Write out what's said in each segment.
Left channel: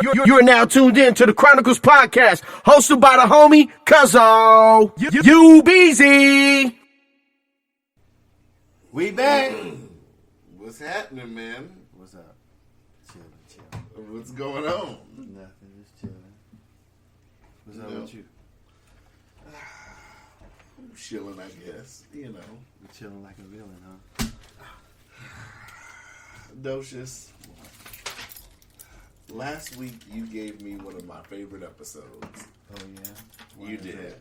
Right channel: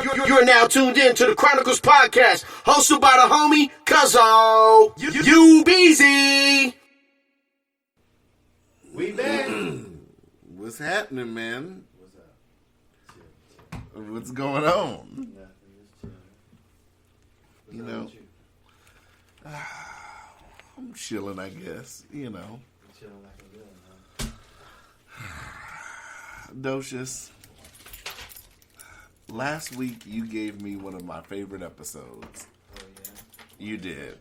You're now tuned in to the Chronicles Podcast, hosted by the homie Cuzzo. You Beezy. We back. What's happening, man? What's up? Chill. What's going on? Nothing, just chilling. What's up with you? I'm chilling, I guess. You know. You're chilling like a villain, huh? Docious. Last week you gave me one of my favorite episodes. Oh, yeah? You did.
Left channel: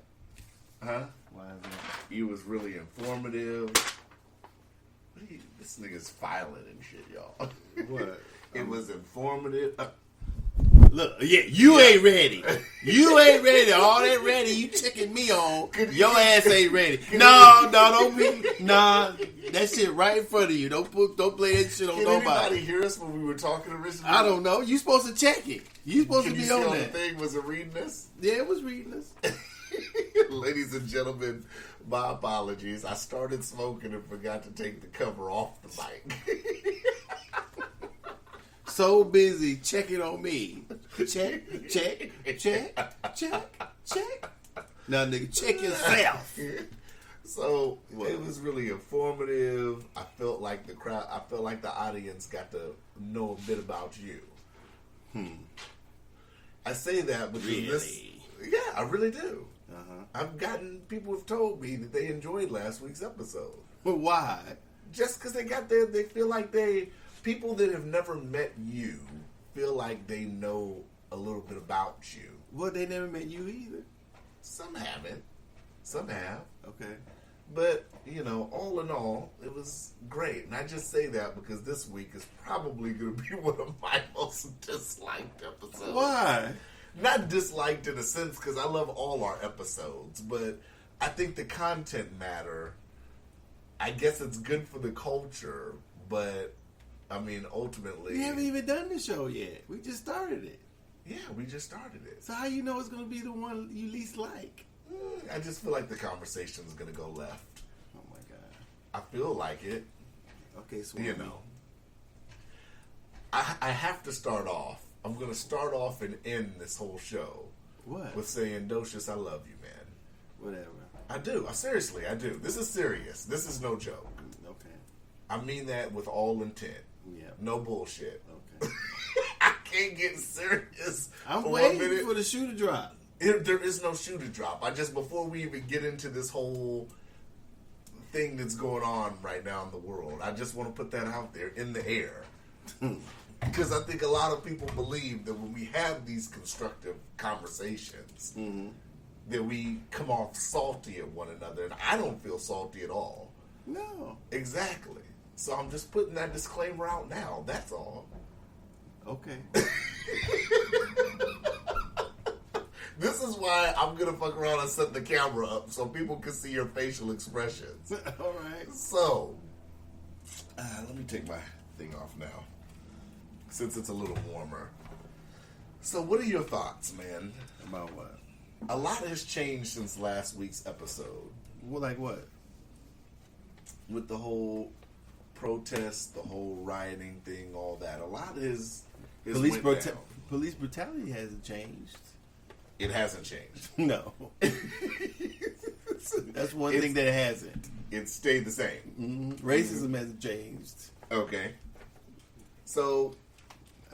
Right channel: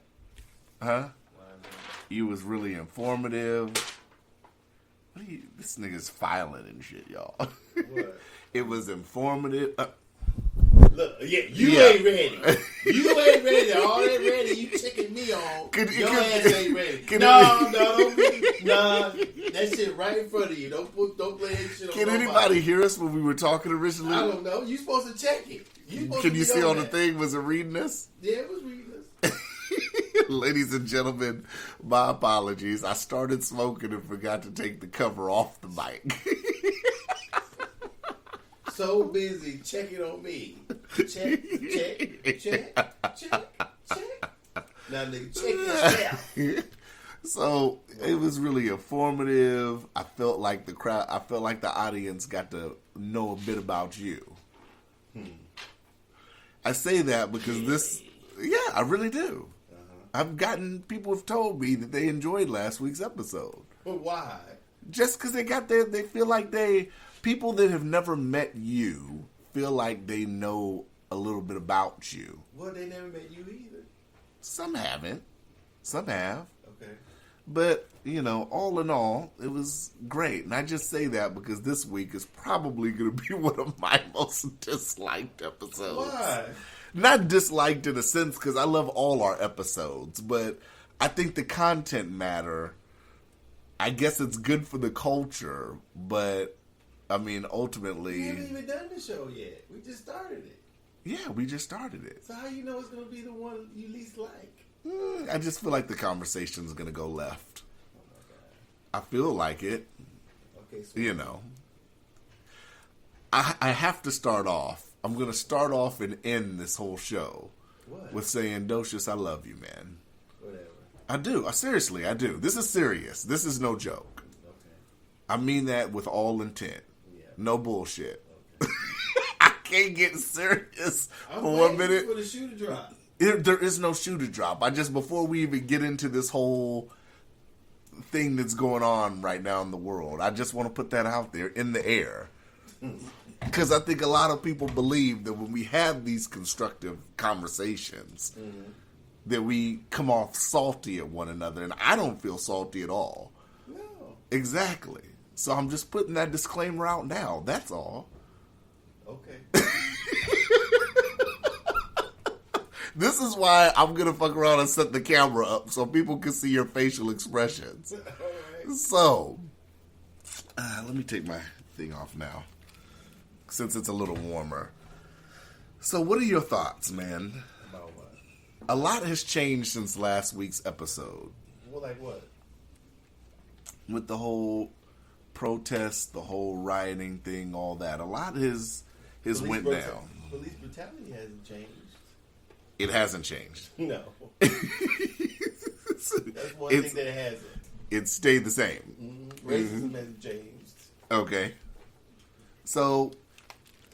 Huh? Why is that? You was really informative. This nigga's filing and shit, y'all. What? It was informative. Look, you ain't ready. You ain't ready. All that ready you checking me on. Your ass ain't ready. Don't be. Nah, that shit right in front of you. Don't play that shit on Can nobody. anybody hear us when we were talking originally? I don't know. You supposed to check it. You supposed Can to you be see on on the that. thing? Was it reading this? Yeah, it was reading this. Ladies and gentlemen, my apologies. I started smoking and forgot to take the cover off the mic. So busy checking on me. Check. Now, nigga, check yourself. So it was really informative. I felt like the audience got to know a bit about you. I say that because I really do. I've gotten people have told me that they enjoyed last week's episode. But why? Just because they feel like people that have never met you feel like they know a little bit about you. Well, they never met you either. Some haven't. Some have. Okay. But, all in all, it was great. And I just say that because this week is probably going to be one of my most disliked episodes. Why? Not disliked in a sense because I love all our episodes, but I think the content matter. I guess it's good for the culture, but I mean, ultimately, We haven't even done the show yet. We just started it. yeah, we just started it. So how you know it's going to be the one you least like? I just feel like the conversation's going to go left. Oh, my God. I feel like it, Okay, so I have to start off. I'm going to start off and end this whole show What? with saying, Docious, I love you, man. Whatever. I do. Seriously, I do. This is serious. This is no joke. Okay. I mean that with all intent. Yeah. No bullshit. Okay. I can't get serious I'm for 1 waiting minute. for the shoe to drop. There is no shoe to drop. Before we even get into this whole thing that's going on right now in the world, I just want to put that out there in the air. Because I think a lot of people believe that when we have these constructive conversations, that we come off salty at one another. And I don't feel salty at all. No. Exactly. So I'm just putting that disclaimer out now. That's all. Okay. This is why I'm going to fuck around and set the camera up so people can see your facial expressions. All right. So, let me take my thing off now, since it's a little warmer. So, what are your thoughts, man? About what? A lot has changed since last week's episode. Well, like what? With the whole protest, the whole rioting thing, all that. A lot has went down. Police brutality hasn't changed. It hasn't changed. No. That's one thing that hasn't. It stayed the same. Mm-hmm. Racism hasn't changed. Okay. So,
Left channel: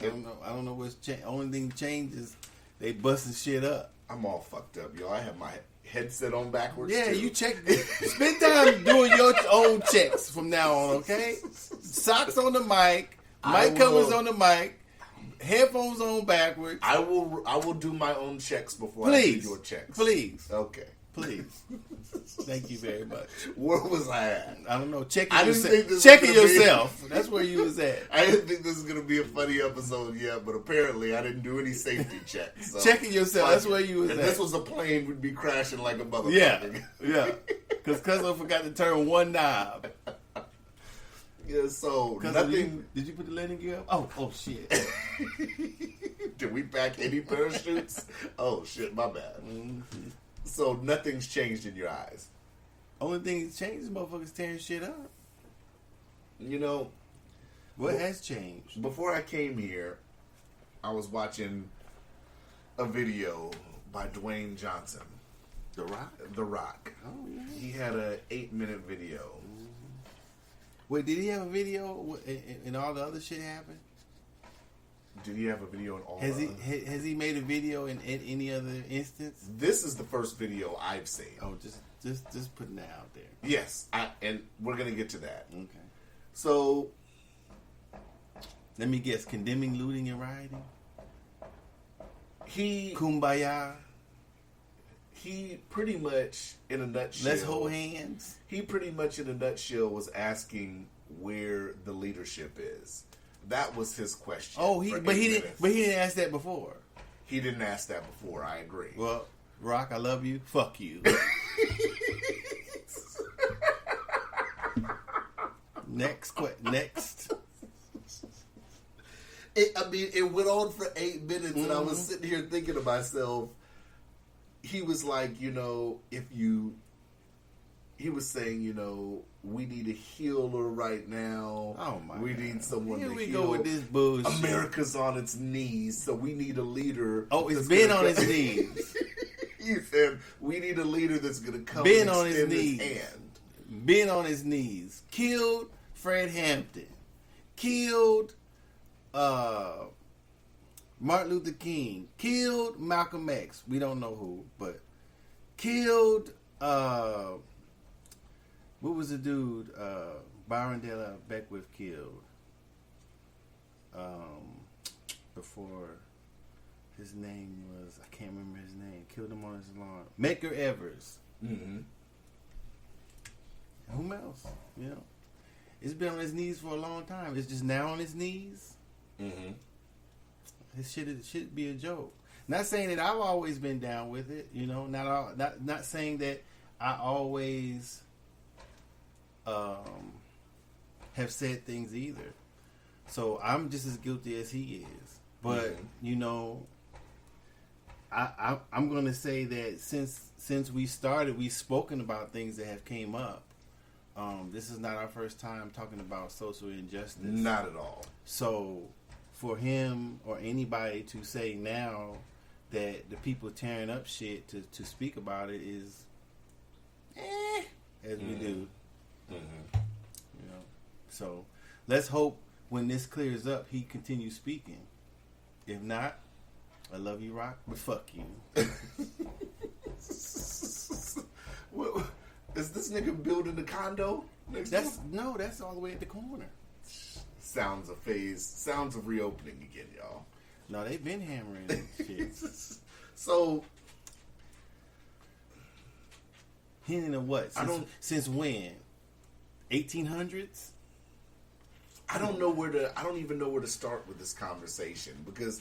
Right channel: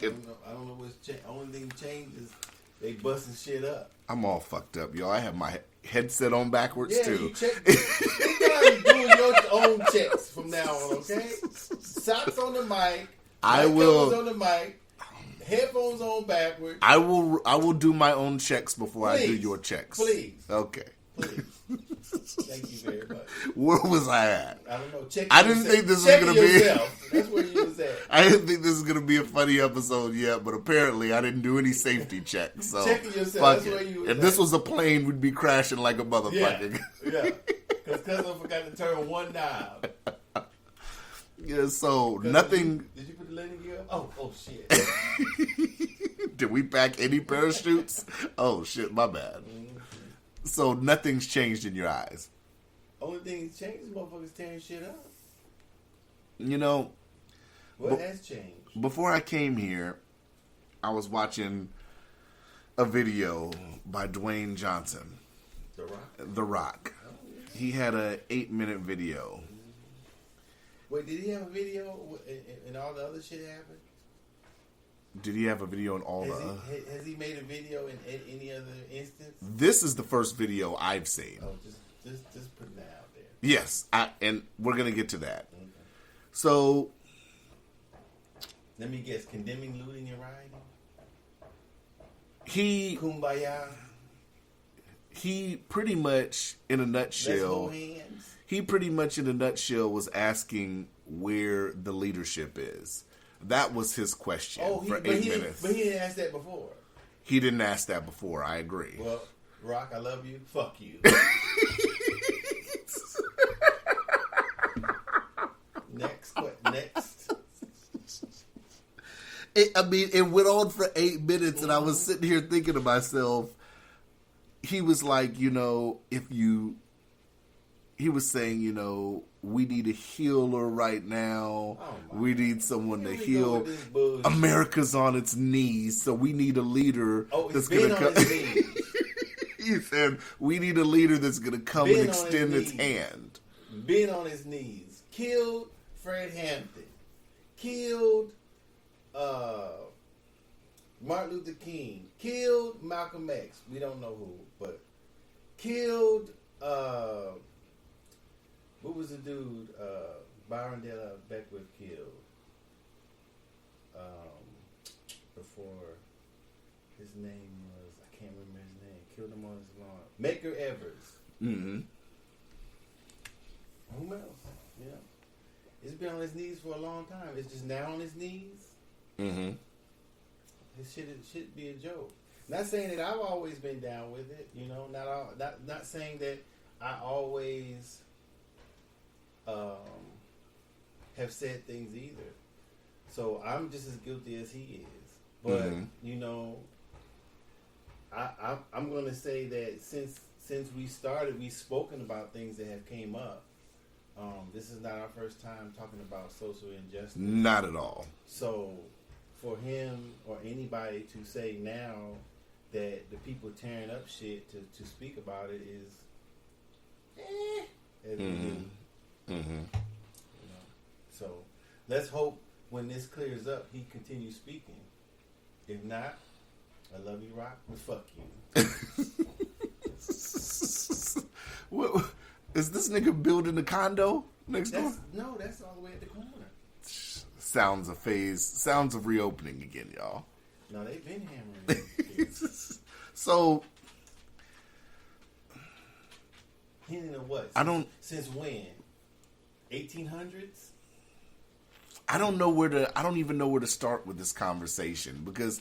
I don't know what's changed. Only thing changed is they busting shit up. I'm all fucked up, yo. I have my headset on backwards, Yeah, too. you check. Spend time doing your own checks from now on, okay? Socks on the mic. I Mic will- covers on the mic. Headphones on backwards. I will do my own checks before I do Please. your checks. Please. Okay. Please. Thank you very much. Where was I at? I don't know. Check. I didn't think this was checking gonna be- yourself. That's where you was at. I didn't think this was gonna be a funny episode yet, but apparently I didn't do any safety checks. So Checking yourself, fuck that's it. where you was If at. this was a plane, we'd be crashing like a Yeah, motherfucker. yeah. Because Cuzzo forgot to turn one knob. Yeah. So Cuzzo, nothing. Did you put the landing gear up? Oh shit. Did we pack any parachutes? Oh shit, my bad. So nothing's changed in your eyes. Only thing that's changed is motherfuckers tearing shit up. You know, What has changed? before I came here, I was watching a video by Dwayne Johnson, The Rock. The Rock. Oh, yeah. He had a 8-minute video. Wait, did he have a video and all the other shit happened? Did he have a video in all Has he made a video in any other instance? This is the first video I've seen. Oh, just putting that out there. Yes, and we're gonna get to that. Okay. So, Let me guess, condemning looting and rioting? he Kumbaya? pretty much, in a nutshell, Let's hold hands? he pretty much in a nutshell was asking where the leadership is. That was his question. Oh, for but 8 he minutes. didn't ask that before. He didn't ask that before. I agree. Well, Rock, I love you. Fuck you. Next. It went on for 8 minutes, and I was sitting here thinking to myself, he was like, he was saying, we need a healer right now. Oh my we God. need someone Here to we go heal. with this bullshit. America's on its knees, so we need a leader. Oh, it's that's been gonna on come- its knees. He said, we need a leader that's going to come Been and on his extend his knees. hand. Been on his knees. Killed Fred Hampton. Killed Martin Luther King. Killed Malcolm X. We don't know who, but killed what was the dude Byron De La Beckwith killed before his name was, I can't remember his name. Killed him on his lawn. Medgar Evers. Mm-hmm. Who else? It's been on his knees for a long time. It's just now on his knees. Mm-hmm. His shit should be a joke. Not saying that I've always been down with it. Not saying that I always have said things either. So I'm just as guilty as he is. But I'm gonna say that since we started, we've spoken about things that have came up. This is not our first time talking about social injustice. Not at all. So, for him or anybody to say now that the people tearing up shit to speak about it is, as we do. Mm-hmm. So, let's hope when this clears up, he continues speaking. If not, I love you, Rock, but fuck you. What, is this nigga building a condo next door? That's all the way at the corner. Sounds of phase. Sounds of reopening again, y'all. No, they've been hammering kids. So, Hinting of what? Since when? 1800s? I don't even know where to start with this conversation because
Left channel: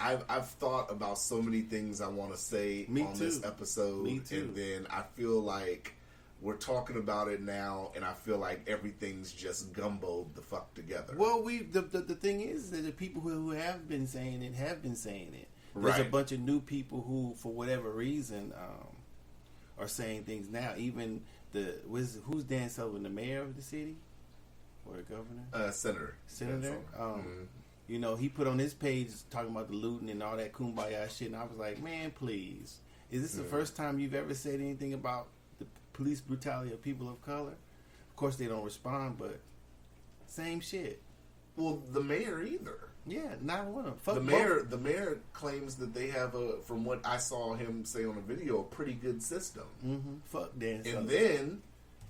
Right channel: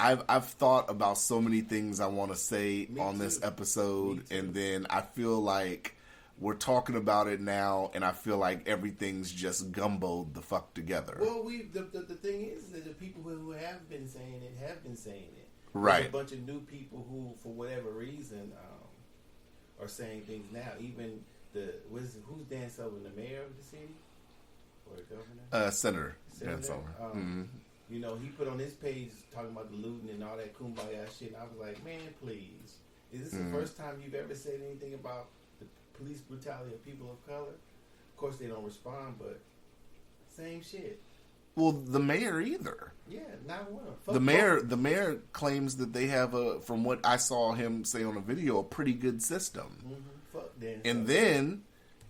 I've thought about so many things I want to say on this episode, and then I feel like we're talking about it now, and I feel like everything's just gumboed the fuck together. Well, the thing is that the people who have been saying it have been saying it. Right. There's a bunch of new people who, for whatever reason, are saying things now. Even who's Dan Sullivan, the mayor of the city or the governor? Senator. Senator. He put on his page talking about the looting and all that kumbaya shit, and I was like, man, please, is this the first time you've ever said anything about the police brutality of people of color? Of course, they don't respond, but same shit. Well, the mayor either. Yeah, not one of them. The mayor claims that they have from what I saw him say on a video, a pretty good system. Mm-hmm. Fuck Dan.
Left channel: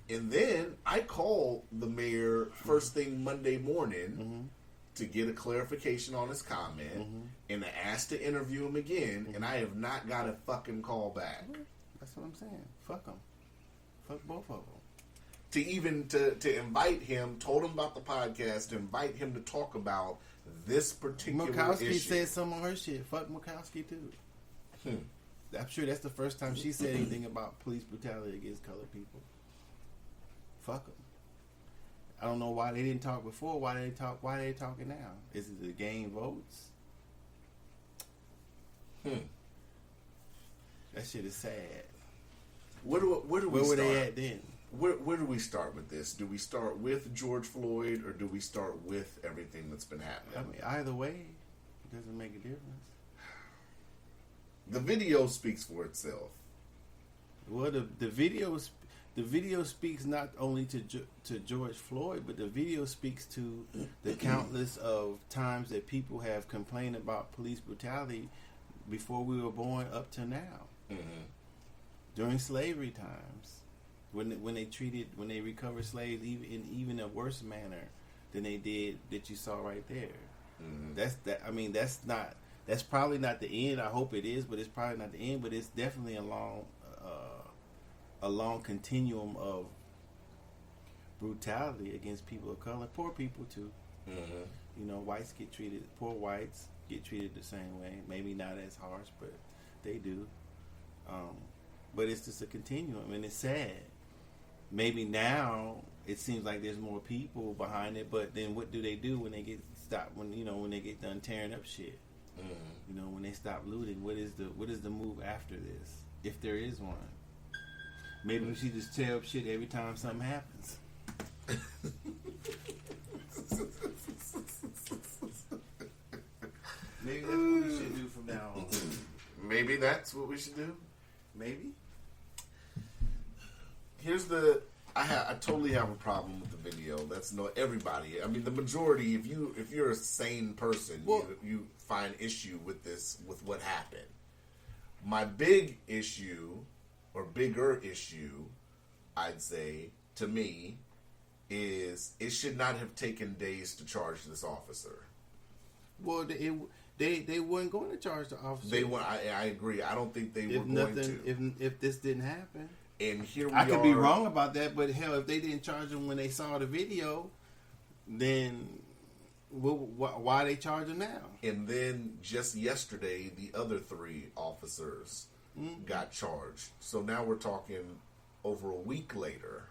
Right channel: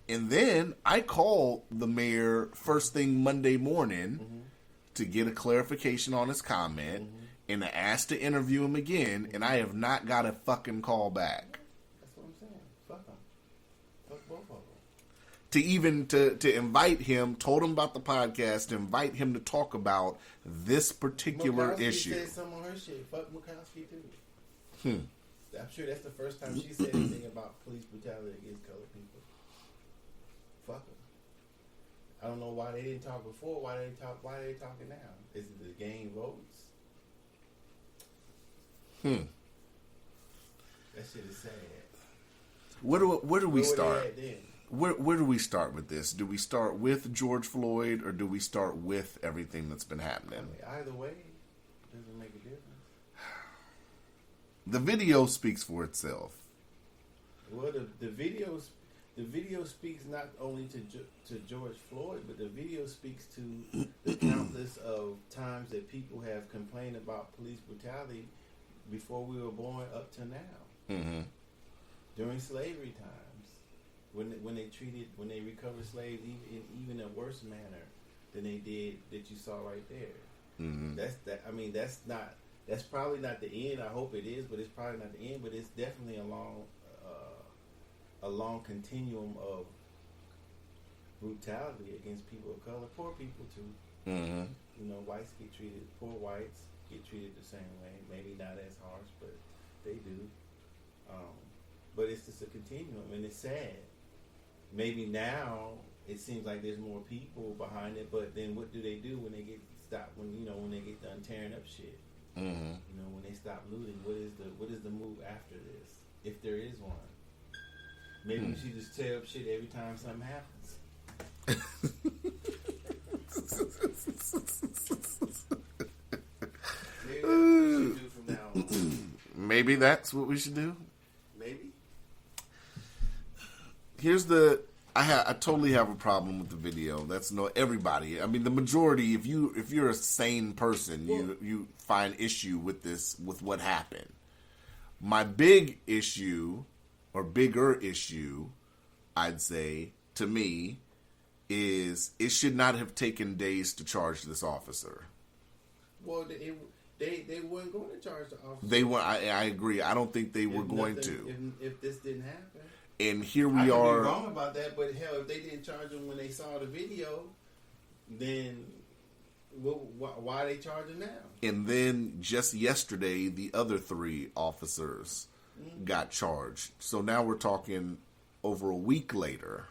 And then I called the mayor first thing Monday morning to get a clarification on his comment, and I asked to interview him again, and I have not got a fucking call back. That's what I'm saying. Fuck them. Fuck both of them. To invite him, told him about the podcast, to invite him to talk about this particular Murkowski issue. said some of her shit. Fuck Murkowski too. I'm sure that's the first time she said anything about police brutality against colored people. Fuck them. I don't know why they didn't talk before. Why they talking now? Is it the game votes? That shit is sad. Where do we Where start? were they at then? Where do we start with this? Do we start with George Floyd, or do we start with everything that's been happening? I mean, either way, Doesn't make a difference. The video speaks for itself. Well, the video speaks not only to George Floyd, but the video speaks to the countless of times that people have complained about police brutality before we were born up to now. Mm-hmm. During slavery times, when they recovered slaves even a worse manner than they did that you saw right there. Mm-hmm. That's probably not the end. I hope it is, but it's probably not the end. But it's definitely a long continuum of brutality against people of color, poor people too. Mm-hmm. You know, poor whites get treated the same way. Maybe not as harsh, but they do. But it's just a continuum, and it's sad. Maybe now it seems like there's more people behind it, but then what do they do when they get stopped? When they get done tearing up shit? Mm-hmm. You know, when they stop looting, what is the move after this, if there is one? Maybe we should just tear up shit every time something happens. Maybe that's what we should do from now on. Maybe that's what we should do. Maybe. I totally have a problem with the video. That's everybody. I mean, the majority. If you're a sane person, you find issue with this, with what happened. My big issue, or bigger issue, I'd say, to me, is it should not have taken days to charge this officer. Well, they weren't going to charge the officer. They were. I agree. I don't think they were going to. If this didn't happen. And here we I could are. be wrong about that, but hell, if they didn't charge him when they saw the video, then why are they charging now? And then just yesterday, the other 3 officers got charged. So now we're talking over a week later.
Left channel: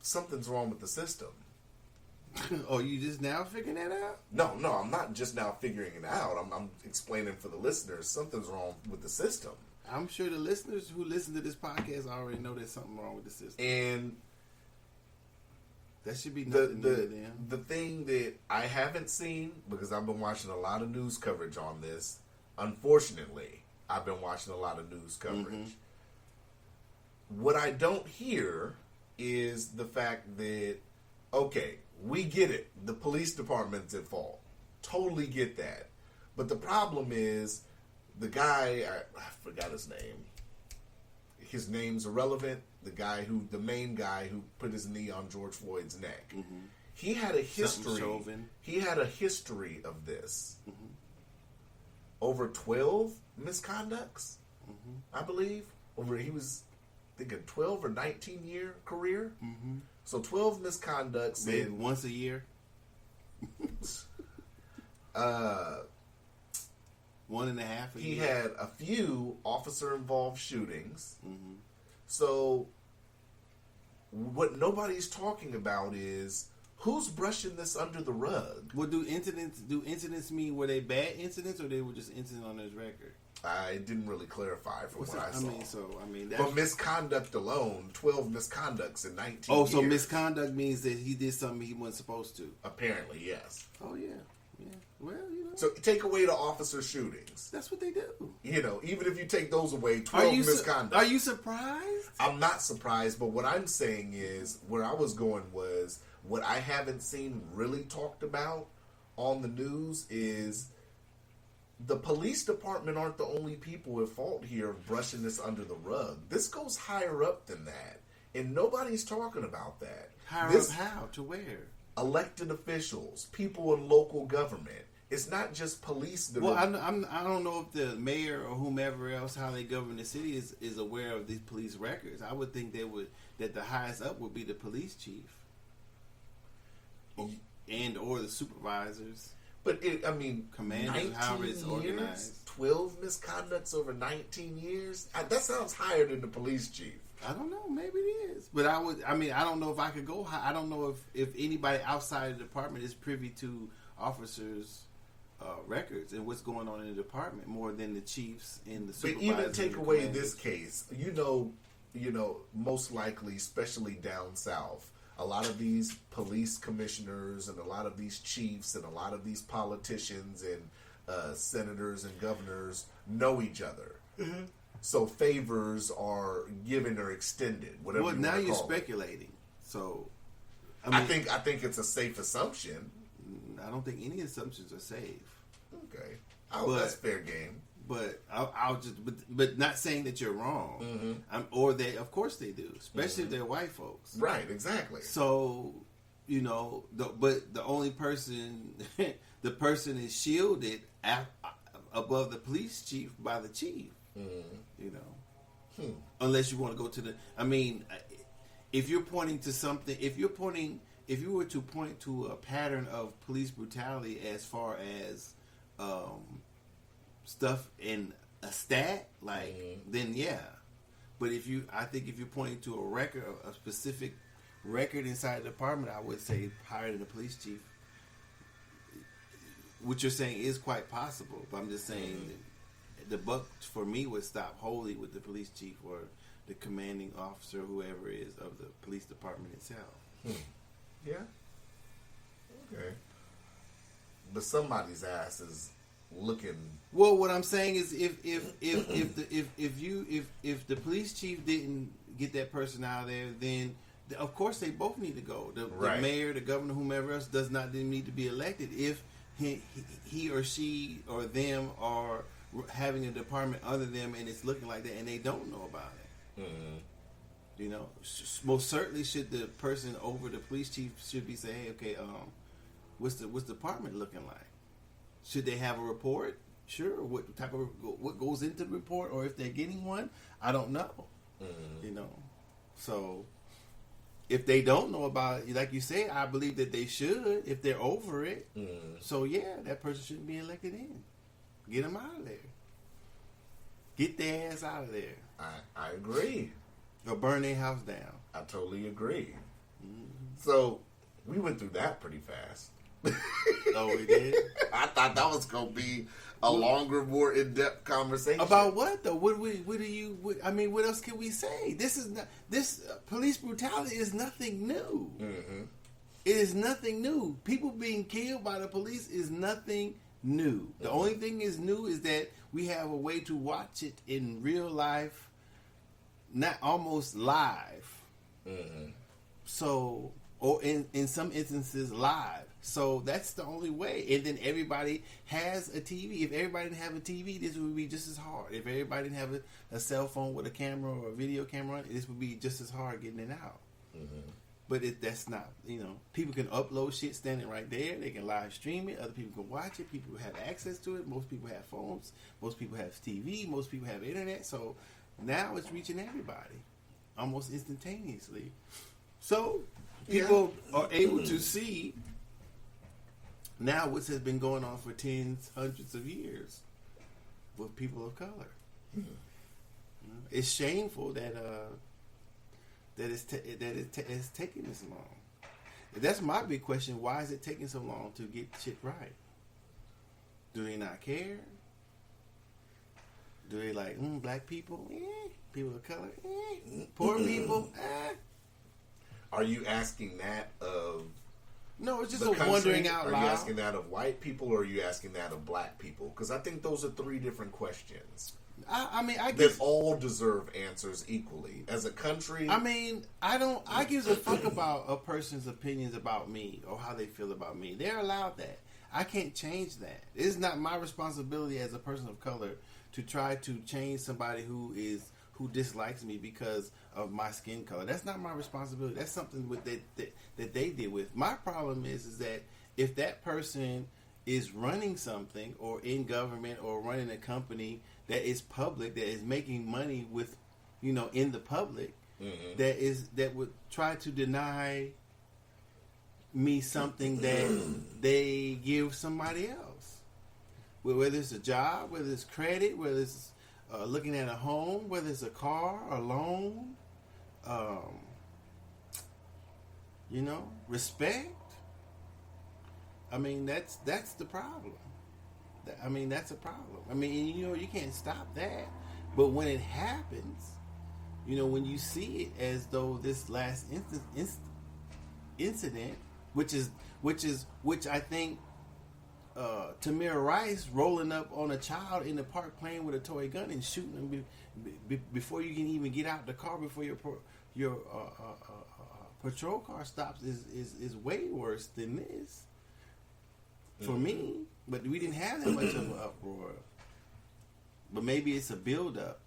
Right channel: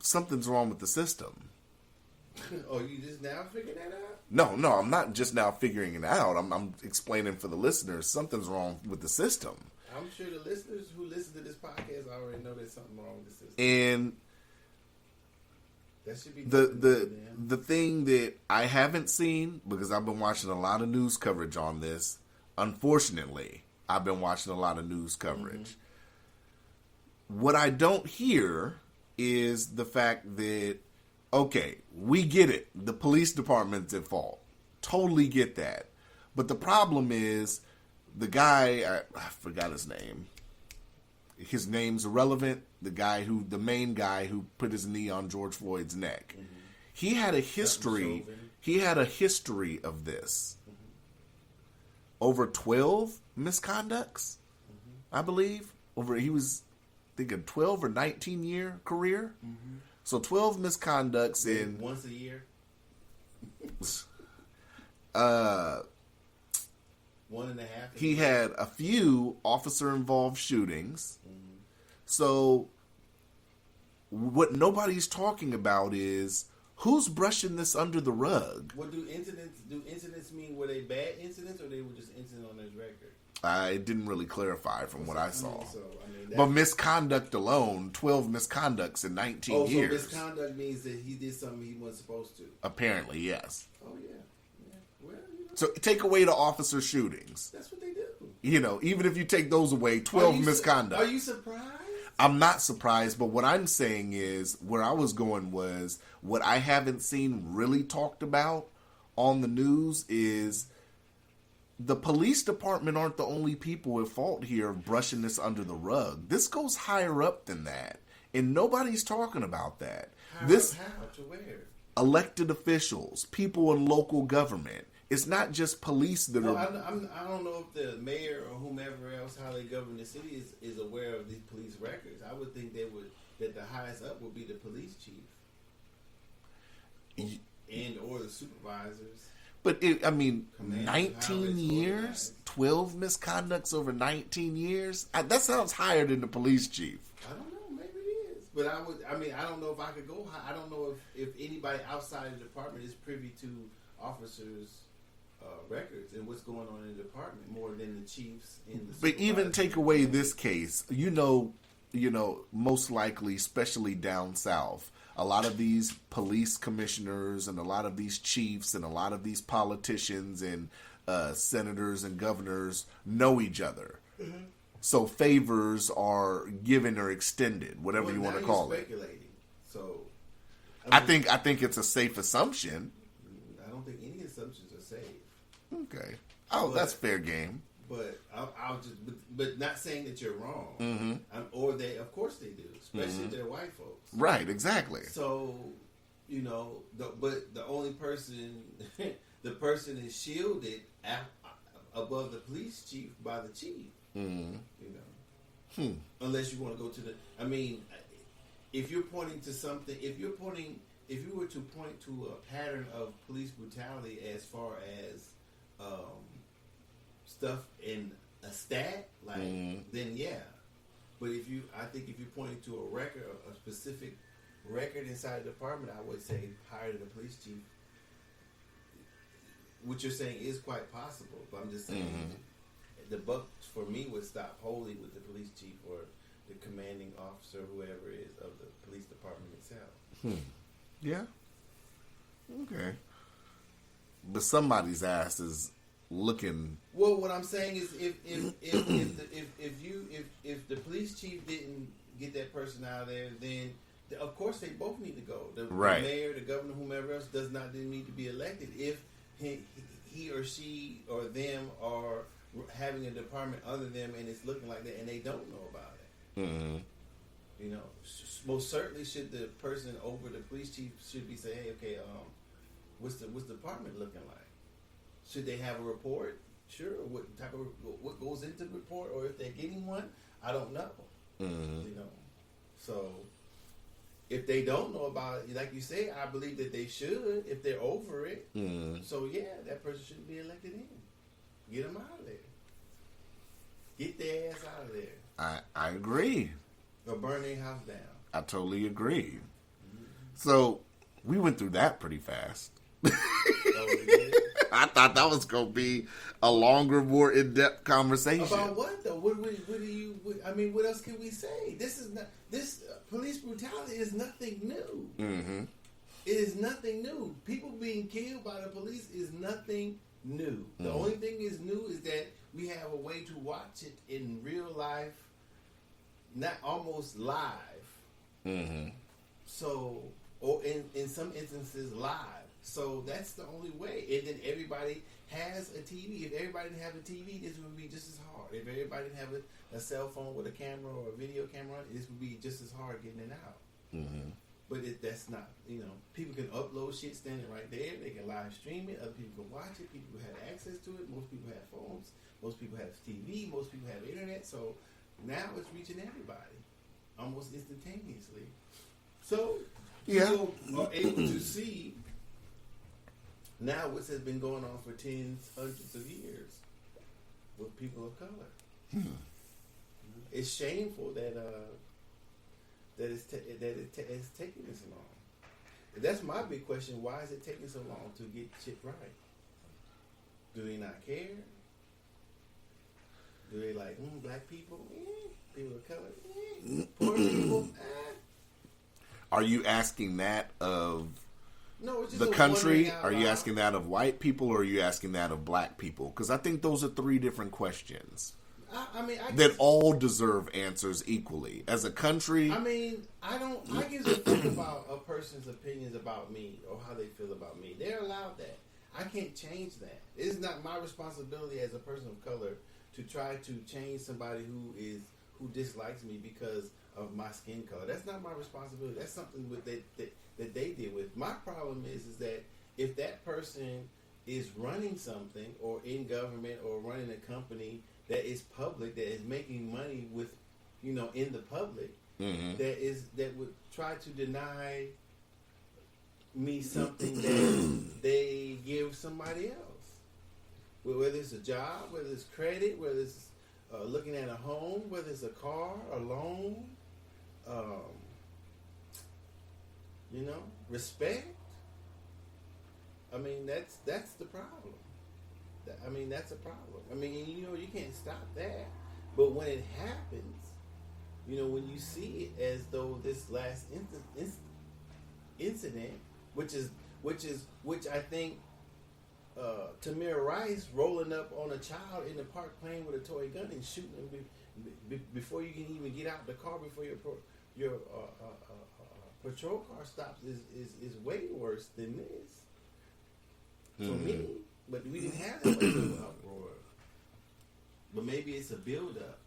Something's wrong with the system. Oh, you just now figuring that out? No, I'm not just now figuring it out. I'm explaining for the listeners. Something's wrong with the system. I'm sure the listeners who listen to this podcast already know there's something wrong with the system. And that should be the thing that I haven't seen, because I've been watching a lot of news coverage on this. Unfortunately, I've been watching a lot of news coverage. Mm-hmm. What I don't hear is the fact that, okay, we get it. The police department's at fault. Totally get that. But the problem is, the guy, I forgot his name. His name's irrelevant. The main guy who put his knee on George Floyd's neck. Mm-hmm. He had a history. He had a history of this. Mm-hmm. Over 12 misconducts, I believe. He was, I think, a 12 or 19 year career. Mm-hmm. So 12 misconducts in once a year. 1.5. He had a few officer-involved shootings. Mm-hmm. So what nobody's talking about is who's brushing this under the rug. Well, do incidents mean, were they bad incidents or they were just incidents on his record? I didn't really clarify from what I saw. That's... But misconduct alone, 12 misconducts in 19 years. Oh, so misconduct means that he did something he wasn't supposed to? Apparently, yes. Oh, yeah. Well, So take away the officer shootings. That's what they do. Even if you take those away, 12 misconduct. Are you surprised? I'm not surprised, but what I'm saying is, where I was going was, what I haven't seen really talked about on the news is the police department aren't the only people at fault here of brushing this under the rug. This goes higher up than that, and nobody's talking about that. How? To where? Elected officials, people in local government. It's not just police that are... I don't know if the mayor or whomever else, how they govern the city, is aware of these police records. I would think that the highest up would be the police chief. And or the supervisors. But 19 years? 12 misconducts over 19 years? That sounds higher than the police chief. I don't know. Maybe it is. But I don't know if I could go high. I don't know if anybody outside the department is privy to officers' records and what's going on in the department more than the chiefs and the supervisors. But even take away this case, most likely, especially down south, a lot of these police commissioners and a lot of these chiefs and a lot of these politicians and senators and governors know each other. Mm-hmm. So favors are given or extended, whatever you want to call it. Now you're speculating. So, I think it's a safe assumption. I don't think any assumptions are safe. Okay. Oh, that's fair game. But I'll just, but not saying that you're wrong. Mm-hmm. Or they, of course they do, especially if they're white folks. Right, exactly. So, but the only person, the person is shielded above the police chief by the chief. Mm-hmm. Unless you want to go to the, I mean, if you're pointing to something, if you were to point to a pattern of police brutality as far as stuff in a stat, like, then yeah. But I think if you're pointing to a record, a specific record inside the department, I would say higher than the police chief. What you're saying is quite possible, but I'm just saying the buck for me would stop wholly with the police chief or the commanding officer, whoever it is, of the police department itself. Yeah. Okay. But somebody's ass is looking. Well, what I'm saying is, if the police chief didn't get that person out of there, then of course they both need to go. The mayor, the governor, whomever else does not need to be elected if he or she or them are having a department other them and it's looking like that and they don't know about it. Mm-hmm. Most certainly should the person over the police chief should be saying, hey, okay, what's the department looking like? Should they have a report? Sure. What goes into the report, or if they're getting one, I don't know. Mm-hmm. So if they don't know about it, like you say, I believe that they should if they're over it. Mm-hmm. So yeah, that person shouldn't be elected in. Get them out of there. Get their ass out of there. I agree. Or burn their house down. I totally agree. Mm-hmm. So we went through that pretty fast. Oh, we did? I thought that was going to be a longer, more in-depth conversation. About what though? What else can we say? This police brutality is nothing new. Mm-hmm. It is nothing new. People being killed by the police is nothing new. The only thing is new is that we have a way to watch it in real life, not almost live. Mm-hmm. So, or in some instances live. So that's the only way. And then everybody has a TV. If everybody didn't have a TV, this would be just as hard. If everybody didn't have a cell phone with a camera or a video camera, this would be just as hard getting it out. Mm-hmm. But that's not, people can upload shit standing right there. They can live stream it. Other people can watch it. People have access to it. Most people have phones. Most people have TV. Most people have internet. So now it's reaching everybody almost instantaneously. So people are able to see now what has been going on for tens, hundreds of years with people of color. It's shameful that it's taking this long. That's my big question. Why is it taking so long to get shit right? Do they not care? Do they like black people? People of color? Poor people? Are you asking that of no, it's just the country? Out are loud. You asking that of white people, or are you asking that of black people? Because I think those are three different questions. I that all deserve answers equally. As a country, I give a fuck about a person's opinions about me or how they feel about me. They're allowed that. I can't change that. It's not my responsibility as a person of color to try to change somebody who dislikes me because of my skin color. That's not my responsibility. That's something that they deal with. My problem is that if that person is running something or in government or running a company that is public, that is making money with, in the public, that would try to deny me something that they give somebody else. Whether it's a job, whether it's credit, whether it's looking at a home, whether it's a car, a loan, respect. That's the problem. That's a problem. You can't stop that. But when it happens, when you see it as though this last incident, which I think Tamir Rice rolling up on a child in the park playing with a toy gun and shooting him before you can even get out the car, before your patrol car stops is way worse than this for me. But we didn't have that much of an uproar. But maybe it's a build up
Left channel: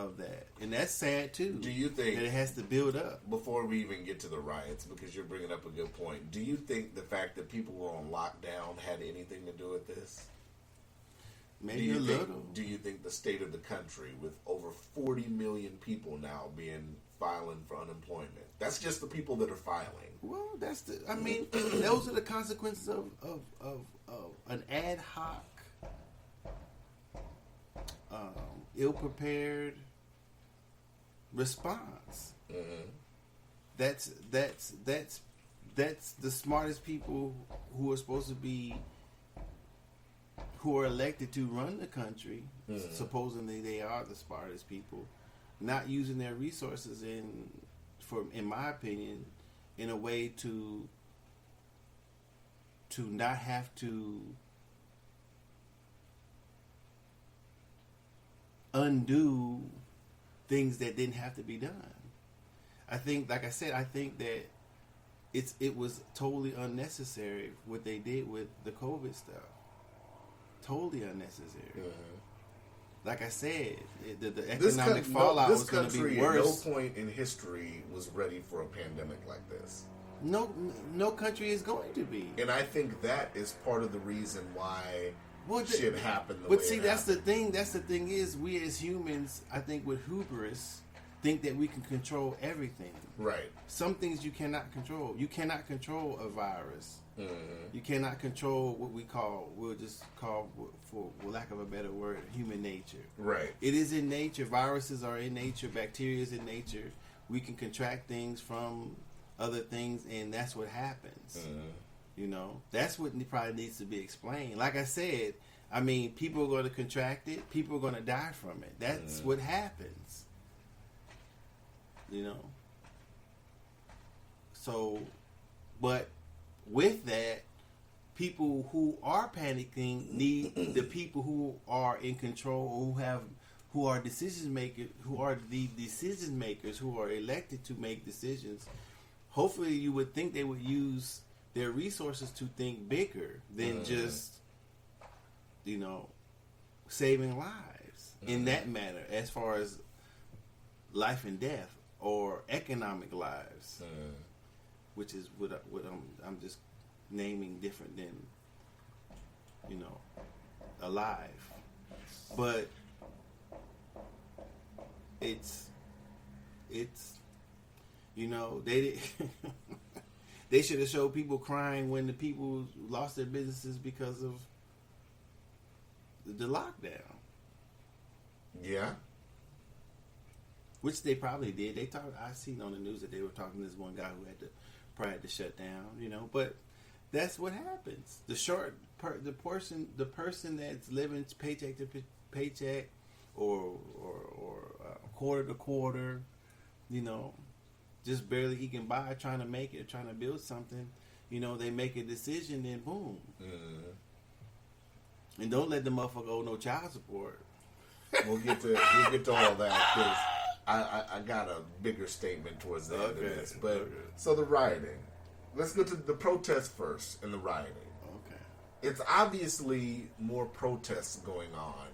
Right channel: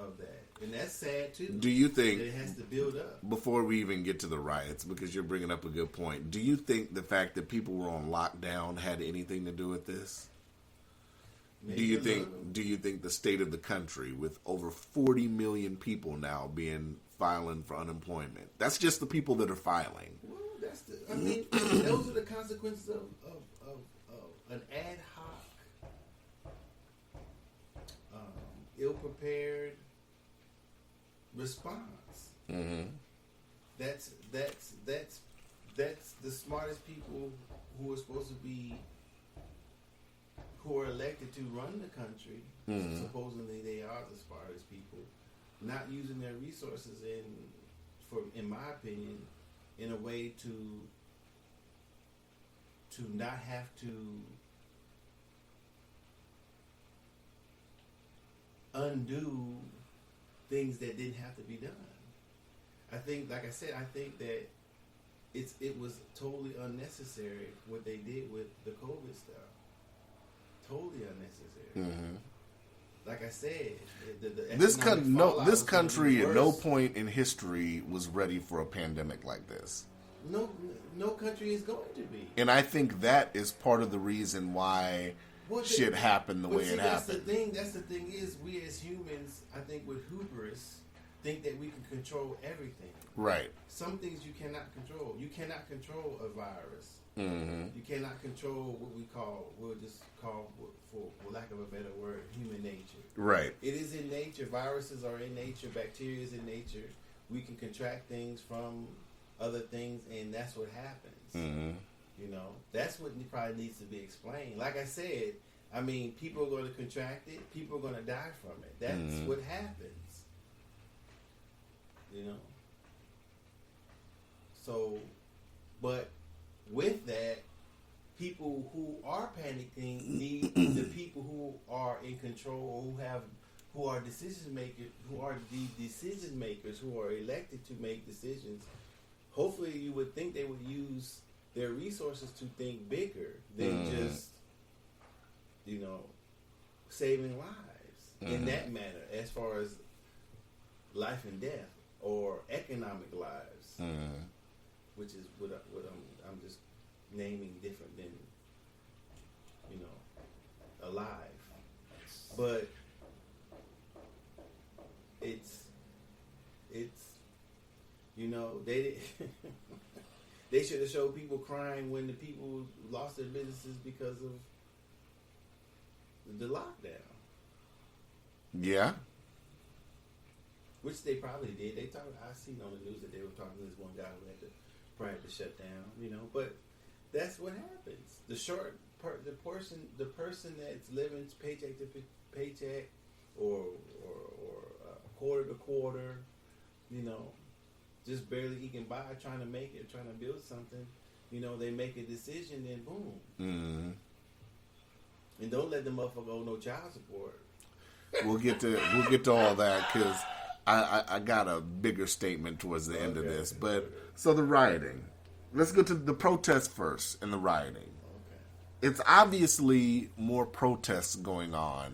of that, and that's sad too. Do you think that it has to build up before we even get to the riots? Because you're bringing up a good point. Do you think the fact that people were on lockdown had anything to do with this? Maybe Do you think the state of the country, with over 40 million people now filing for unemployment, that's just the people that are filing? Well, I mean, those are the consequences of an ad hoc, ill-prepared response. Mm-hmm. That's the smartest people who are supposed to be, who are elected to run the country. Mm-hmm. Supposedly they are the smartest people, not using their resources in my opinion, in a way to not have to undo things that didn't have to be done. I think, like I said, I think that it was totally unnecessary what they did with the COVID stuff. Totally unnecessary. Mm-hmm. Like I said, this country at no point in history was ready for a pandemic like this. No country is going to be. And I think that is part of the reason why shit happened the way it happened. That's the thing is, we as humans, I think with hubris, think that we can control everything. Right. Some things you cannot control. You cannot control a virus. Mm-hmm. You cannot control what we'll just call, for lack of a better word, human nature. Right. It is in nature. Viruses are in nature. Bacteria is in nature. We can contract things from other things, and that's what happens. Mm-hmm. You know, that's what probably needs to be explained. Like I said, I mean, people are going to contract it. People are going to die from it. That's what happens. You know? So, but with that, people who are panicking need the people who are in control, who are decision makers, who are the decision makers, who are elected to make decisions. Hopefully, you would think they would use their resources to think bigger than just, saving lives in that manner, as far as life and death or economic lives, which is what I'm just naming different than alive. But it's they they should have showed people crying when the people lost their businesses because of the lockdown. Yeah. Which they probably did. I seen on the news that they were talking to this one guy who probably had to shut down, but that's what happens. The person that's living paycheck to paycheck or quarter to quarter, just barely eking by, trying to make it, trying to build something, they make a decision, then boom. Mm-hmm. And don't let the motherfucker owe no child support. We'll get to all that, because I got a bigger statement towards the end of this. But so the rioting. Let's go to the protests first and the rioting. Okay. It's obviously more protests going on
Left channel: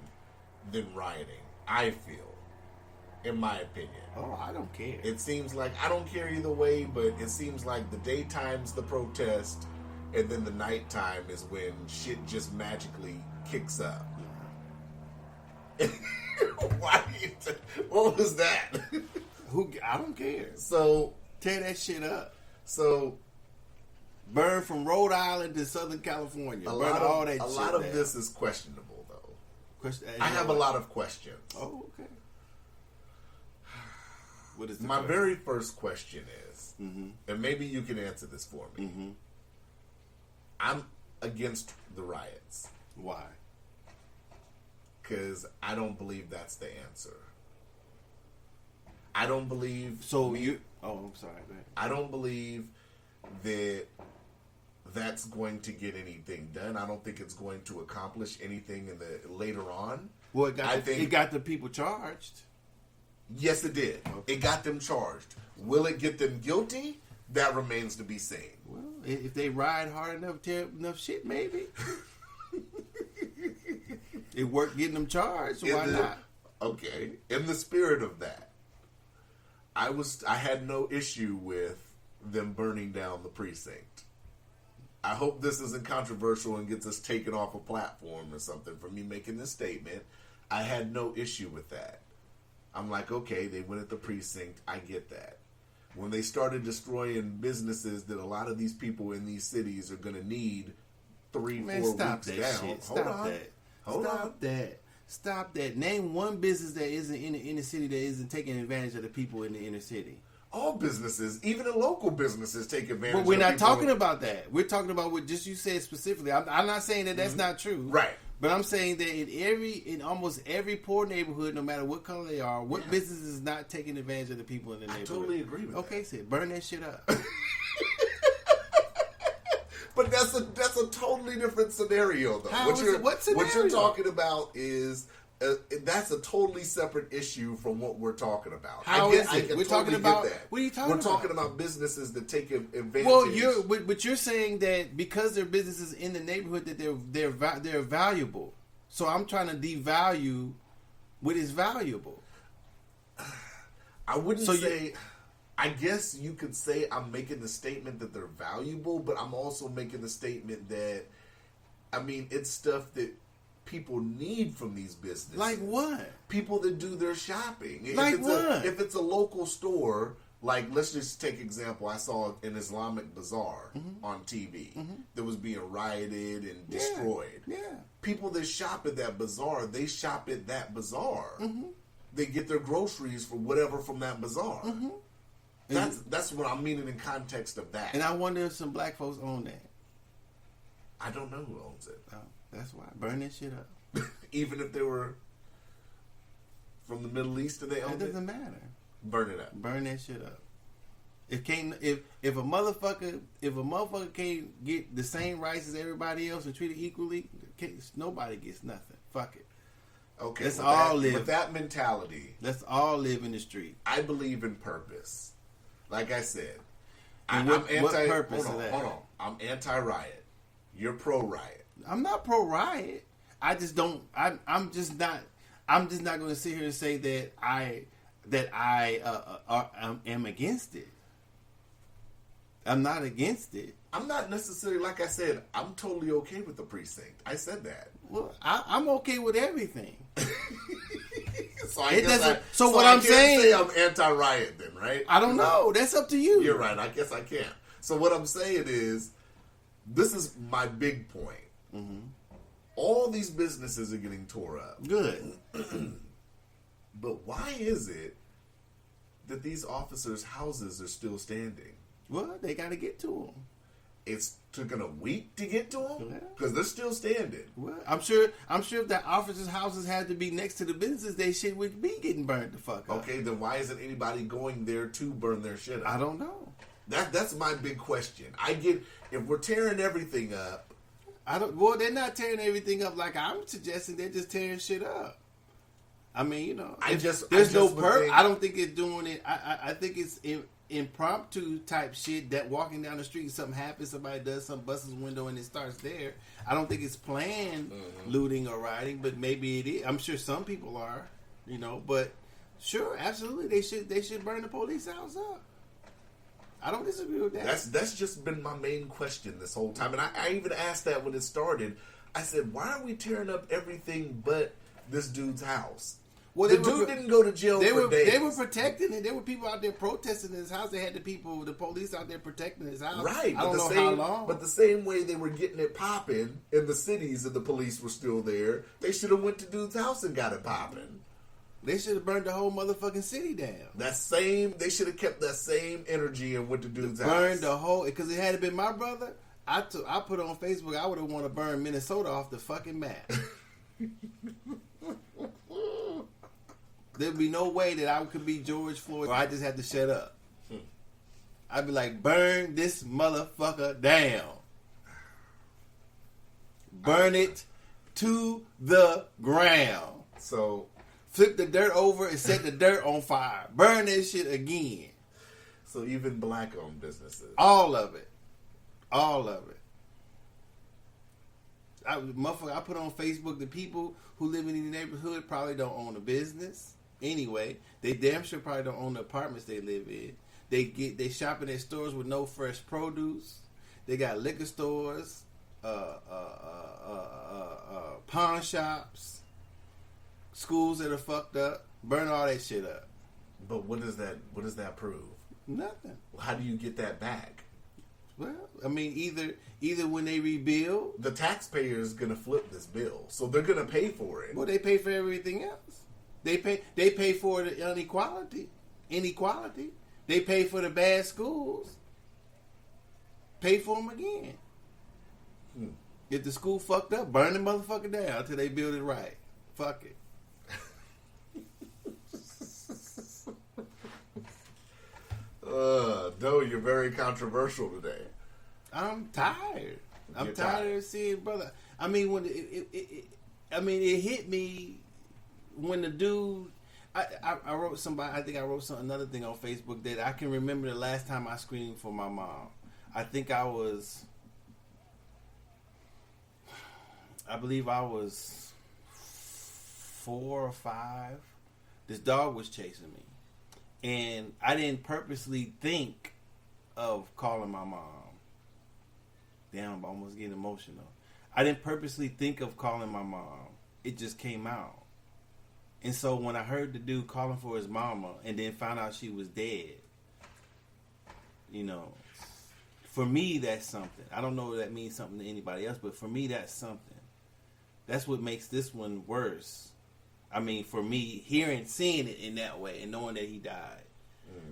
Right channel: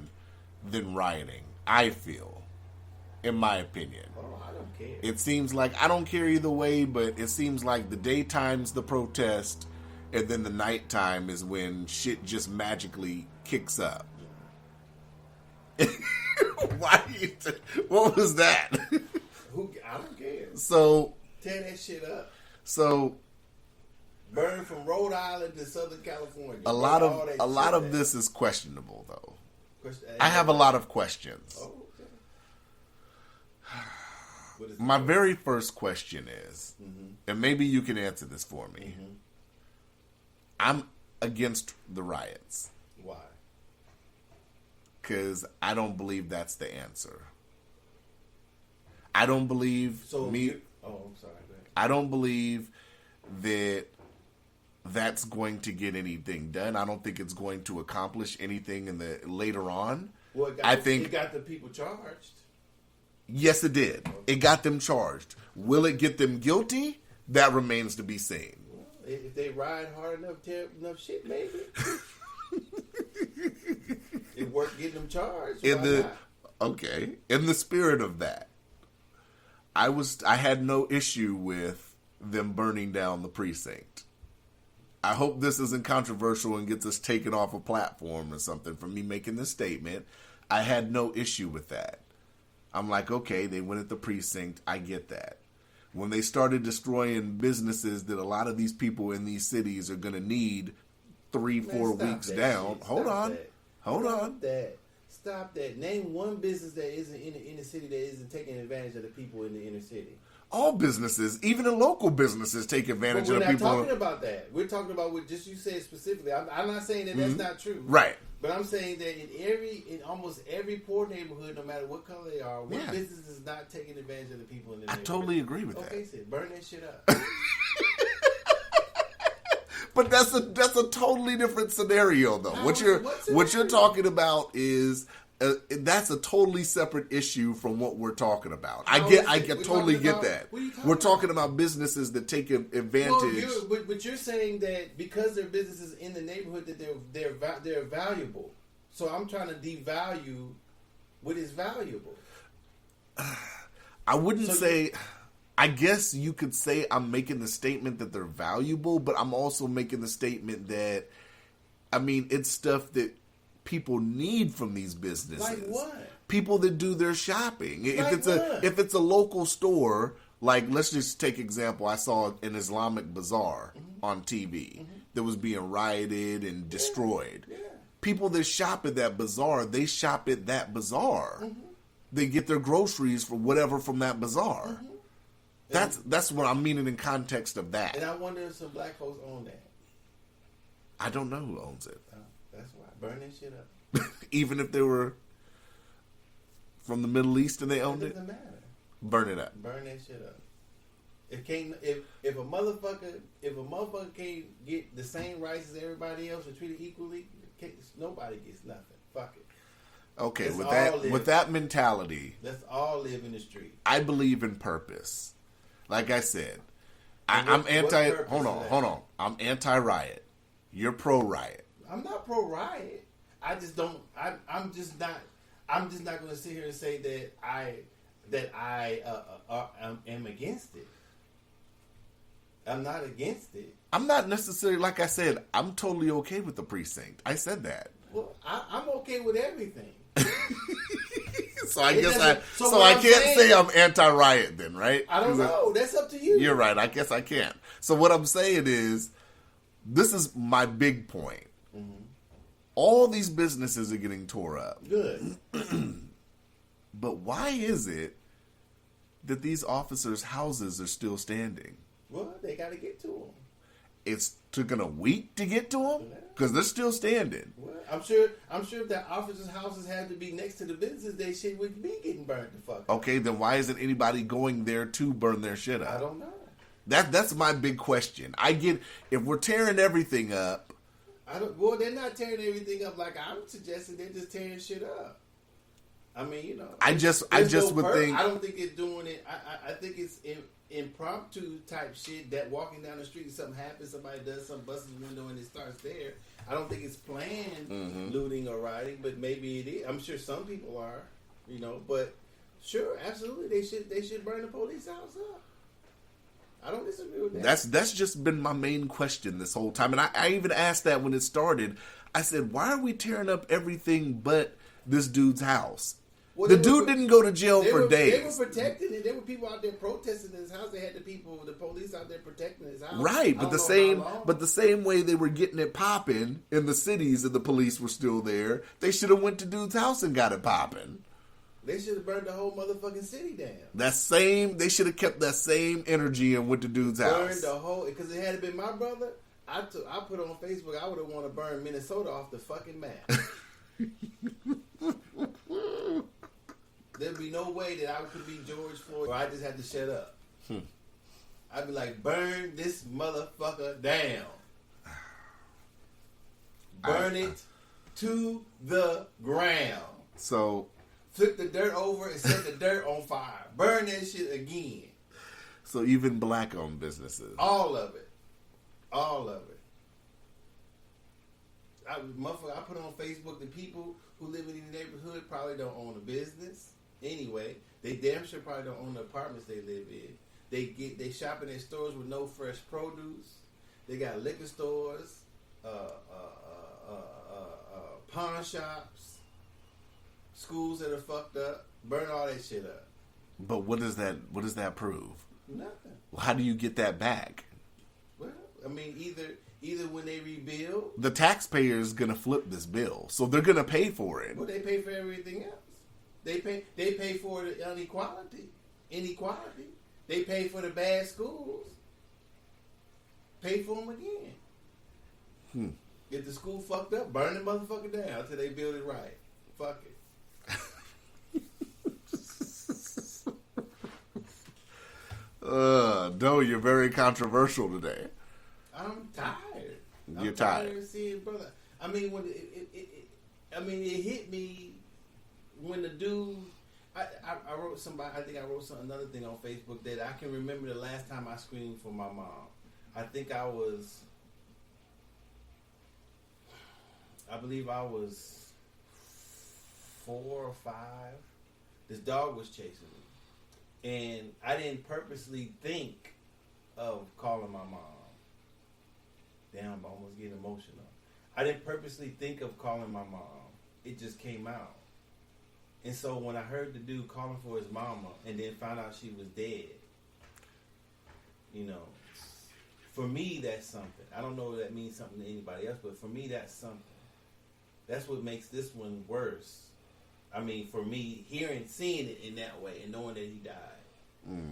than rioting, I feel, in my opinion. Oh, I don't care. It seems like, I don't care either way, but it seems like the daytime's the protest, and then the nighttime is when shit just magically kicks up. Why? What was that? I don't care. So tear that shit up. So burn from Rhode Island to Southern California. A lot of this is questionable, though. I have a lot of questions. Oh, okay. What is my very first question is, and maybe you can answer this for me. Mm-hmm. I'm against the riots. Why? Because I don't believe that's the answer. I don't believe Oh, I'm sorry. Go ahead. I don't believe that that's going to get anything done. I don't think it's going to accomplish anything in the later on. Well, it got the people charged. Yes, it did. It got them charged. Will it get them guilty? That remains to be seen. Well, if they ride hard enough, tear up enough shit, maybe. It worked getting them charged. Why not? Okay. In the spirit of that, I had no issue with them burning down the precinct. I hope this isn't controversial and gets us taken off a platform or something for me making this statement. I had no issue with that. I'm like, okay, they went at the precinct. I get that. When they started destroying businesses that a lot of these people in these cities are going to need 3-4 weeks down. Hold on. Stop that. Name one business that isn't in the inner city that isn't taking advantage of the people in the inner city. All businesses, even the local businesnes, take advantage of people. But we're not talking about that. We're talking about what just you said specifically. I'm not saying that that's not true. Right. But I'm saying that in almost every poor neighborhood, no matter what color they are, what business is not taking advantage of the people in the neighborhood? I totally agree with that. Okay, Sid, burn that shit up. But that's a totally different scenario, though. What you're talking about is that's a totally separate issue from what we're talking about. I can totally get that. What are you talking We're talking about businesses that take advantage. Well, but you're saying that because they're businesses in the neighborhood that they're valuable. So I'm trying to devalue what is valuable. I wouldn't say. I guess you could say I'm making the statement that they're valuable, but I'm also making the statement that, I mean, it's stuff that people need from these businesses. Like what? People that do their shopping. If it's a local store, like let's just take example. I saw an Islamic bazaar on TV that was being rioted and destroyed. Yeah. People that shop at that bazaar, they shop at that bazaar. They get their groceries for whatever from that bazaar. That's what I'm meaning in context of that. And I wonder if some black folks own that. I don't know who owns it. That's why. Burn that shit up. Even if they were from the Middle East and they owned it? It doesn't matter. Burn it up. Burn that shit up. If a motherfucker can't get the same rights as everybody else and treated equally, nobody gets nothing. Fuck it. Okay, Let's with that mentality, let's all live in the street. I believe in purpose. Like I said, And I'm anti. hold on. I'm anti-riot. You're pro-riot. I'm not pro-riot. I just don't. I'm just not going to sit here and say that I am against it. I'm not against it. I'm not necessarily, like I said, I'm totally okay with the precinct. I said that. Well, I'm okay with everything. So I can't say I'm anti-riot then, right? I don't know. That's up to you. You're right. I guess I can't. So what I'm saying is, this is my big point. All these businesses are getting tore up. Good. But why is it that these officers' houses are still standing? Well, they got to get to them. It's taken a week to get to them because they're still standing. Well, I'm sure if the officers' houses had to be next to the businesses, they shit would be getting burned the fuck up. Okay, then why isn't anybody going there to burn their shit up? I don't know. That's my big question. I get if we're tearing everything up. Well, they're not tearing everything up like I'm suggesting. They're just tearing shit up. I mean, you know. I don't think it's doing it. I think it's impromptu type shit that walking down the street and something happens, somebody does something, busts his window and it starts there. I don't think it's planned looting or rioting, but maybe it is. I'm sure some people are, you know, but sure, absolutely, they should burn the police house up. I don't disagree with that. That's just been my main question this whole time, and I even asked that when it started. I said, why are we tearing up everything but this dude's house? Well, the dude didn't go to jail for days. They were protecting it. There were people out there protesting his house. They had the police out there protecting his house. Right, but the same way they were getting it popping in the cities and the police were still there, they should have went to dude's house and got it popping. They should have burned the whole motherfucking city down. They should have kept that same energy and went to dude's house. Burned the whole, because it had been my brother. I put on Facebook, I would have wanted to burn Minnesota off the fucking map. There'd be no way that I could be George Floyd or I just had to shut up. I'd be like, burn this motherfucker down. Burn it to the ground. So flip the dirt over and set the dirt on fire. Burn that shit again. So even black-owned businesses. All of it. All of it. I put on Facebook the people who live in the neighborhood probably don't own a business. Anyway, they damn sure probably don't own the apartments they live in. They shopping at stores with no fresh produce. They got liquor stores, pawn shops, schools that are fucked up. Burn all that shit up. But what does that prove? Nothing. How do you get that back? Well, I mean, either when they rebuild, the taxpayer is gonna flip this bill, so they're gonna pay for it. Well, they pay for everything else. They pay for the inequality. They pay for the bad schools. Pay for them again. If the school fucked up, burn the motherfucker down until they build it right. Fuck it. No, you're very controversial today. I'm tired. You're I'm tired of seeing, brother. I mean, when it hit me when the dude. I wrote somebody. I think I wrote another thing on Facebook that I can remember the last time I screamed for my mom. I believe I was 4 or 5. This dog was chasing me, and I didn't purposely think of calling my mom. Damn, I'm almost getting emotional. I didn't purposely think of calling my mom. It just came out. And so when I heard the dude calling for his mama and then found out she was dead, for me, that's something. I don't know if that means something to anybody else, but for me, that's something. That's what makes this one worse. I mean, for me, seeing it in that way and knowing that he died,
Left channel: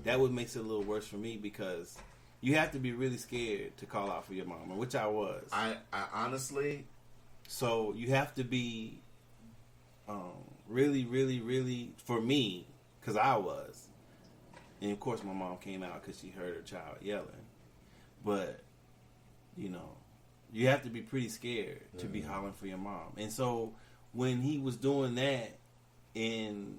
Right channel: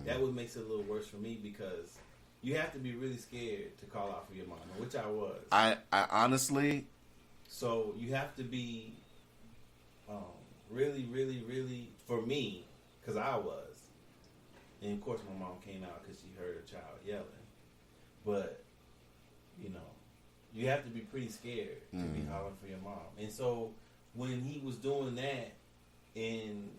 that what makes it a little worse for me, because you have to be really scared to call out for your mama, which I was. I honestly. So you have to be really, really, really, for me, because I was. And of course my mom came out because she heard her child yelling. But, you have to be pretty scared to be hollering for your mom. And so when he was doing that, and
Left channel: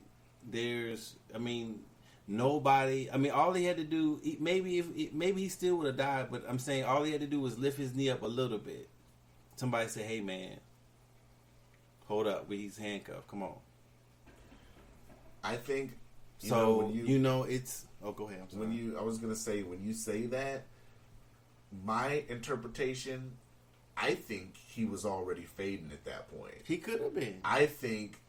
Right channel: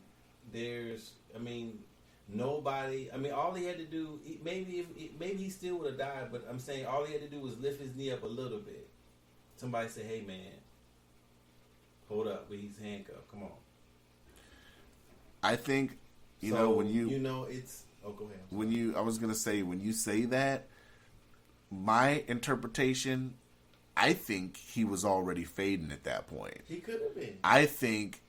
nobody, all he had to do, maybe he still would have died, but I'm saying all he had to do was lift his knee up a little bit. Somebody said, hey man, hold up, he's handcuffed, come on. I think, it's, oh, go ahead. I was going to say, when you say that, my interpretation, I think he was already fading at that point. He could have been. I think,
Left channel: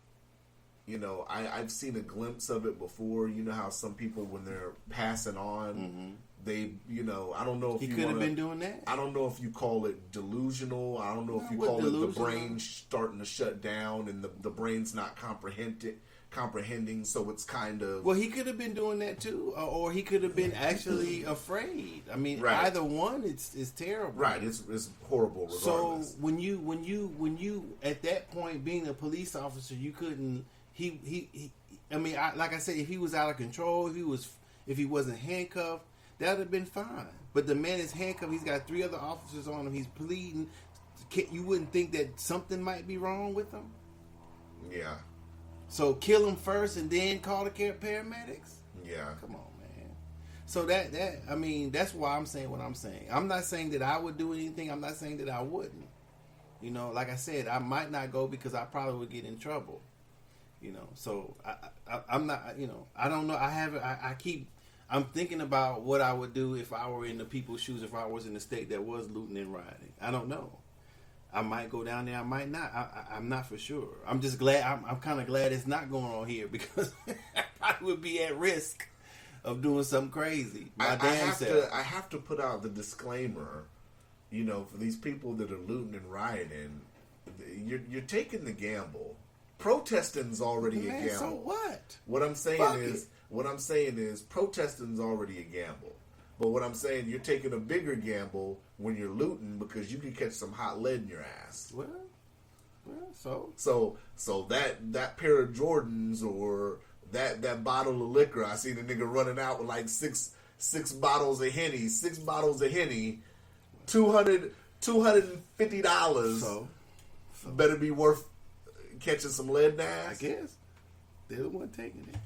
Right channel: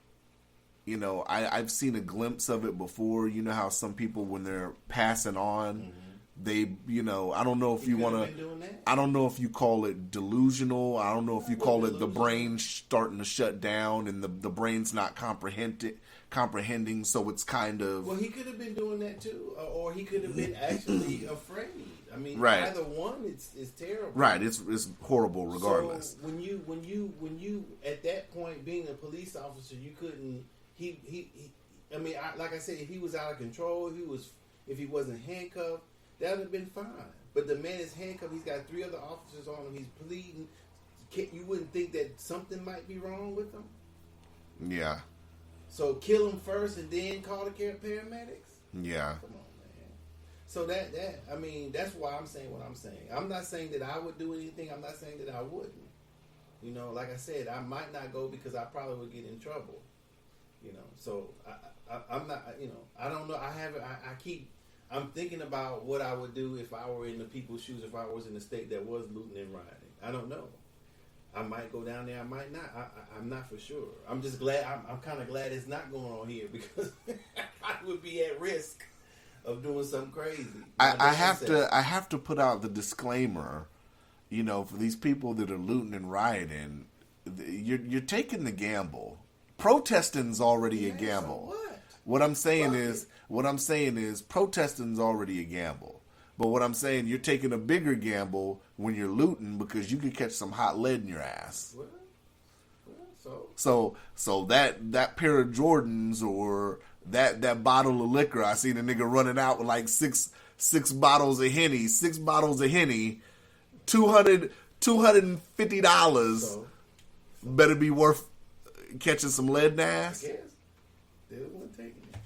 I've seen a glimpse of it before. You know how some people, when they're passing on, they, I don't know if you want to. I don't know if you call it delusional. I don't know if you call it the brain starting to shut down and the brain's not comprehending, so it's kind of. Well, he could have been doing that too, or he could have been actually afraid. Right. Either one, it's terrible. Right, it's horrible regardless. So when you at that point being a police officer, you couldn't. Like I said, if he was out of control, if he wasn't handcuffed, that would have been fine. But the man is handcuffed. He's got 3 other officers on him. He's pleading. You wouldn't think that something might be wrong with him? Yeah. So kill him first and then call the paramedics? Yeah. Come on, man. So that's why I'm saying what I'm saying. I'm not saying that I would do anything. I'm not saying that I wouldn't. Like I said, I might not go because I probably would get in trouble. So I'm not, I don't know. I'm thinking about what I would do if I were in the people's shoes, if I was in the state that was looting and rioting. I don't know. I might go down there. I might not. I'm not for sure. I'm just glad. I'm kind of glad it's not going on here because I would be at risk of doing something crazy. I have to put out the disclaimer. For these people that are looting and rioting, you're taking the gamble. Protesting's already a gamble. So what? What I'm saying is protesting's already a gamble. But what I'm saying, you're taking a bigger gamble when you're looting because you could catch some hot lead in your ass. So that pair of Jordans or that bottle of liquor, I seen a nigga running out with like six 6 bottles of Henny, $250 So better be worth catching some lead I ass. guess they're the one taking it.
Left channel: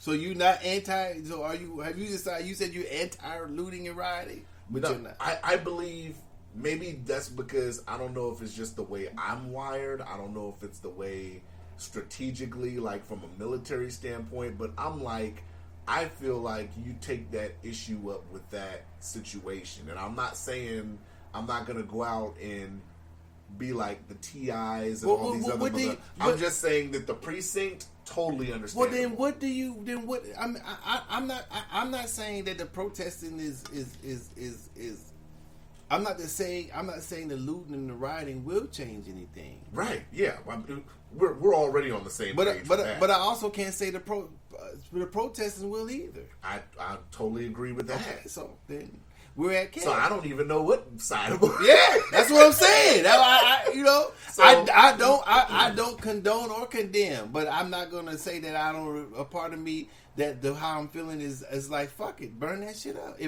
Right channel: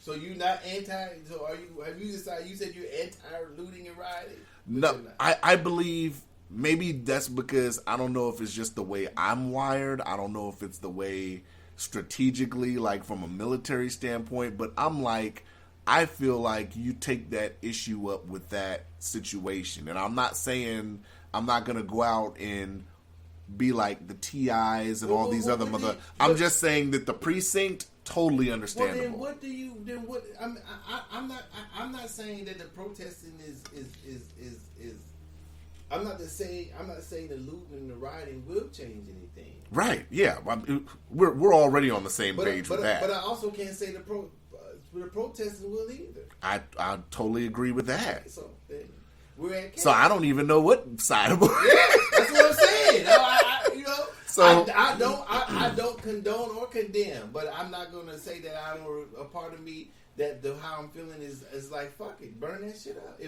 So you not anti? So are you? Have you decided? You said you're anti looting and rioting. But No, you're not. I believe maybe that's because I don't know if it's just the way I'm wired. I don't know if it's the way strategically, like from a military standpoint, but I'm like, I feel like you take that issue up with that situation. And I'm not saying I'm not going to go out and be like the TIs and all these other mother. I'm just saying that the precinct, totally understandable. Well, then what do you? Then what? I'm not saying that the protesting is. I'm not saying the looting and the rioting will change anything. Right? Yeah, we're already on the same page with that. But I also can't say the protesting will either. I totally agree with that. Okay, so then we're at chaos. So I don't even know what side of it. Yeah, that's what I'm saying. So I don't condone or condemn, but I'm not gonna say that I don't. A part of me that how I'm feeling is like fuck it, burn that shit up.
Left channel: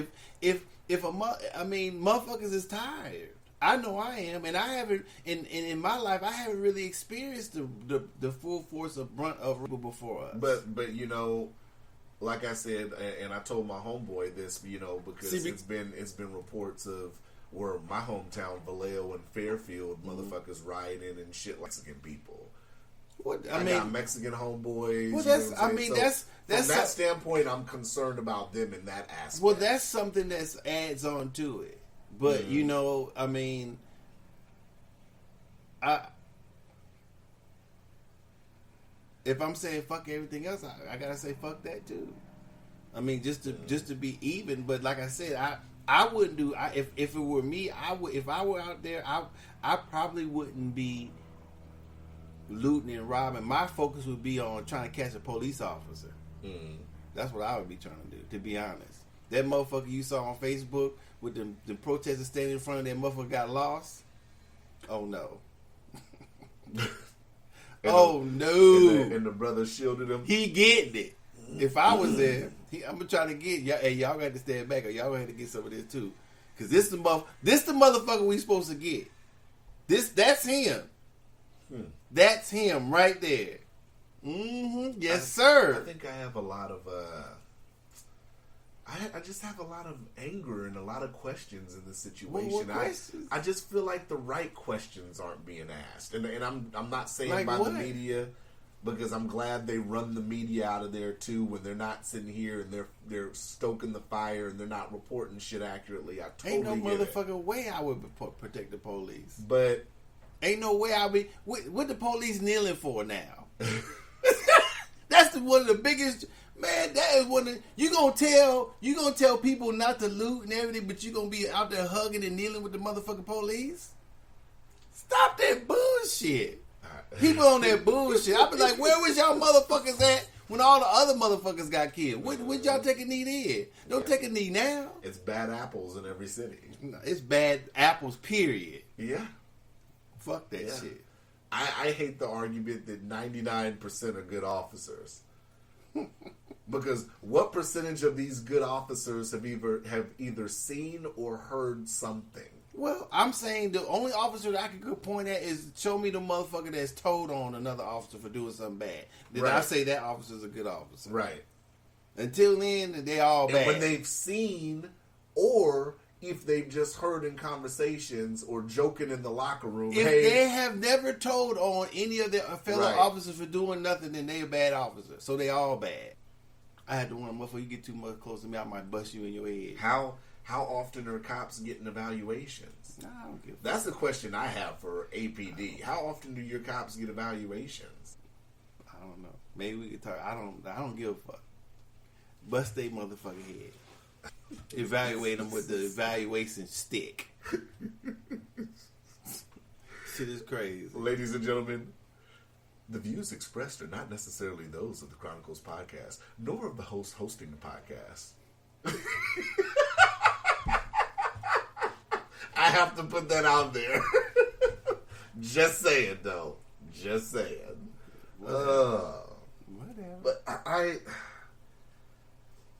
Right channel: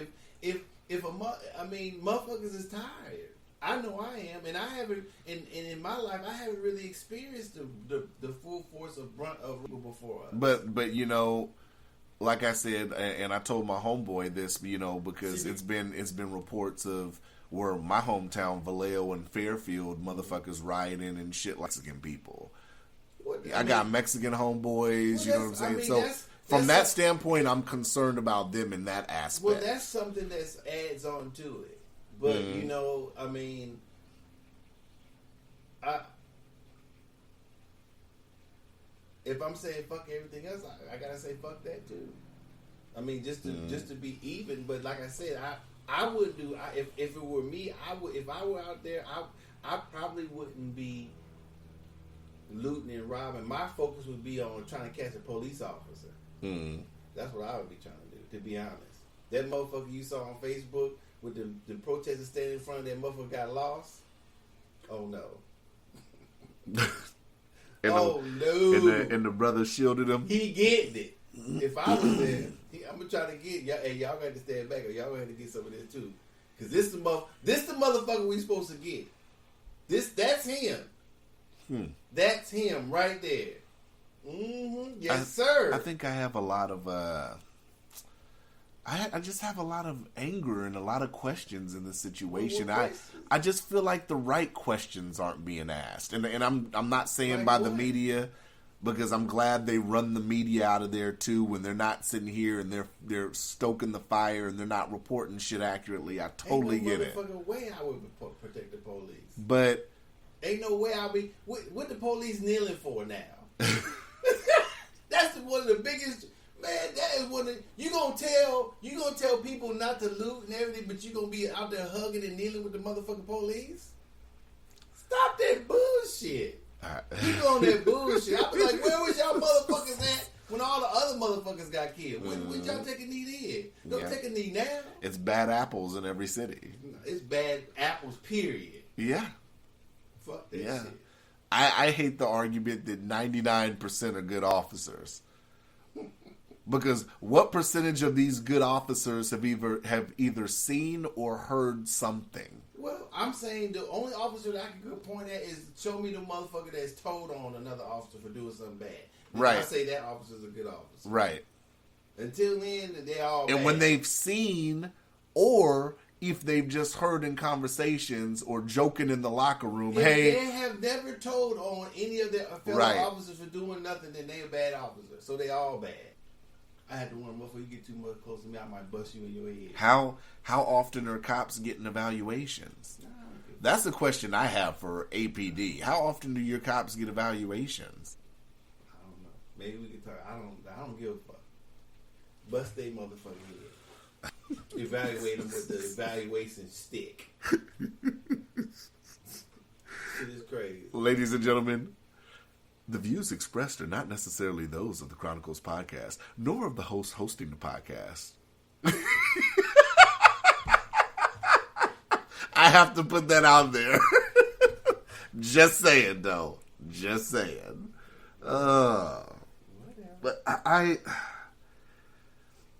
Motherfuckers is tired. I know I am, and I haven't. In my life, I haven't really experienced the full force of brunt of before us. But you know, like I said, and I told my homeboy this, you know, because it's been reports of where my hometown Vallejo and Fairfield motherfuckers rioting and shit like Mexican people. I got Mexican homeboys. You know what I'm saying? From that standpoint, I'm concerned about them in that aspect. Well, that's something that adds on to it. But you know, I mean, if I'm saying fuck everything else, I gotta say fuck that too. I mean, just to be even. But like I said, I wouldn't do. If it were me, I would. If I were out there, I probably wouldn't be looting and robbing. My focus would be on trying to catch a police officer. That's what I would be trying to do. To be honest, that motherfucker you saw on Facebook with the protesters standing in front of that motherfucker got lost. Oh no. And the brother shielded him. He getting it. If I was there, I'm gonna try to get y'all. Hey, y'all got to stand back, or y'all gonna have to get some of this too. Cause this the motherfucker we supposed to get. That's him. That's him right there. Yes, sir. I think I have a lot of. I just have a lot of anger and a lot of questions in this situation. I just feel like the right questions aren't being asked, and I'm not saying like by what? the media, because I'm glad they run the media out of there too when they're not sitting here and they're stoking the fire and they're not reporting shit accurately. I totally get it. Ain't no motherfucking way I would protect the police. But ain't no way I'll be. What the police kneeling for now? That's one of the biggest. Man, that is one of you gonna tell people not to loot and everything, but you gonna be out there hugging and kneeling with the motherfucking police. Stop that bullshit. Keep on that bullshit. I be like, where was y'all motherfuckers at when all the other motherfuckers got killed? When y'all take a knee then? Don't take a knee now. It's bad apples in every city. It's bad apples, period. Yeah. Fuck that shit. I hate the argument that 99% are good officers. Because what percentage of these good officers have either seen or heard something? Well, I'm saying the only officer that I can point at is show me the motherfucker that's told on another officer for doing something bad. Then I say that officer's a good officer. Right. Until then, they all bad. And when they've seen, or if they've just heard in conversations or joking in the locker room, if hey, they have never told on any of their fellow officers for doing nothing, then they a bad officer. So they all bad. I had to warn them, before you get too much close to me, I might bust you in your head. How often are cops getting evaluations? Nah, I don't give a That's the question I have for APD. How often do your cops get evaluations? I don't know. Maybe we could talk. I don't give a fuck. Bust they motherfucking head. Evaluate them with the evaluation stick. Shit is crazy. Ladies and gentlemen, the views expressed are not necessarily those of the Chronicles podcast, nor of the host hosting the podcast. I have to put that out there. Just saying, though. Just saying. But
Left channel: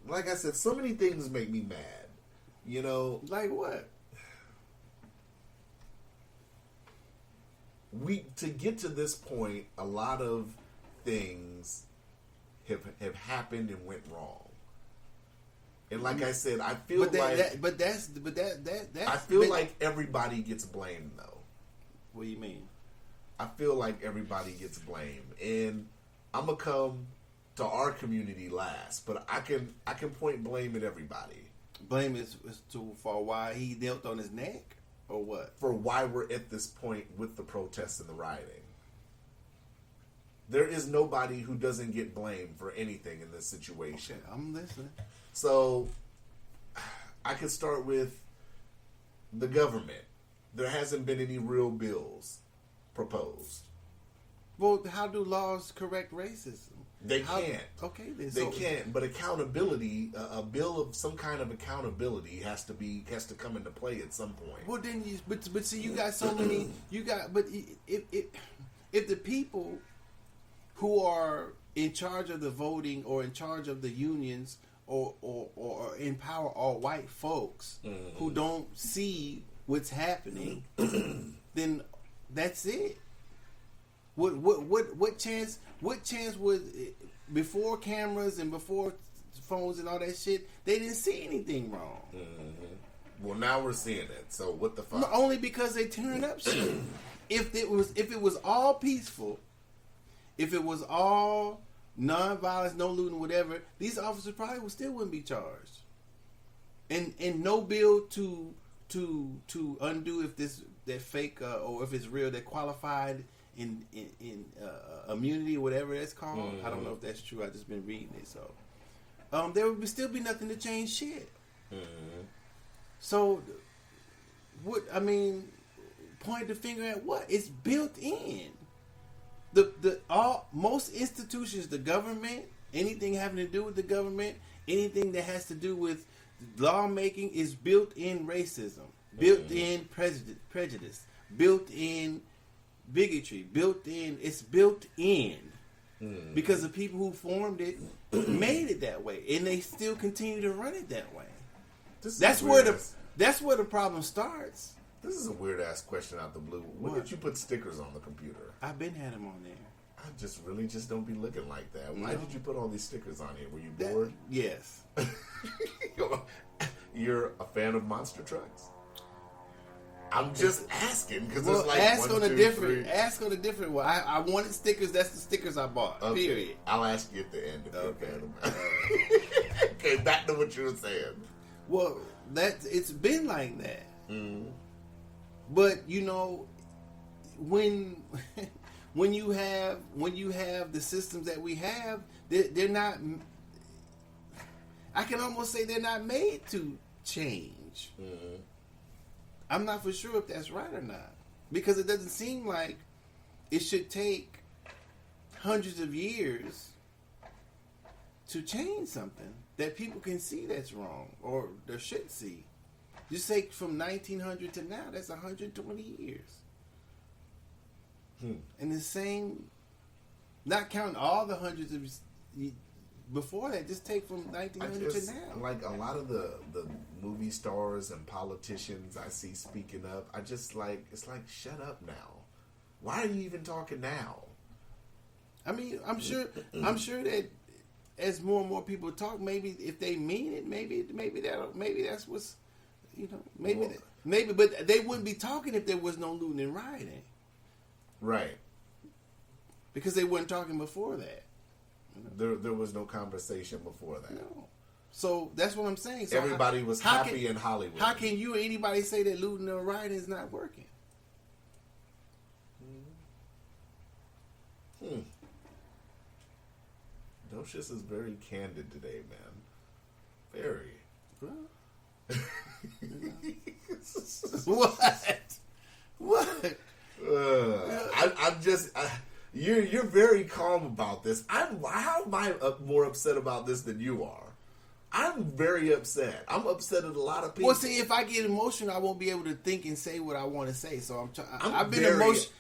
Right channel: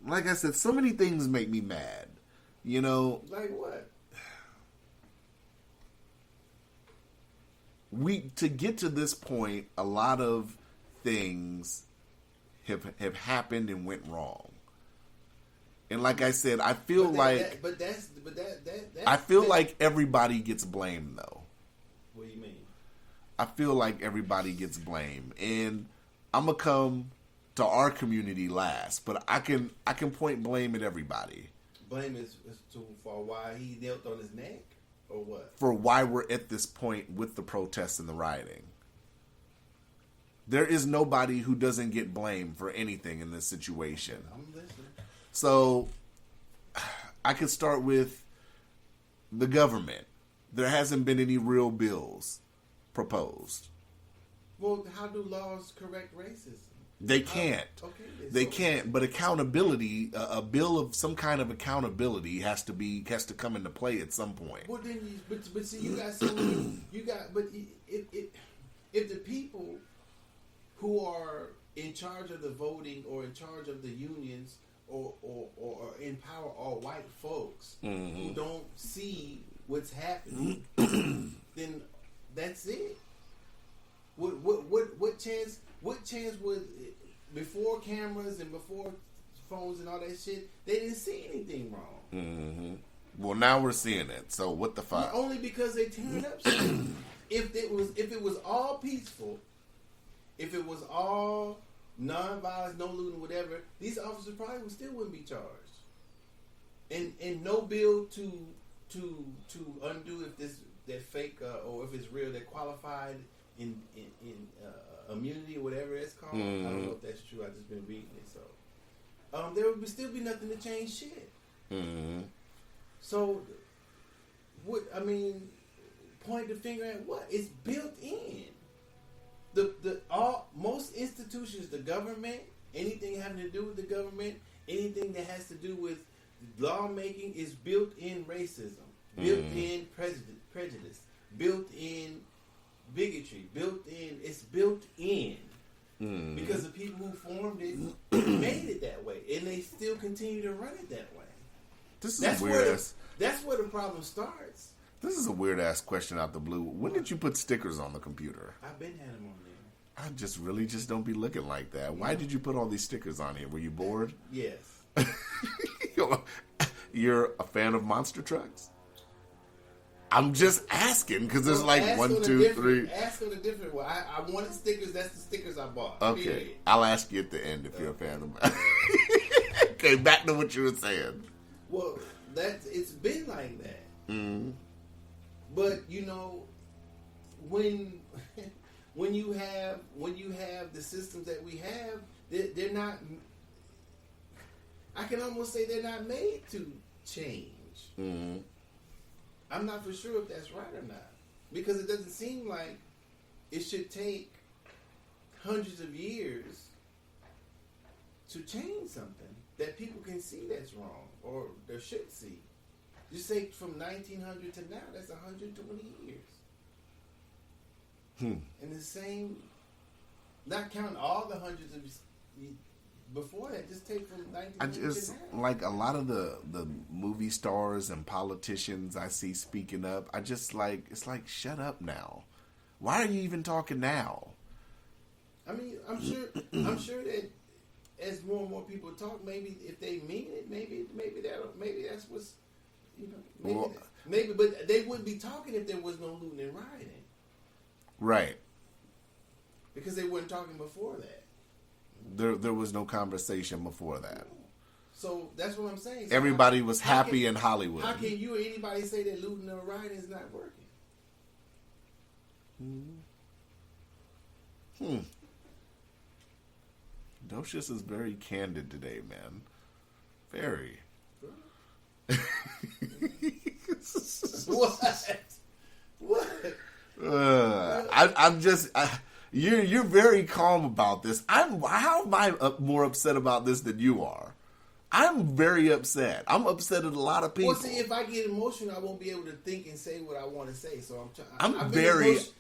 like I said, so many things make me mad. You know, Like what? to get to this point, a lot of things have happened and went wrong. And like I said, I feel I feel like everybody gets blamed though. What do you mean? I feel like everybody gets blamed, and I'm gonna come to our community last, but I can point blame at everybody. Blame is for why he knelt on his neck, or what? For why we're at this point with the protests and the rioting. There is nobody who doesn't get blamed for anything in this situation. I'm listening. So, I could start with the government. There hasn't been any real bills proposed. Well, how do laws correct racism? They can't. Okay, then. They can't. But accountability, a bill of some kind of accountability has to come into play at some point. Well, then, but see, you got so many. But if the people who are in charge of the voting or in charge of the unions or in power are white folks who don't see what's happening, then that's it. What chance would, before cameras and before phones and all that shit, they didn't see anything wrong. Mm-hmm. Well, now we're seeing it. So what the fuck? Only because they turned up shit. If it was all peaceful, if it was all non-violence, no looting, whatever, these officers probably wouldn't be charged. And no bill to undo if that fake or if it's real, that qualified in immunity or whatever that's called. I don't know if that's true. I just been reading it, so there would still be nothing to change shit. So what? I mean, point the finger at what? It's built in. Most institutions, the government, anything having to do with the government, anything that has to do with lawmaking is built in racism, built in prejudice, built in bigotry, it's built in because the people who formed it made it that way, and they still continue to run it that way. That's where the problem starts. This is a weird ass question out the blue. When did you put stickers on the computer? I've been had them on there. I just really don't be looking like that. Why did you put all these stickers on here? Were you bored? Yes. You're a fan of monster trucks? I'm just asking because there's like 1, 2, 3. Ask on a different one. I wanted stickers. That's the stickers I bought. Okay. Period. I'll ask you at the end if you're a fan of. Okay, back to what you were saying. Well, it's been like that. Mm-hmm. But you know, when you have the systems that we have, they're not. I can almost say they're not made to change. Mm-hmm. I'm not for sure if that's right or not, because it doesn't seem like it should take hundreds of years to change something that people can see that's wrong or they should see. Just say from 1900 to now, that's 120 years. And the same, not counting all the hundreds of before that, just take from 1900 to now. Like a lot of the movie stars and politicians I see speaking up, I just like, it's like, shut up now. Why are you even talking now? I mean, I'm sure that as more and more people talk, maybe if they mean it, maybe that's what's, you know, maybe, but they wouldn't be talking if there was no looting and rioting. Right. Because they weren't talking before that. There was no conversation before that. No. So that's what I'm saying. So everybody was happy in Hollywood. How can you or anybody say that looting or rioting is not working? Docious is very candid today, man. Very. What? I'm just. You're very calm about this. How am I more upset about this than you are? I'm very upset. I'm upset at a lot of people. Well, see, if I get emotional, I won't be able to think and say what I want to say. So I'm trying.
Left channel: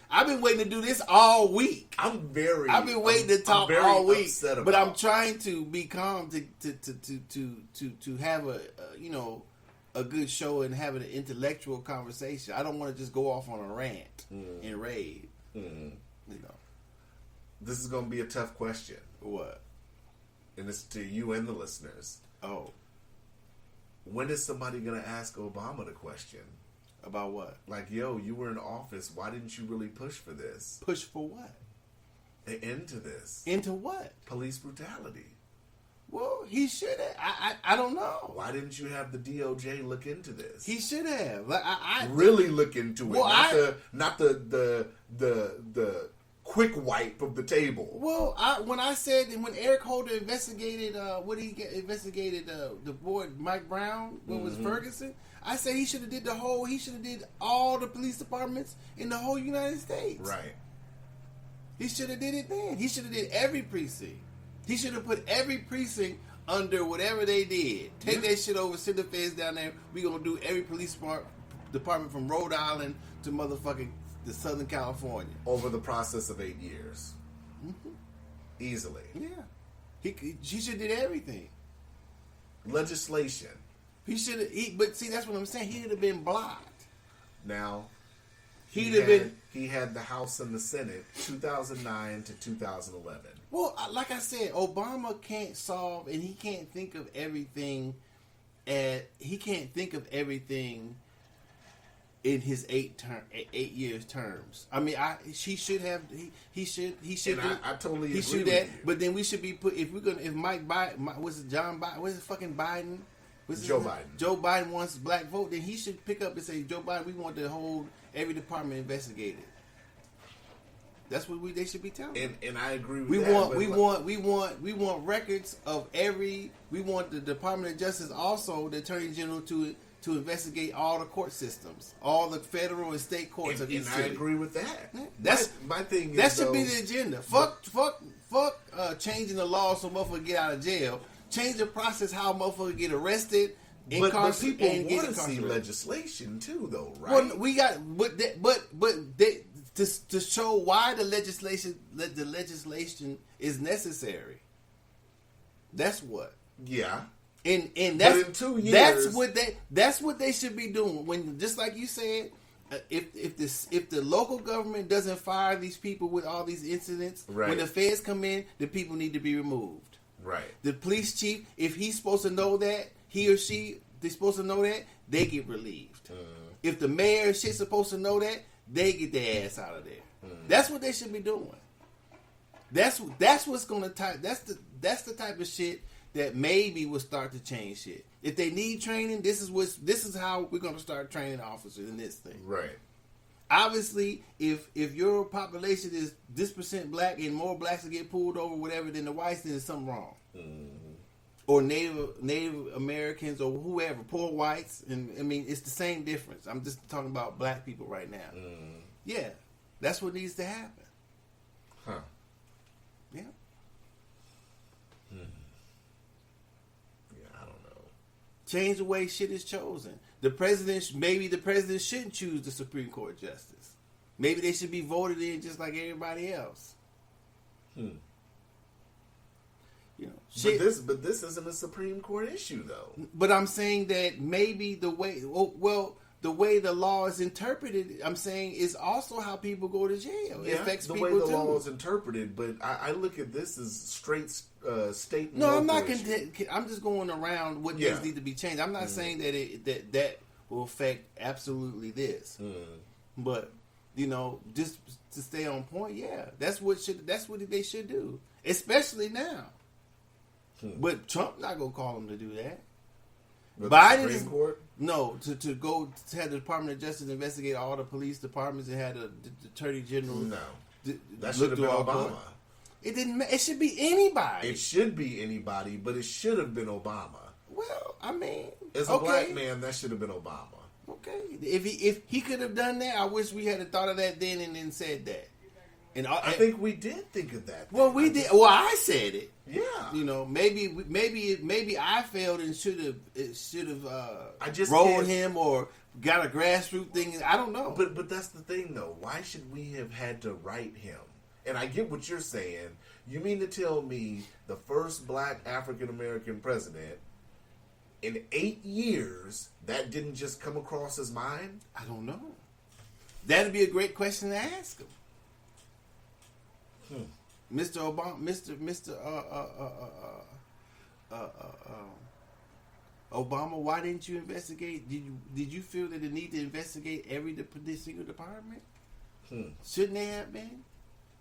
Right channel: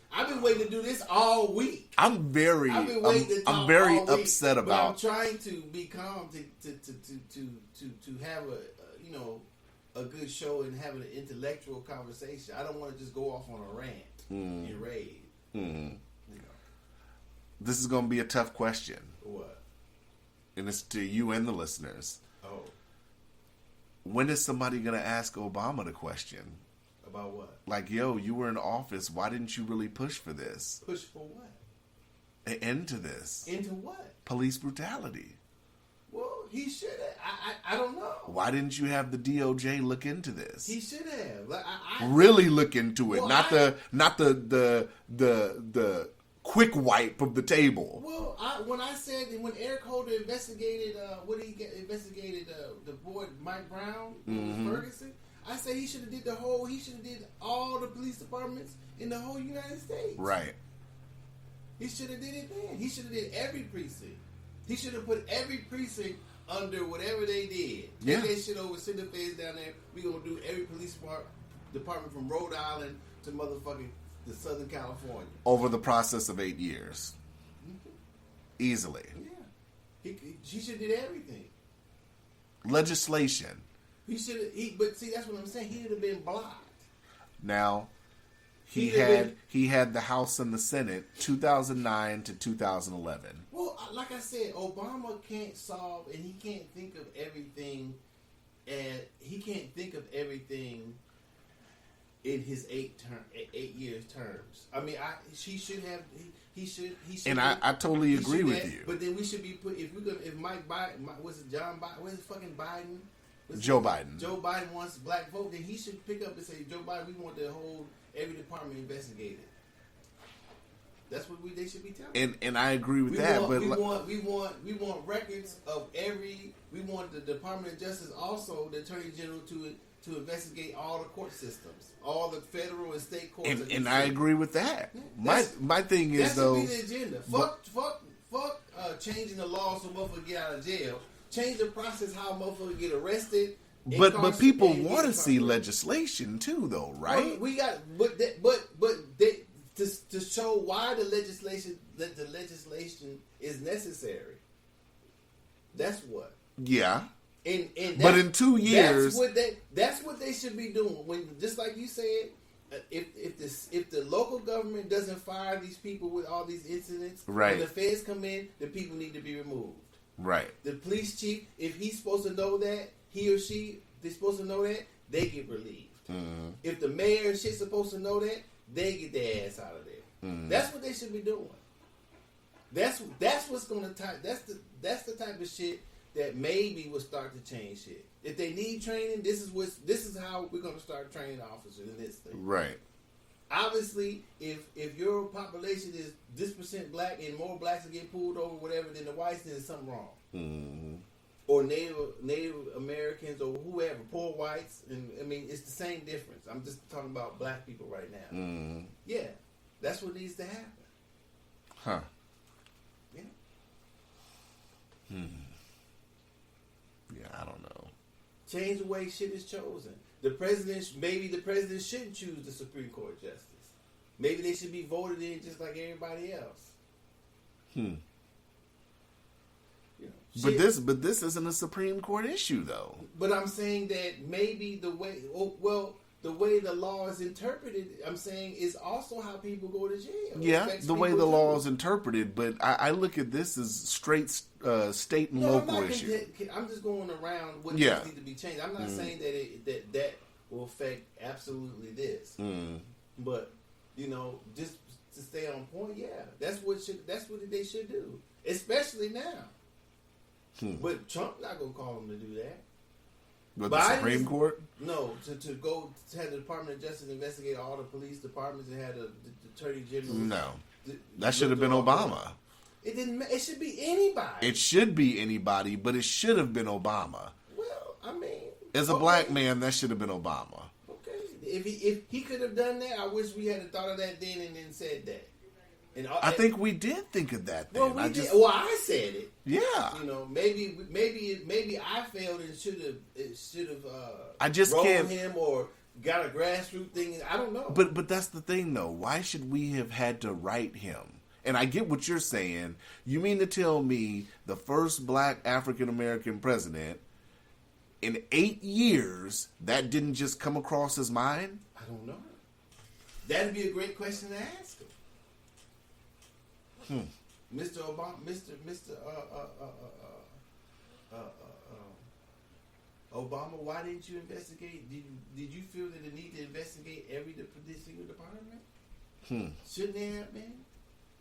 I've been waiting to do this all week. I've been waiting to talk I'm very all week, upset about. But I'm trying to be calm to have a good show and have an intellectual conversation. I don't want to just go off on a rant and rave. Mm. You know, this is going to be a tough question. What? And it's to you and the listeners. Oh. When is somebody going to ask Obama the question? About what? Like, yo, you were in office. Why didn't you really push for this? Push for what? An end to this. Into what? Police brutality. Well, he should have. I don't know. Why didn't you have the DOJ look into this? He should have. I really look into it. Well, not the quick wipe of the table. Well, when Eric Holder investigated the boy Mike Brown when it was Ferguson, I said he should have did all the police departments in the whole United States. Right. He should have did it then. He should have did every precinct. He should have put every precinct under whatever they did. Take that shit over, send the feds down there. We gonna do every police department from Rhode Island to motherfucking the Southern California over the process of 8 years, easily. Yeah, she should have did everything. Legislation. He should have. But see, that's what I'm saying. He would have been blocked. Now, he had the House and the Senate 2009 to 2011. Well, like I said, Obama can't solve, and he can't think of everything. He can't think of everything in his 8 years terms. I mean, he should. And I totally agree with you. But then we should be if Mike Biden, was it John Biden? Was it fucking Biden? Joe Biden. Joe Biden wants black vote. Then he should pick up and say, Joe Biden, we want to hold every department investigated. That's what they should be telling. And I agree with that. We want records of every. We want the Department of Justice, also the Attorney General, to investigate all the court systems, all the federal and state courts. And I agree with that. My thing is, that should be the agenda. Fuck changing the law so motherfuckers get out of jail. Change the process how motherfuckers get arrested. But people want to see legislation too, though, right? Well, we got, to show why the legislation is necessary. That's what. Yeah. And but in 2 years, that's what they should be doing. When, just like you said, if the local government doesn't fire these people with all these incidents, right. When the feds come in, the people need to be removed. Right. The police chief, if he's supposed to know that, he or she, they're supposed to know that, they get relieved. Mm-hmm. If the mayor and shit's supposed to know that, they get their ass out of there. Mm-hmm. That's what they should be doing. That's what's gonna that's the type of shit that maybe will start to change shit. If they need training, this is how we're gonna start training officers in this thing. Right. Obviously, if your population is this % black and more blacks will get pulled over, whatever, than the whites, then there's something wrong. Mm-hmm. Or Native Americans or whoever, poor whites, and I mean it's the same difference. I'm just talking about black people right now. Mm-hmm. Yeah, that's what needs to happen. Huh. Yeah. Yeah, I don't know. Change the way shit is chosen. Maybe the president shouldn't choose the Supreme Court justice. Maybe they should be voted in just like everybody else. You know, but this isn't a Supreme Court issue though. But I'm saying that maybe the way the law is interpreted, I'm saying, is also how people go to jail. Yeah, the way the law is interpreted. But I look at this as straight state and local issue. I'm just going around what needs to be changed. I'm not saying that will affect absolutely this. But just to stay on point, that's what they should do, especially now. But Trump not gonna call them to do that. But the Supreme Court? No, to go to have the Department of Justice investigate all the police departments and have the Attorney General. No, that should have been Obama. It didn't. It should be anybody. It should be anybody, but it should have been Obama. Well, I mean, as a black man, that should have been Obama. Okay, if he could have done that, I wish we had thought of that then and then said that. And I think we did think of that. Well, we did. Well, I said it. Yeah. You know, maybe I failed and should have I just rolled can't- him or got a grassroots thing. I don't know. But that's the thing, though. Why should we have had to write him? And I get what you're saying. You mean to tell me the first black African American president in 8 years that didn't just come across his mind? I don't know. That'd be a great question to ask him. Mr. Obama, Mr. Obama, why didn't you investigate? Did you feel that the need to investigate every single department? Shouldn't they have been?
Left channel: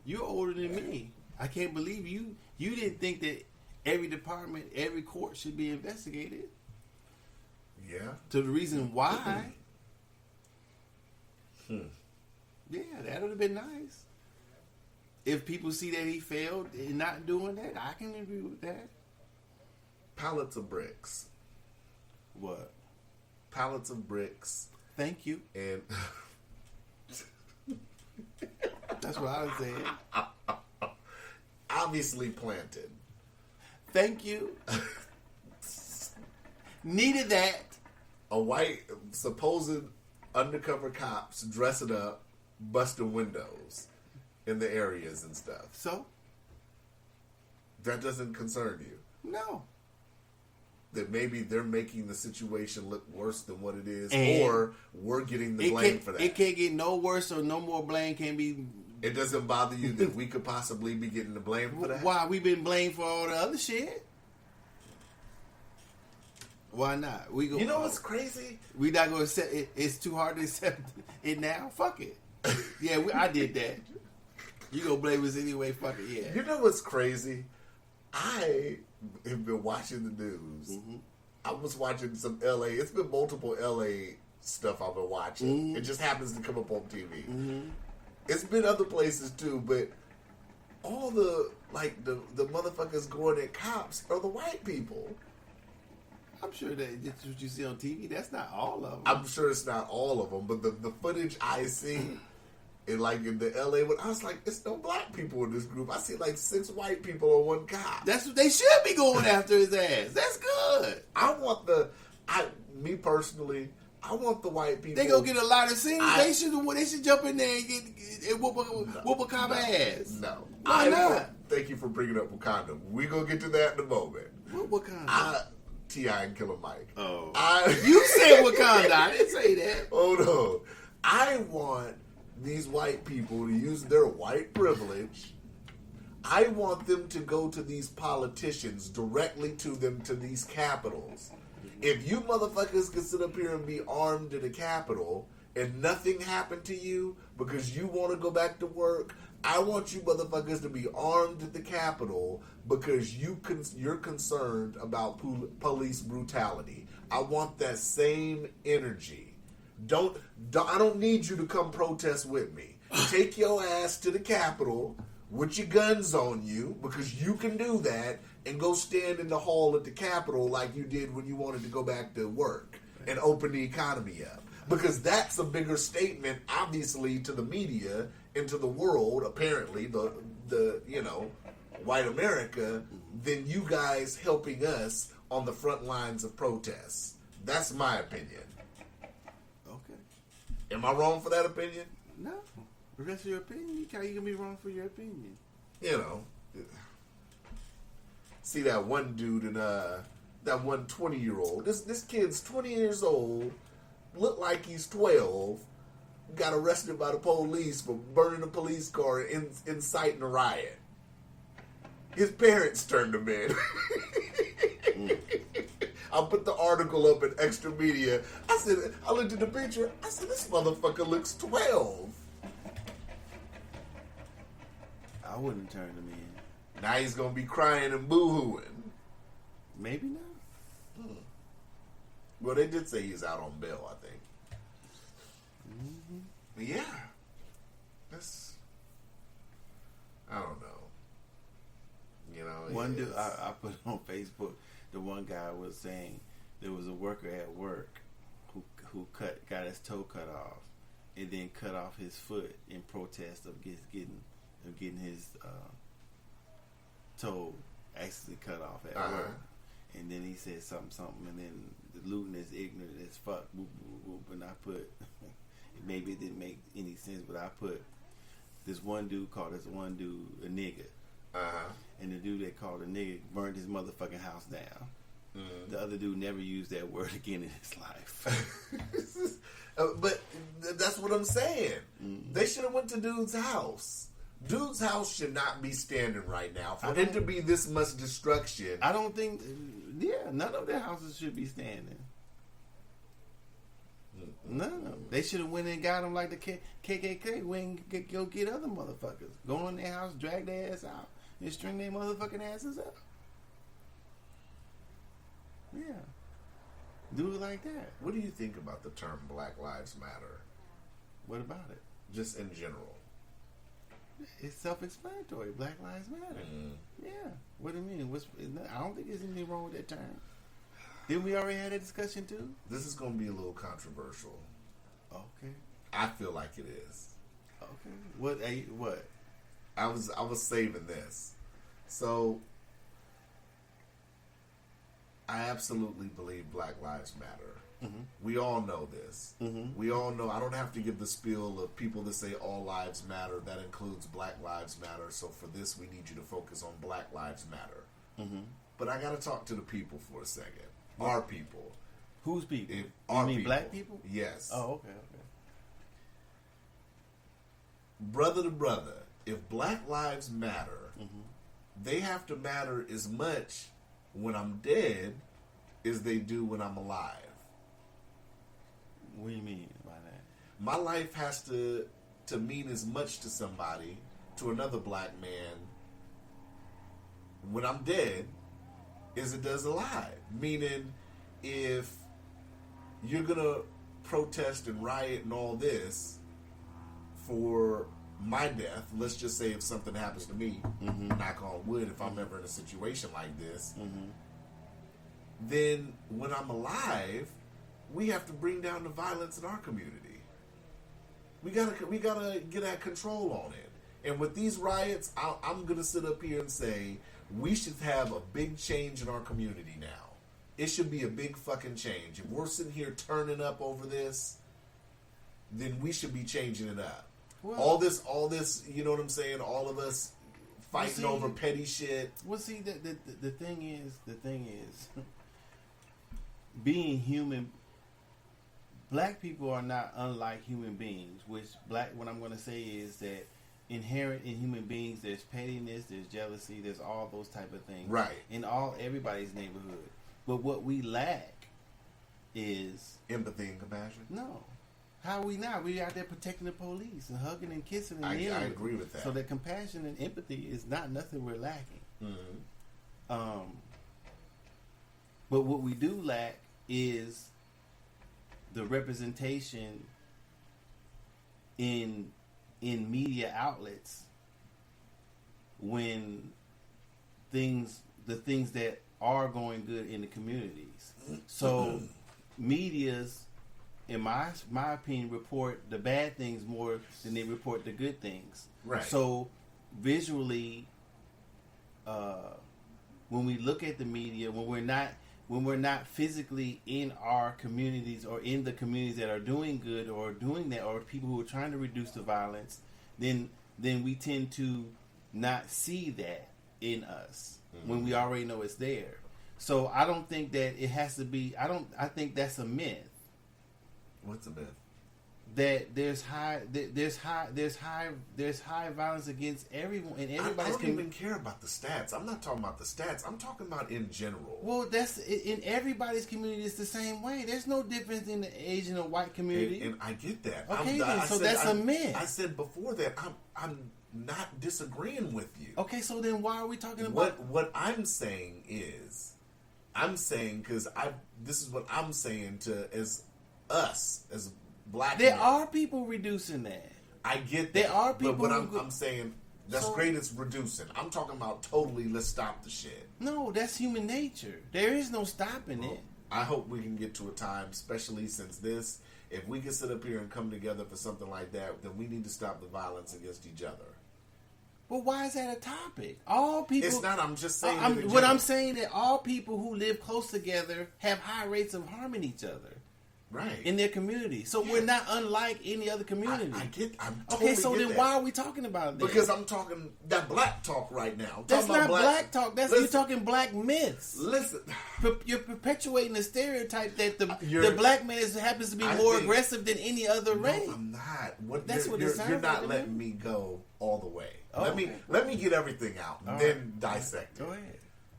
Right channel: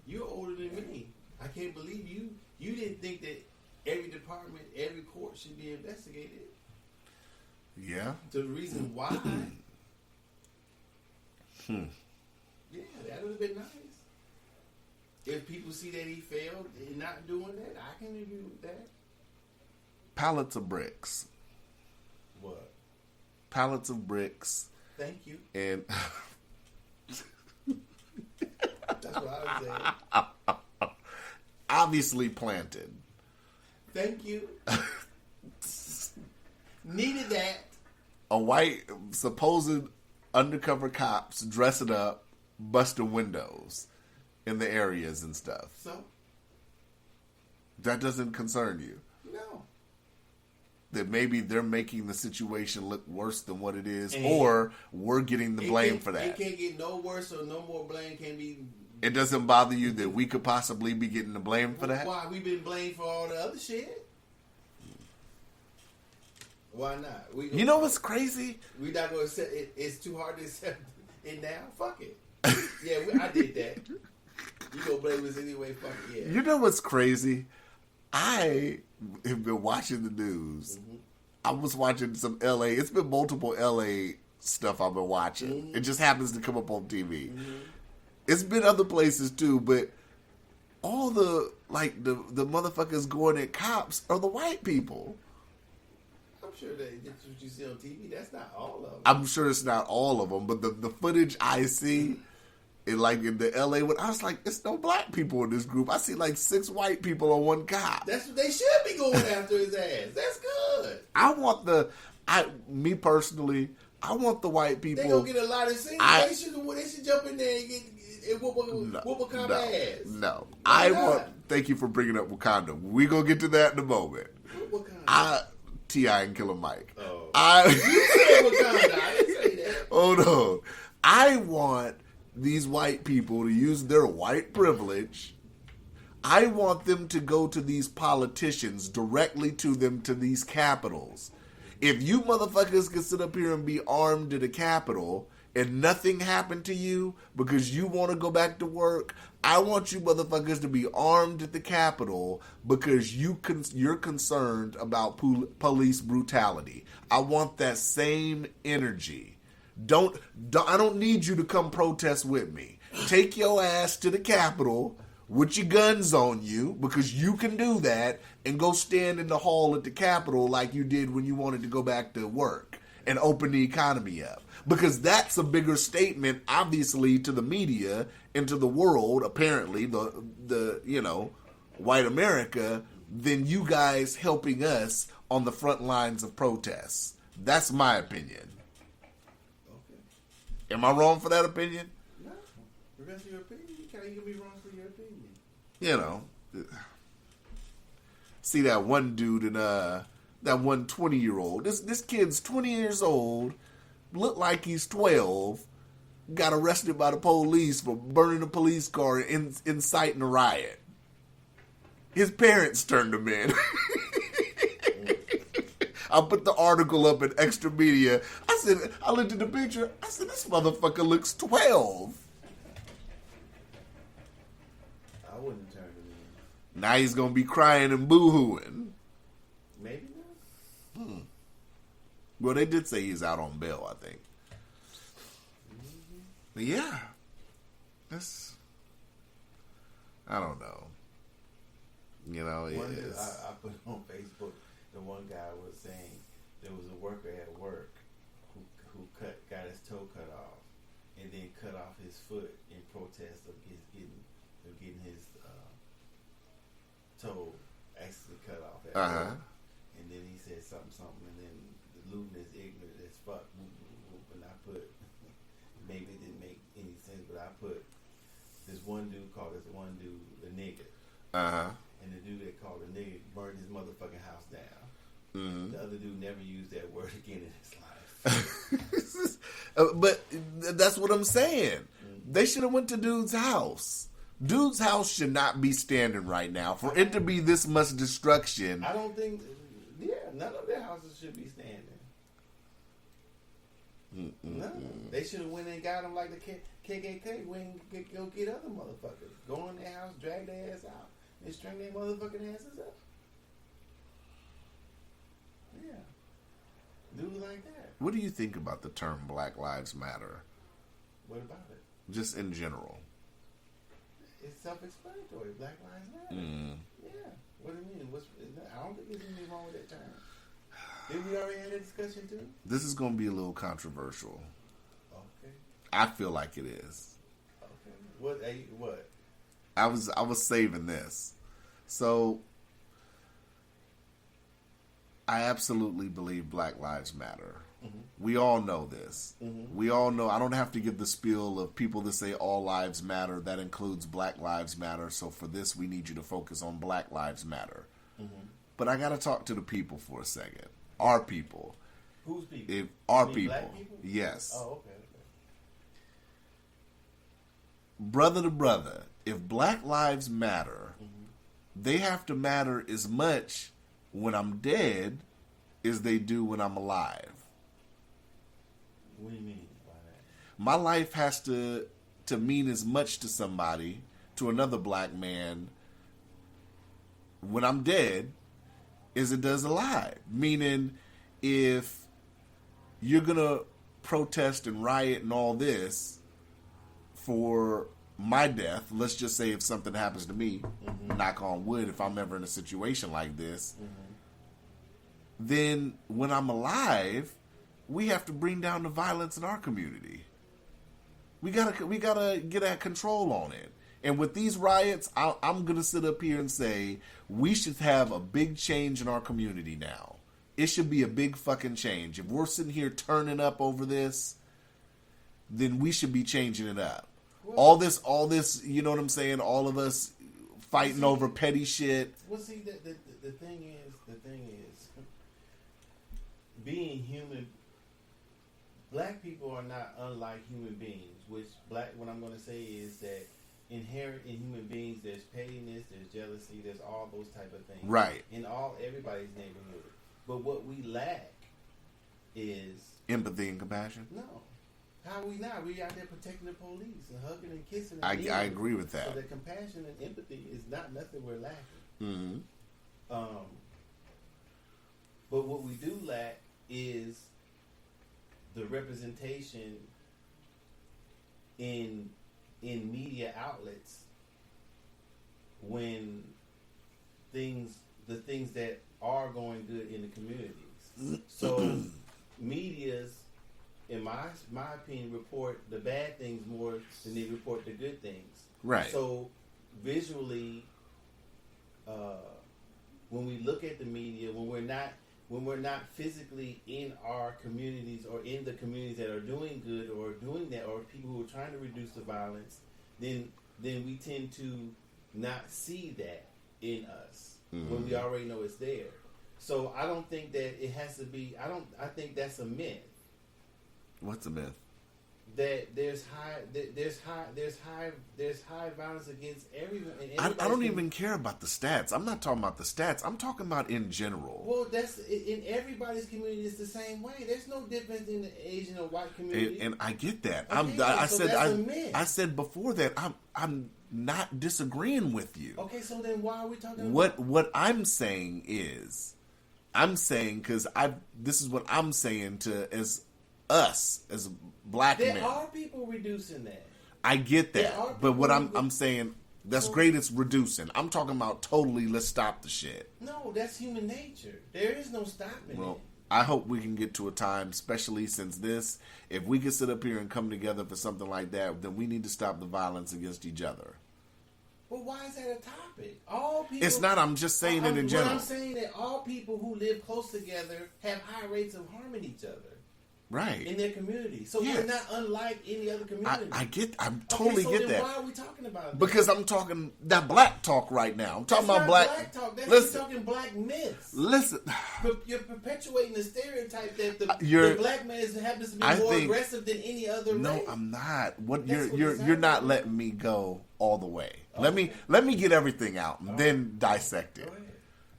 You're older than me. I can't believe you didn't think that every department, every court should be investigated. Yeah. To the reason why. Yeah, that would have been nice. If people see that he failed in not doing that, I can agree with that. Pallets of bricks. What? Pallets of bricks. Thank you. And That's what I was saying. obviously planted. Thank you. Needed that. A white supposed undercover cops dressing up, busting windows in the areas and stuff. So? That doesn't concern you. No. That maybe they're making the situation look worse than what it is, And or we're getting the blame for that. It can't get no worse, or no more blame can be. It doesn't bother you that we could possibly be getting the blame for that? Why? We've been blamed for all the other shit. Why not? You know what's crazy? We not gonna accept it. It's too hard to accept it now. Fuck it. Yeah, I did that. You gonna blame us anyway? Fuck it. Yeah. You know what's crazy? I have been watching the news. Mm-hmm. I was watching some LA. It's been multiple LA stuff I've been watching. Mm-hmm. It just happens to come up on TV. It's been other places too, but all the motherfuckers going at cops are the white people. I'm sure that's what you see on TV. That's not all of them. I'm sure it's not all of them, but the footage I see, in the LA one, I was like, it's no black people in this group. I see like 6 white people on one cop. That's what they should be going after his ass. That's good. Me personally, I want the white people. They gonna get a lot of scenes. They should jump in there and whoop a cop ass. No, Why not? Thank you for bringing up Wakanda. We gonna get to that in a moment. Whoop Wakanda. T.I. and Killer Mike. Oh. You said Wakanda. I didn't say that. Oh no, I want these white people to use their white privilege. I want them to go to these politicians, directly to them, to these capitals. If you motherfuckers can sit up here and be armed at a capitol and nothing happened to you because you want to go back to work, I want you motherfuckers to be armed at the capitol because you're concerned about police brutality. I want that same energy. I don't need you to come protest with me. Take your ass to the capitol with your guns on you, because you can do that, and go stand in the hall at the capitol like you did when you wanted to go back to work and open the economy up. Because that's a bigger statement, obviously, to the media and to the world, apparently, the white America, than you guys helping us on the front lines of protests. That's my opinion. Okay. Am I wrong for that opinion? No. That's your opinion. You can be wrong for your opinion. You know. See that one dude and that one 20-year-old. This kid's 20 years old, looked like he's 12, got arrested by the police for burning a police car and inciting a riot. His parents turned him in. I put the article up in Extra Media. I looked at the picture. I said, this motherfucker looks 12. I wouldn't turn him in. Now he's going to be crying and boo-hooing. Maybe not. Well, they did say he's out on bail, I think. But yeah. I don't know. You know, I put on Facebook, the one guy was saying there was a worker at work who got his toe cut off and then cut off his foot in protest of getting of getting his toe actually cut off at work. And then he said something, and then the Luton is ignorant as fuck. Whoop, whoop, whoop, and I put, maybe it didn't make any sense, but I put this one dude called this one dude a nigga. And the dude that called a nigga burned his motherfucking house down. The other dude never used that word again in his life. But that's what I'm saying. They should have went to dude's house. Dude's house should not be standing right now. For it to be this much destruction. I don't think, none of their houses should be standing. None of them. They should have went and got them like the KKK. Went and go get other motherfuckers. Go in their house, drag their ass out, and string their motherfucking asses up. Yeah. Do it like that. What do you think about the term Black Lives Matter? What about it? Just in general. It's self-explanatory. Black Lives Matter. Yeah. What do you mean? I don't think there's anything wrong with that term. Did we already have a discussion too? This is going to be a little controversial. Okay. I feel like it is. Okay. What? I was saving this. So I absolutely believe Black Lives Matter. We all know this. We all know. I don't have to give the spiel of people that say all lives matter. That includes Black Lives Matter. So for this, we need you to focus on Black Lives Matter. But I got to talk to the people for a second. Our people. Whose people? If our mean people. Black people? Yes. Oh, okay. Brother to brother, if Black Lives matter, they have to matter as much when I'm dead as they do when I'm alive. What do you mean by that? My life has to mean as much to somebody, to another black man, when I'm dead, as it does alive. Meaning, if you're gonna protest and riot and all this for my death, let's just say if something happens to me, knock on wood, if I'm ever in a situation like this, then when I'm alive, we have to bring down the violence in our community. We gotta get at control on it. And with these riots, I'm gonna sit up here and say we should have a big change in our community now. It should be a big fucking change. If we're sitting here turning up over this, then we should be changing it up. Well, all this, you know what I'm saying? All of us fighting over petty shit. Well, see, the thing is, being human. Black people are not unlike human beings. What I'm going to say is that inherent in human beings, there's pettiness, there's jealousy, there's all those type of things. Right. In everybody's neighborhood. But what we lack is empathy and compassion. No. How are we not? We out there protecting the police and hugging and kissing. I agree with that. So that compassion and empathy is not nothing we're lacking. But what we do lack is the representation in media outlets when the things that are going good in the communities. So medias, in my opinion, report the bad things more than they report the good things. Right. So visually, when we look at the media, when we're not physically in our communities or in the communities that are doing good or doing that, or people who are trying to reduce the violence, then we tend to not see that in us when we already know it's there. So I don't think that it has to be. I think that's a myth. What's a myth? That there's high violence against everyone. And I don't even care about the stats. I'm not talking about the stats. I'm talking about in general. Well, that's in everybody's community. It's the same way. There's no difference in the Asian or white community. And I get that. Okay, that's a myth. I said before that I'm not disagreeing with you. Okay, so then why are we talking about what I'm saying is, because this is what I'm saying to as us as black men. There are people reducing that. I get that. There are people but what I'm saying, that's great, it's reducing. I'm talking about totally, let's stop the shit. No, that's human nature. There is no stopping it. I hope we can get to a time, especially since if we can sit up here and come together for something like that, then we need to stop the violence against each other. Well, why is that a topic? All people. It's not. I'm just saying it in What general. I'm saying that all people who live close together have high rates of harming each other Right. in their community. So Yes. we're not unlike any other community. I'm totally okay, so get then that. why are we talking about it? Because I'm talking that black talk right now. I'm That's talking not about black talk. That's Listen. you're talking black myths. Listen. You're perpetuating the stereotype that the You're- black man happens to be I more think- aggressive than any other No, race. I'm not. What That's what it you're sounds not like. letting me go all the way. Oh, Let me get everything out and All then dissect it. Go ahead.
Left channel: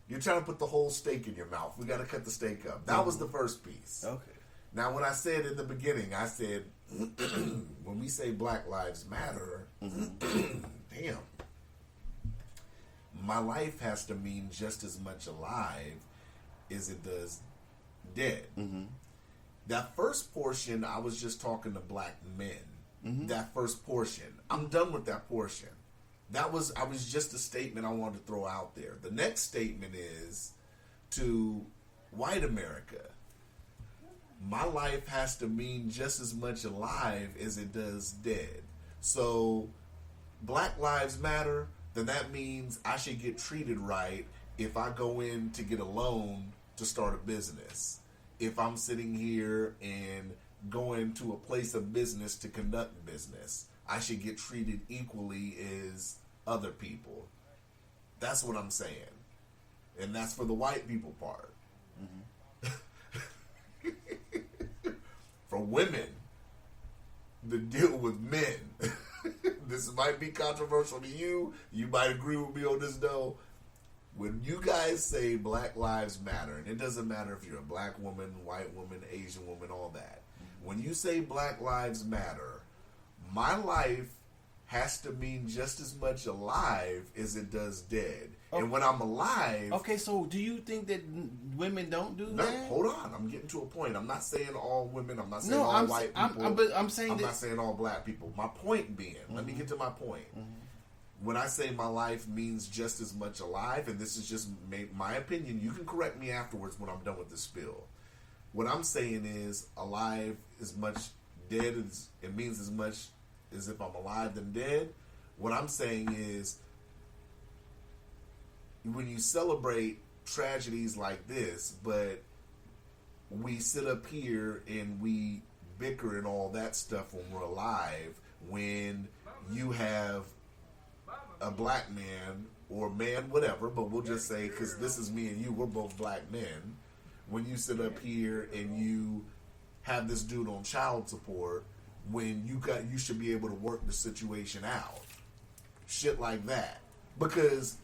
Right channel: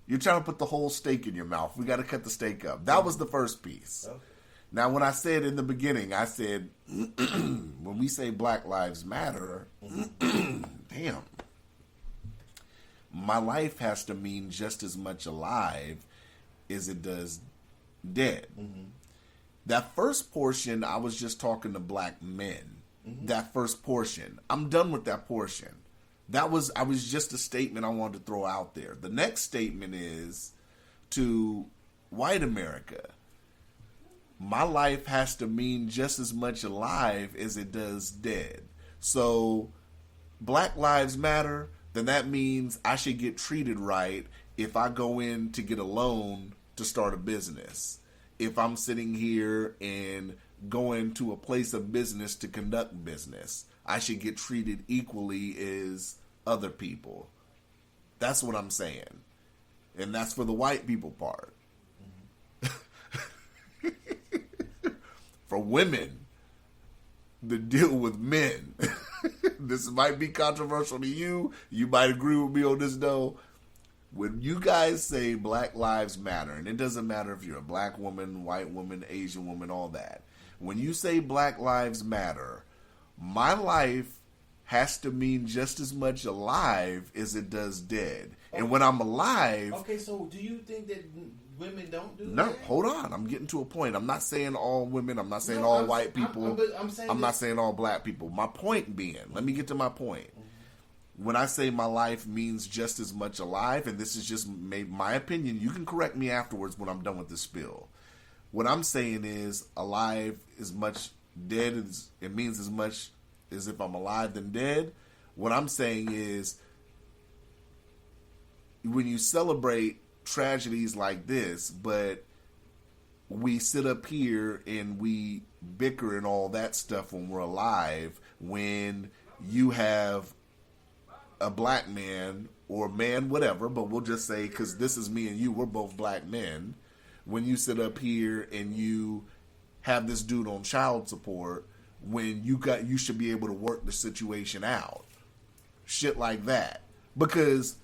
You're trying to put the whole steak in your mouth. We got to cut the steak up. That was the first piece. Okay. Now, when I said in the beginning, I said when we say Black Lives Matter, damn, my life has to mean just as much alive as it does dead. That first portion, I was just talking to black men. That first portion, I'm done with that portion. I was just a statement I wanted to throw out there. The next statement is to white America. My life has to mean just as much alive as it does dead. So, Black Lives Matter, then that means I should get treated right if I go in to get a loan to start a business. If I'm sitting here and going to a place of business to conduct business, I should get treated equally as other people. That's what I'm saying. And that's for the white people part. For women that deal with men. This might be controversial to you. You might agree with me on this though. When you guys say Black Lives Matter, and it doesn't matter if you're a black woman, white woman, Asian woman, all that. When you say Black Lives Matter, my life has to mean just as much alive as it does dead. And when I'm alive... Okay, so do you think that women don't do No, that? hold on. I'm getting to a point. I'm not saying all women. I'm not saying No, all I'm- white I'm- people. but I'm saying not that- saying all black people. My point being, let me get to my point. When I say my life means just as much alive, and this is just my opinion, you can correct me afterwards when I'm done with this spill. What I'm saying is alive is much dead. It means as much as if I'm alive than dead. What I'm saying is when you celebrate tragedies like this, but we sit up here and we bicker and all that stuff when we're alive, when you have a black man or man, whatever, but we'll just say, because this is me and you, we're both black men, when you sit up here and you have this dude on child support, when you should be able to work the situation out. Shit like that. Because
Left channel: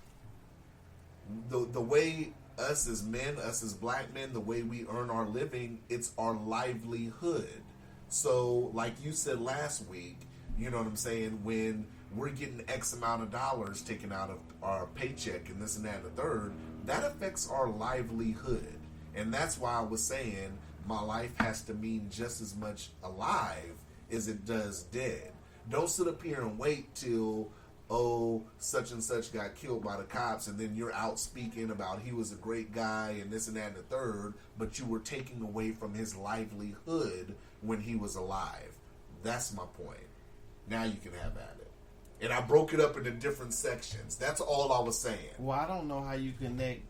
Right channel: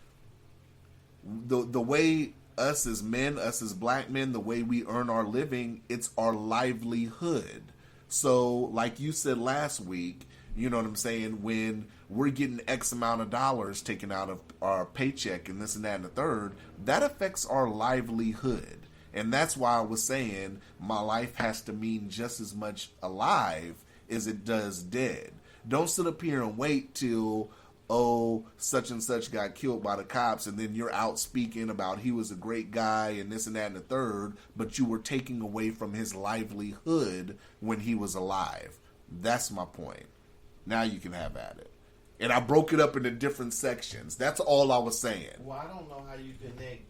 the way us as men, us as black men, the way we earn our living, it's our livelihood. So, like you said last week, you know what I'm saying, when we're getting X amount of dollars taken out of our paycheck and this and that and the third, that affects our livelihood. And that's why I was saying my life has to mean just as much alive as it does dead. Don't sit up here and wait till, oh, such and such got killed by the cops, and then you're out speaking about he was a great guy and this and that and the third, but you were taking away from his livelihood when he was alive. That's my point. Now you can have at it. And I broke it up into different sections. That's all I was saying. Well, I don't know how you connect.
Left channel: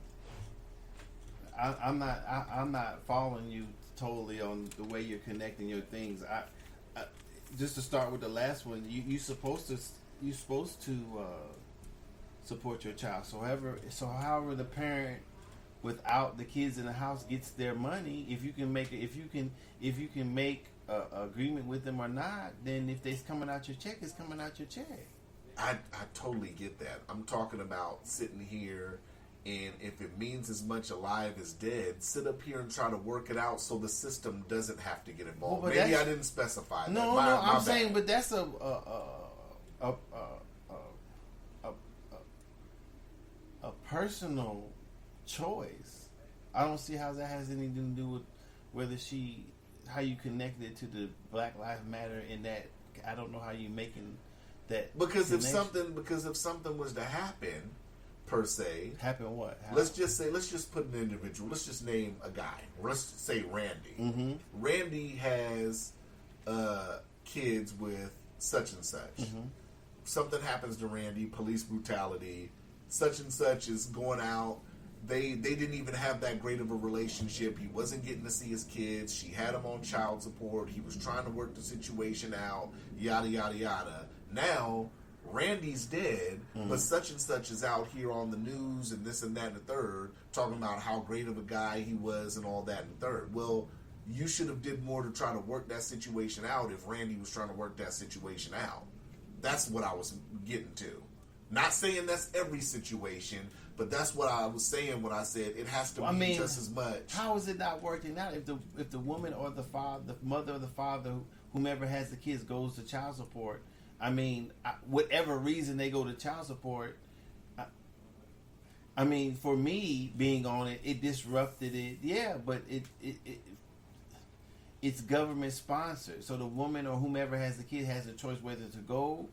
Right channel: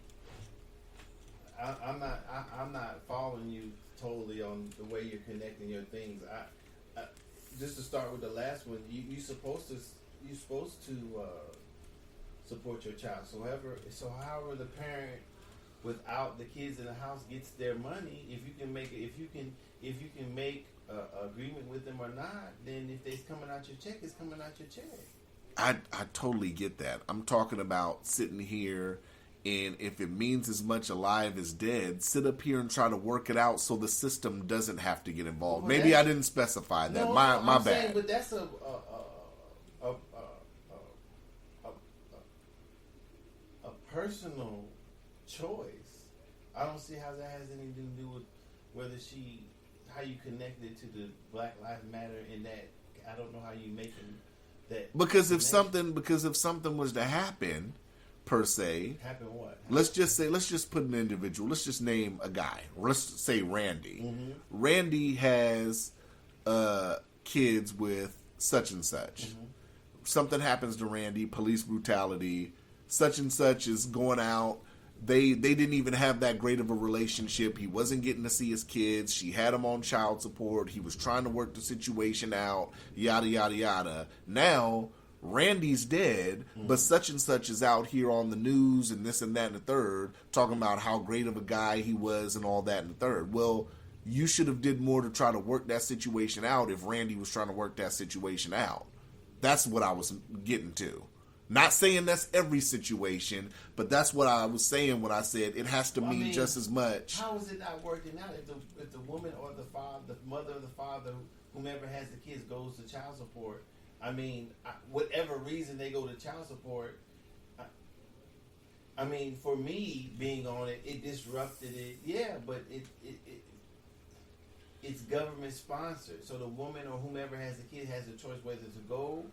I'm not following you totally on the way you're connecting your things. I just to start with the last one, you're supposed to support your child. So however the parent without the kids in the house gets their money, if you can make a agreement with them or not, then if it's coming out your check, it's coming out your check. I totally get that. I'm talking about sitting here, and if it means as much alive as dead, sit up here and try to work it out so the system doesn't have to get involved. Well, Maybe I didn't specify that. No, my I'm bad. saying, but that's a personal choice. I don't see how that has anything to do with how you connect it to the Black Lives Matter. In that, I don't know how you making that. Because if connection. something was to happen, per se, Happen what? let's just put an individual. Let's just name a guy. Let's say Randy. Mm-hmm. Randy has kids with such and such. Mm-hmm. something happens to Randy, police brutality, such and such is going out. They didn't even have that great of a relationship. He wasn't getting to see his kids. She had him on child support. He was trying to work the situation out, yada, yada, yada. Now, Randy's dead, but such and such is out here on the news and this and that and the third, talking about how great of a guy he was and all that and the third. Well, you should have did more to try to work that situation out if Randy was trying to work that situation out. That's what I was getting to. Not saying that's every situation, but that's what I was saying when I said it has to mean just as much. How is it not working out if the woman or the father, the mother or the father, whomever has the kids goes to child support? I mean, whatever reason they go to child support, I mean, for me being on it, it disrupted it. Yeah, but it's government sponsored, so the woman or whomever has the kid has the choice whether to go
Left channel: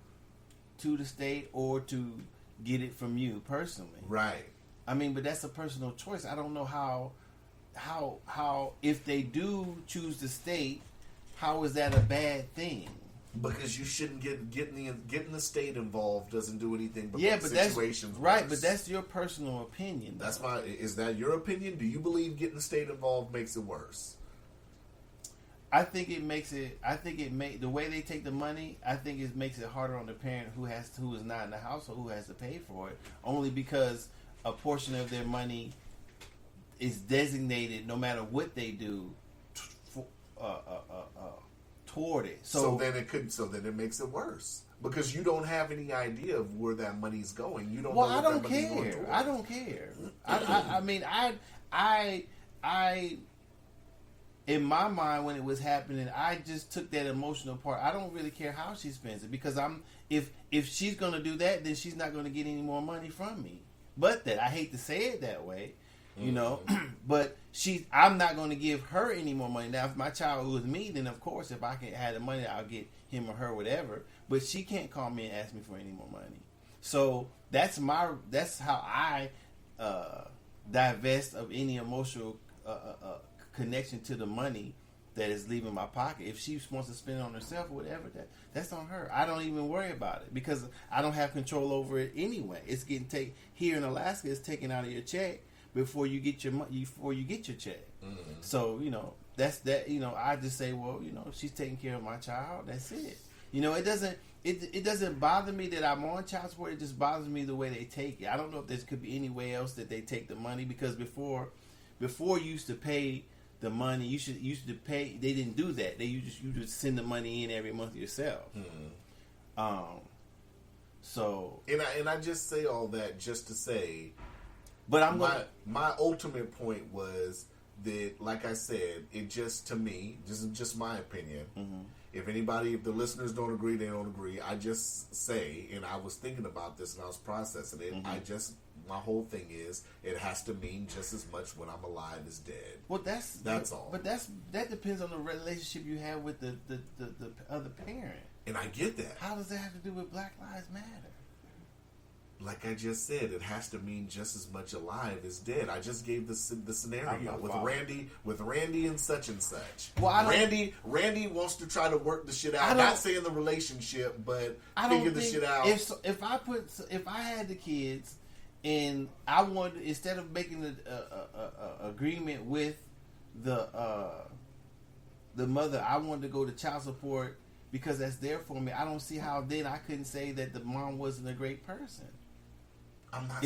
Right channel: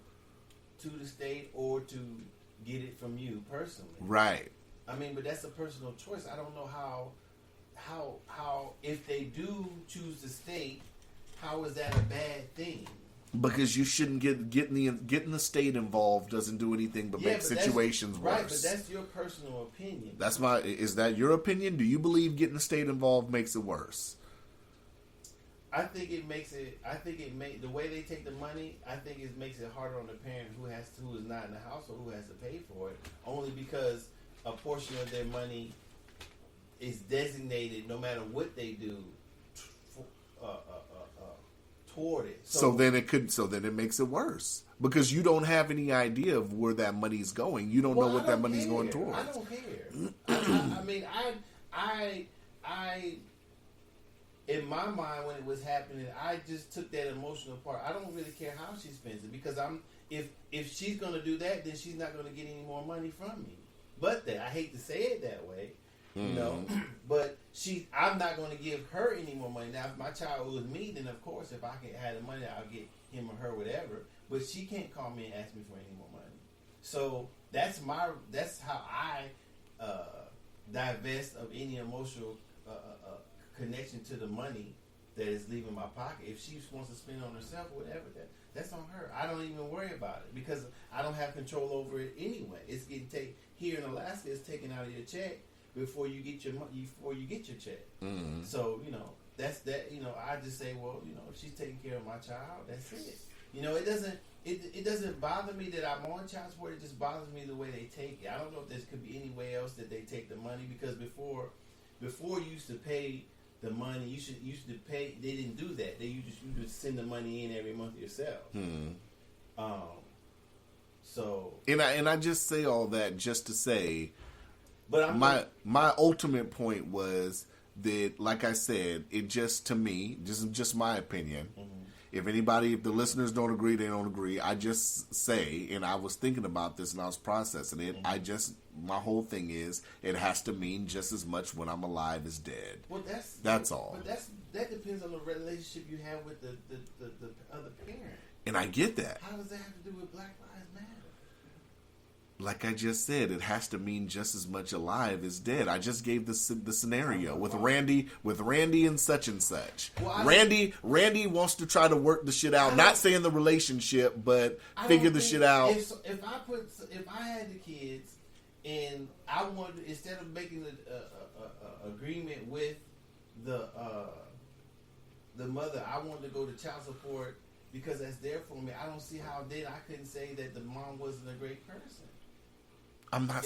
to the state or to get it from you personally. Right. I mean, but that's a personal choice. I don't know how if they do choose the state, how is that a bad thing? Because you shouldn't getting the state involved doesn't do anything but make situations worse. Right, but that's your personal opinion. Is that your opinion? Do you believe getting the state involved makes it worse? I think it makes it. I think the way they take the money. I think it makes it harder on the parent who is not in the household, who has to pay for it. Only because a portion of their money is designated, no matter what they do, toward it. So then it makes it worse because you don't have any idea of where that money's going. You don't know what that money's going towards. I don't care. I mean, I. In my mind, when it was happening, I just took that emotional part. I don't really care how she spends it because if she's gonna do that, then she's not gonna get any more money from me. But that I hate to say it that way, you know. But I'm not gonna give her any more money. Now, if my child was me, then of course, if I can have the money, I'll get him or her whatever. But she can't call me and ask me for any more money. So that's how I divest of any emotional connection to the money that is leaving my pocket. If she wants to spend it on herself or whatever, that's on her. I don't even worry about it because I don't have control over it anyway. It's getting here in Alaska. It's taken out of your check before you get your check. Mm-hmm. So that's that. I just say, well, she's taking care of my child. That's it. It doesn't bother me that I'm on child support. It just bothers me the way they take it. I don't know if there could be any way else that they take the money because before you used to pay the money, you used to pay. They didn't do that. You just send the money in every month yourself. So and I just say all that just to say, but my ultimate point was that, like I said, it just to me, just my opinion. Mm-hmm. If the listeners don't agree, they don't agree. I just say, and I was thinking about this and I was processing it. Mm-hmm. My whole thing is, it has to mean just as much when I'm alive as dead. Well, that's all. But that depends on the relationship you have with the other parent. And I get that. How does that have to do with Black Lives Matter? Like I just said, it has to mean just as much alive as dead. I just gave the scenario with Randy and such and such. Well, Randy wants to try to work the shit out. Not saying the relationship, but figure the shit out. If I had the kids and I wanted, instead of making an agreement with the mother, I wanted to go to child support because that's there for me. I don't see how then I couldn't say that the mom wasn't a great person. I'm not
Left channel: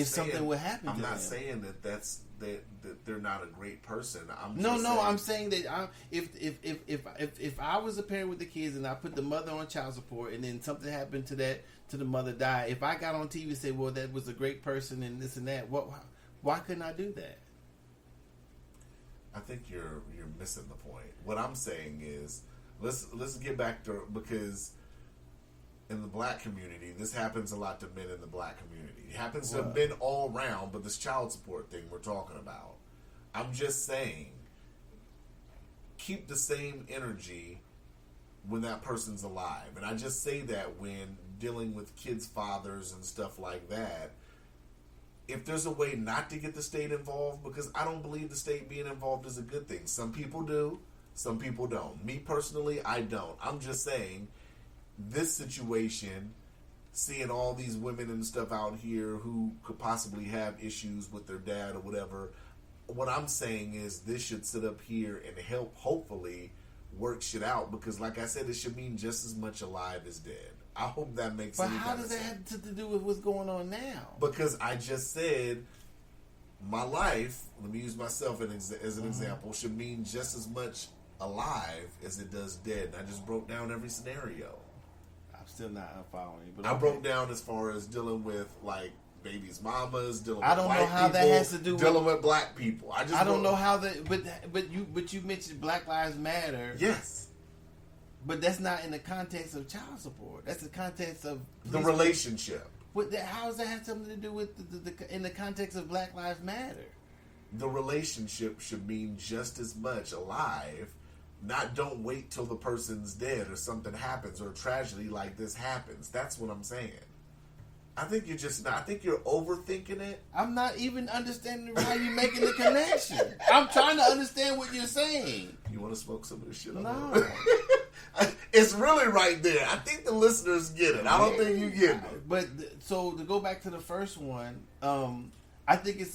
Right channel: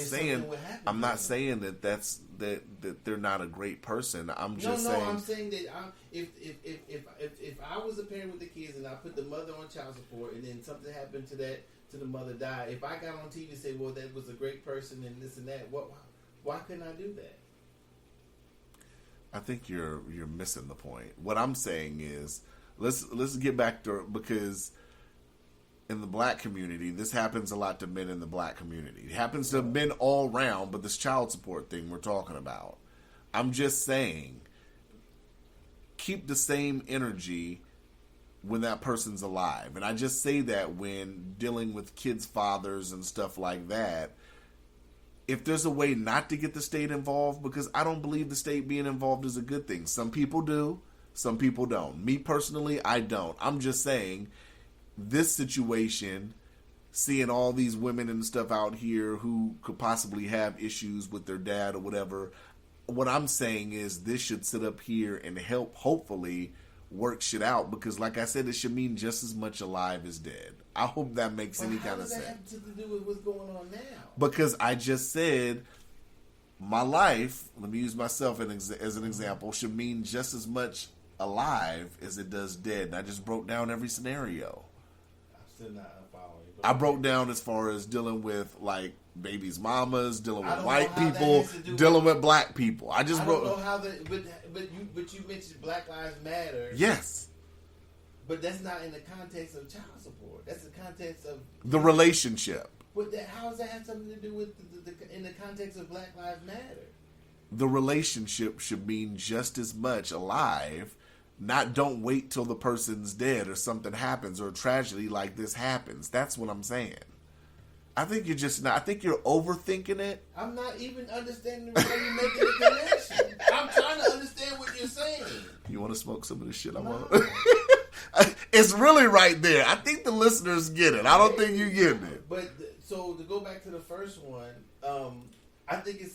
saying that they're not a great person. I'm saying that if I was a parent with the kids and I put the mother on child support and then something happened to the mother died, if I got on TV and said, well, that was a great person and this and that, why couldn't I do that? I think you're missing the point. What I'm saying is let's get back to, because in the black community, this happens a lot to men in the black community. It happens to men all around, but this child support thing we're talking about. I'm just saying, keep the same energy when that person's alive. And I just say that when dealing with kids' fathers and stuff like that. If there's a way not to get the state involved, because I don't believe the state being involved is a good thing. Some people do, some people don't. Me personally, I don't. I'm just saying, this situation, seeing all these women and stuff out here who could possibly have issues with their dad or whatever. What I'm saying is this should sit up here and help, hopefully, work shit out, because like I said, it should mean just as much alive as dead. I hope that makes any kind of sense. How does that have to do with what's going on now? Because I just said my life, let me use myself as an example, should mean just as much alive as it does dead. And I just broke down every scenario. I'm still not following you. But I broke down as far as dealing with like babies' mamas, dealing with don't white know how that people, has to do dealing with black people. I don't know how that, but you mentioned Black Lives Matter. Yes. But that's not in the context of child support. That's the context of The relationship. How does that have something to do with in the context of Black Lives Matter? The relationship should mean just as much alive. Not don't wait till the person's dead or something happens or a tragedy like this happens. That's what I'm saying. I think you're just not. I think you're overthinking it. I'm not even understanding why you're making the connection. I'm trying to understand what you're saying. You want to smoke some of this shit? I No. want. It's really right there. I think the listeners get it. I don't think you get it. But so to go back to the first one, I think